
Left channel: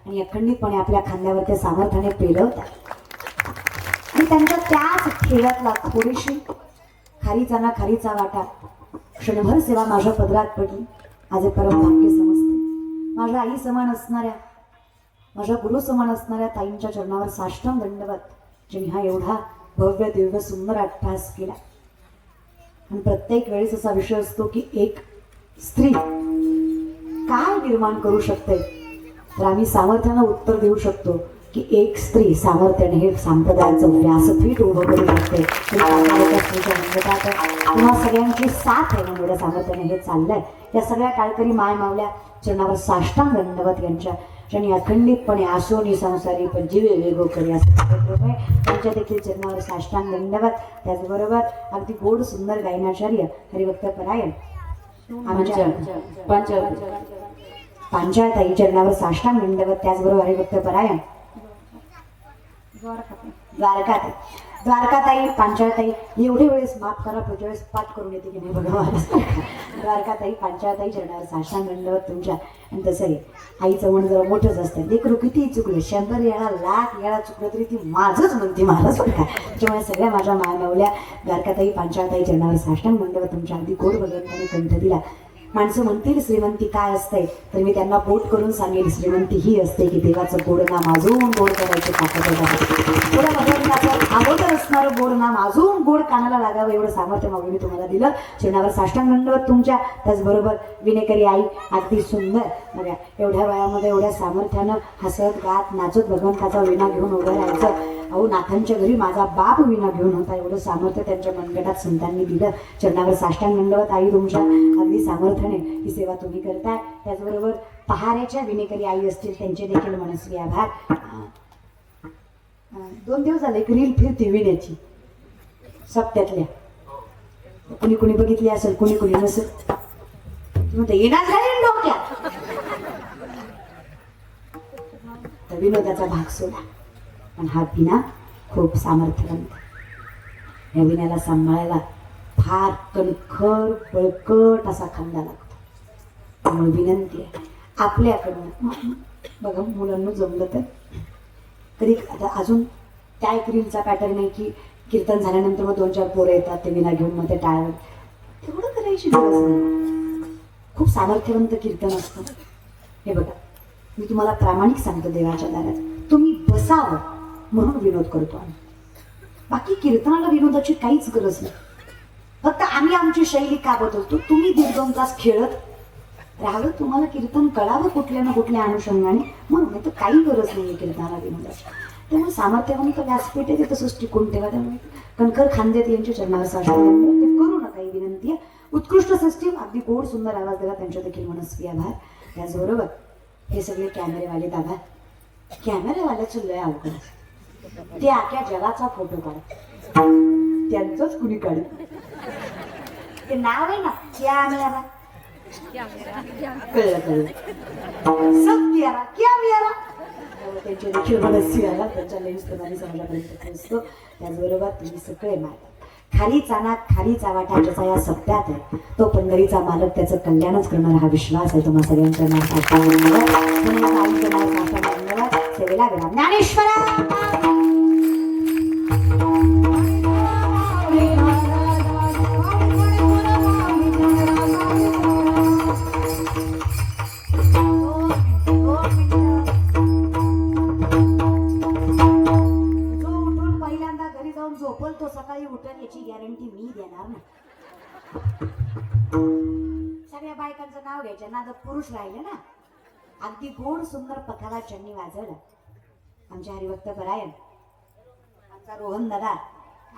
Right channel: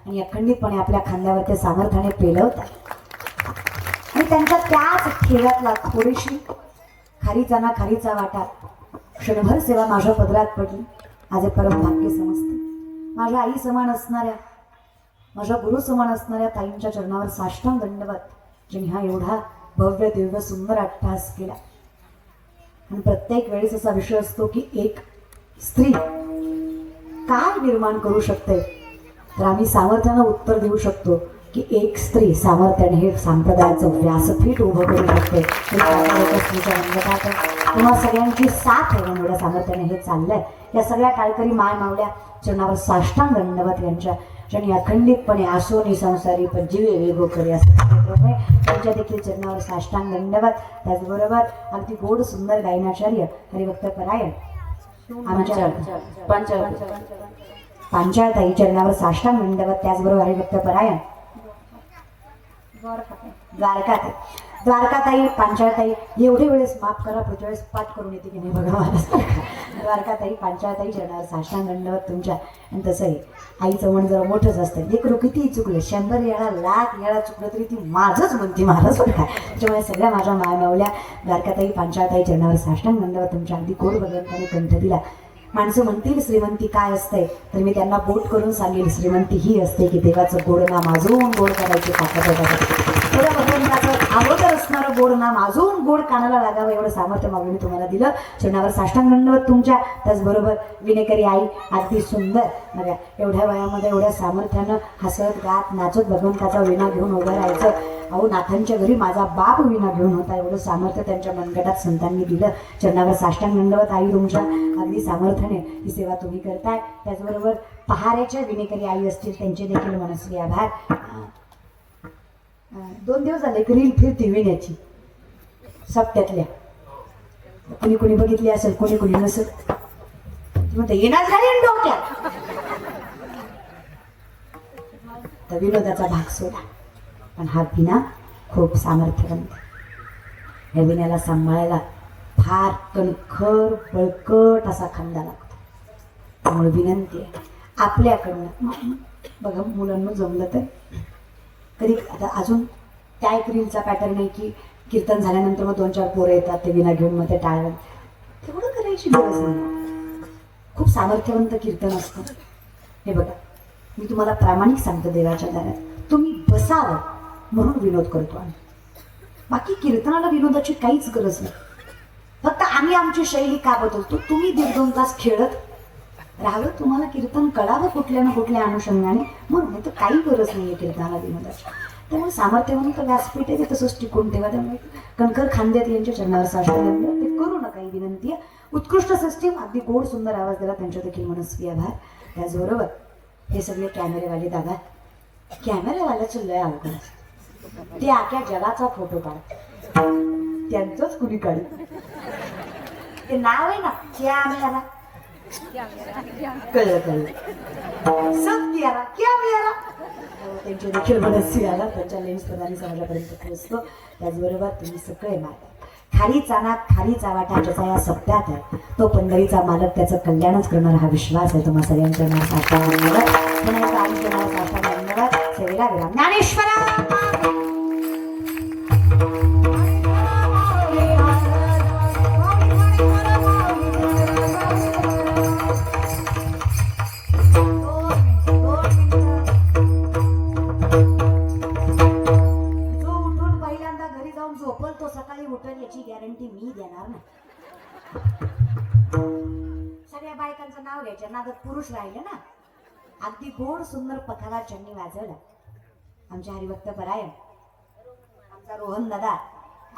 आणि अखंडितपणे आपल्या खांद्यावर ते सामर्थ्याने पेलवतात. आणि त्यांच्या त्याच ठेव्यातला थोडीशी खारीचा ना खारीचा वाटा क्षणभर सेवा माझ्या पदरात पडली. आज हे परम भाग्य समजते. माझ्या आई समान असणाऱ्या, माझ्या गुरु समान असणाऱ्या ताईंच्या चरणावर साष्टांग दंडवत, ज्यांनी हा एवढा भव्य दिव्य सुंदर अट्टहास केला. आणि प्रत्येक वेळेस असा विषय असतो की एक स्त्री काय निर्माण करू शकते, तर आम्ही सामर्थ्यानं उत्तर देऊ शकतो की एक स्त्री सामर्थ्याने हे संप्रदायाचं व्यासपीठ उभं करू शकते. किंवा सगळ्यांची साथ आहे एवढ्या सामर्थ्याने हे चाललंय. या सगळ्या काळकरी माय मावल्या चरणावर साष्टांग दंडवत यांच्या, ज्यांनी अखंडितपणे आसोनी संसारी पण जीवे वेगो करी असं त्यांच्या देखील चरणावर साष्टांग दंडवत. त्याचबरोबर अगदी गोड सुंदर गायनाचार्य हरिभक्त परायण आमच्या पांचाळताई चरणावर साष्टांग दंडवत. त्याचबरोबर हरिभक्त परायण द्वारकाताई पांचाळताई. एवढे वेळेस माफ करा, पुढच्या वेळेस पाठ करून येते की नाही बघा मला. द्वारकाताई पांचाळताई चरणावर साष्टांग दंडवत तुमच्या. आणि तसं आहे, आईचं मन जर मोठंच असतं, लेकरू किती चुकले, 100 वेळा लाख वेळा चुकलं तरी ती माझंच म्हणते, मलाच बघा. त्याच्यामुळे सगळ्या माझ्या मायमावल्या द्वारकाताई पांचाळताई चरणावर साष्टांग दंडवत तुमच्या. अगदी गोड भगवंताने कंठ दिला. माणसं म्हणतील श्रीमंती काय असते, तर मी त्यांना बोट करून सांगेल श्रीमंती ही असते की देवाचं गोड नाम अजून गोड करायचे पुढे भगवंताचं अगोदर असणारं गोड नाम अजून गोड कानाला लागावं एवढं सामर्थ्य मागून तुम्हाला दिलं. चरणावर साष्टांग दंडवत तुमच्या. त्याचबरोबर विनेकरी आई अगदी सुंदर बघा, एवढ्या वयामध्ये एवढ्या सामर्थ्यानं हसत गात नाचत भगवंताचा विणा घेऊन उभं राहायचं. अहो नाथांच्या घरी माझा बाप विणा घेऊन होता, एवढं सामर्थ्य त्यांच्या मनगटात संतांनी दिलं. चरणावर साष्टांग दंडवत आई तुमच्या. अगदी सामर्थ्याने ही सेवा तुम्ही करताय. त्याचबरोबर पहारेच्या विनेकरी आई असतील त्यांचे देखील मनस्वी आभार. 2 दिवस झाले रील फिरती विण्याची सप्त्यातल्या. कुणी कुणी बघितली असेल, कुणी कुणी नसेल. म्हणते येणार झाले डोक्यात. तर विनोदाचा भाग सोडा, पण हा विना खूप सामर्थ्यवंत. या विण्याला सांभाळायला फार कणखर बळकट असा खांदा लागतो. त्यामुळे विनंती आहे आपल्याकडनं, बघा मुलांना जमलं तर कधी आता अजून त्या एक रीलचा पॅटर्न आहे की कीर्तन झाल्यानंतर मग 2-4 पोरं येतात, ते विना घेऊन मग ते टाळण, तेवढं करायची गरज नाही. खूप सामर्थ्यवंत कीर्तन असतं. हे बघा, मी तुम्हाला प्रामाणिक सांगतो, देवाच्या दारात तुम्ही बसावं म्हणून विनोद करतो आम्ही. बाकी कीर्तनाला विनोदाची काहीच गरज नाही. फक्त आम्ही आमची शैली का बदलतो. तुम्ही 1-2 तास खेळत राहावं, तुम्हाला कीर्तन कळावं कुठल्या ना कुठल्या अनुषंगाने, म्हणून नाही तर काही गरज नाही आहे कीर्तनाला विनोदाची. त्यामुळे सामर्थ्यवंत व्यासपीठ आहे, ते तसंच टिकून ठेवा. त्यामुळे कणखर खांद्यात यांच्या चरणावर साष्टांग दंडवत ते करू नका, ही विनंती आहे. उत्कृष्ट सिस्टीम, अगदी गोड सुंदर आवाज दिला, त्यांच्या देखील मनस्वी आभार. त्याचबरोबर हे सगळे कॅमेरेवाले दादा, कॅमेरेवाल्याचं लय अवघड असतं. ते आख्या जगाचा फोटो काढ, त्यांचंच कुणी काढू. ते नाव आहे ना कॅमेरा, कळलं कळलं, सत्यारा कॅमेरा. त्यांच्या देखील मनस्वी आला, त्यांच्या लेन्स प्रमाणे समाजापर्यंत पोहोचतो. त्याचबरोबर तुम्ही सगळे मालक, खालीचा ना खालीचा वाटा ज्याचा या सप्त्यात आहे, तो पंढरीचा मालक, त्याचं कल्याणच करणार हा विश्वास आहे तुम्हा सगळ्यांच्या सेवेला विराम. ज्ञानेश्वरा झोपल तो सकाळी उठल याची गॅरंटी मी देणार नाही. सगळ्या बायकांचं नाव घ्यायचं, नादात पुरुष राहिले ना. अगदी गोड सुंदर पथावा ज्यांनी वाजवला आमच्या हरिभक्त परायण आमचा रोहन दादा.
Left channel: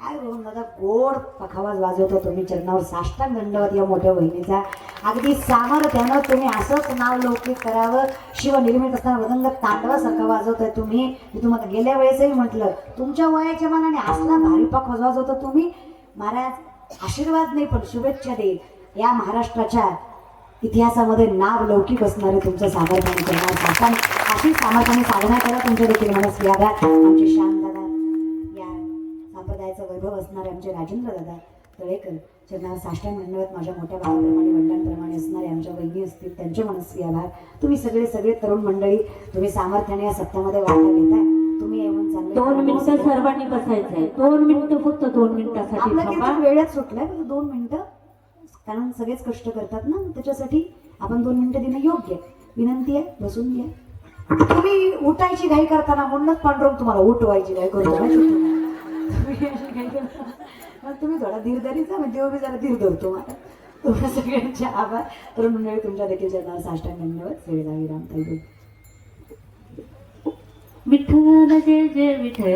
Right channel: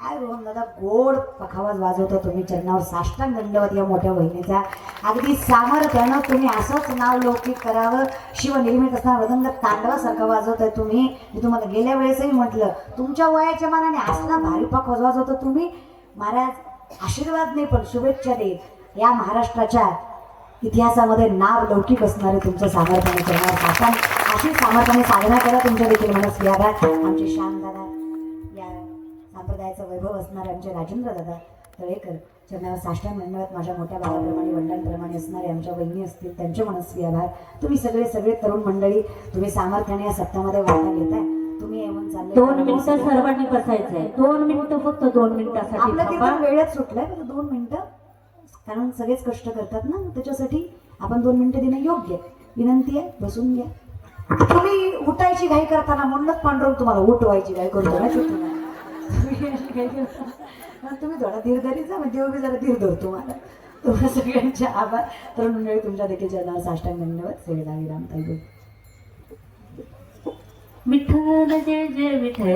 काय रोहन दादा गोड पखावाज वाजवतो तुम्ही. चरणावर साष्टांग दंडवत या मोठ्या वहिनीचा. अगदी सामर्थ्यानं तुम्ही असंच नाव लौकिक करावं. शिवनिर्मित असणारा वदंग तांडवासारखं वाजवतोय तुम्ही. मी तुम्हाला गेल्या वेळेसही म्हटलं तुमच्या वयाच्या मानाने असला भारी पखावाज वाजवतो तुम्ही. महाराज आशीर्वाद नाही पण शुभेच्छा देईल. या महाराष्ट्राच्या इतिहासामध्ये नाव लौकिक असणारे तुमच्या सामर्थ्याने चरणावर साष्टांग. अशी सामर्थ्याने साधना करा. तुमच्या देखील मनस यादा. आमचे श्याम दादा या संप्रदायाचं वैभव असणारे आमचे राजेंद्र दादा तळेकर चरणावर साष्टांग दंडवत. माझ्या मोठ्या भावाप्रमाणे वडिलांप्रमाणे असणारे आमच्या वहिनी असतील त्यांचे मनस्वी आभार. तुम्ही सगळे तरुण मंडळी तुम्ही सामर्थ्याने या सप्ताहामध्ये वाटा घेताय. तुम्ही येऊन चालले 2 मिनिटं सर्वांनी बसायचंय. 2 मिनिटं फक्त 2 मिनिटासाठी आपलं बाबा. कीर्तन वेळच सुटलाय 2 मिनिटं. कारण सगळेच कष्ट करतात ना त्याच्यासाठी आपण 2 मिनिटं देणं योग्य. विनंती आहे बसून घ्या. तुम्ही उठायची घाई करताना म्हणूनच पांडुरंग तुम्हाला उठवायची घाई करतो तुम्ही थोडा धीर धरीचा म्हणजे मी जरा धीर धरतो मला. तुम्हाला सगळ्यांचे आभार. तरुण मंडळी तुमच्या देखील चरणावर साष्टांग दंडवत. सेवेदार विराम ताई. विठ्ठल जय जय विठ्ठल.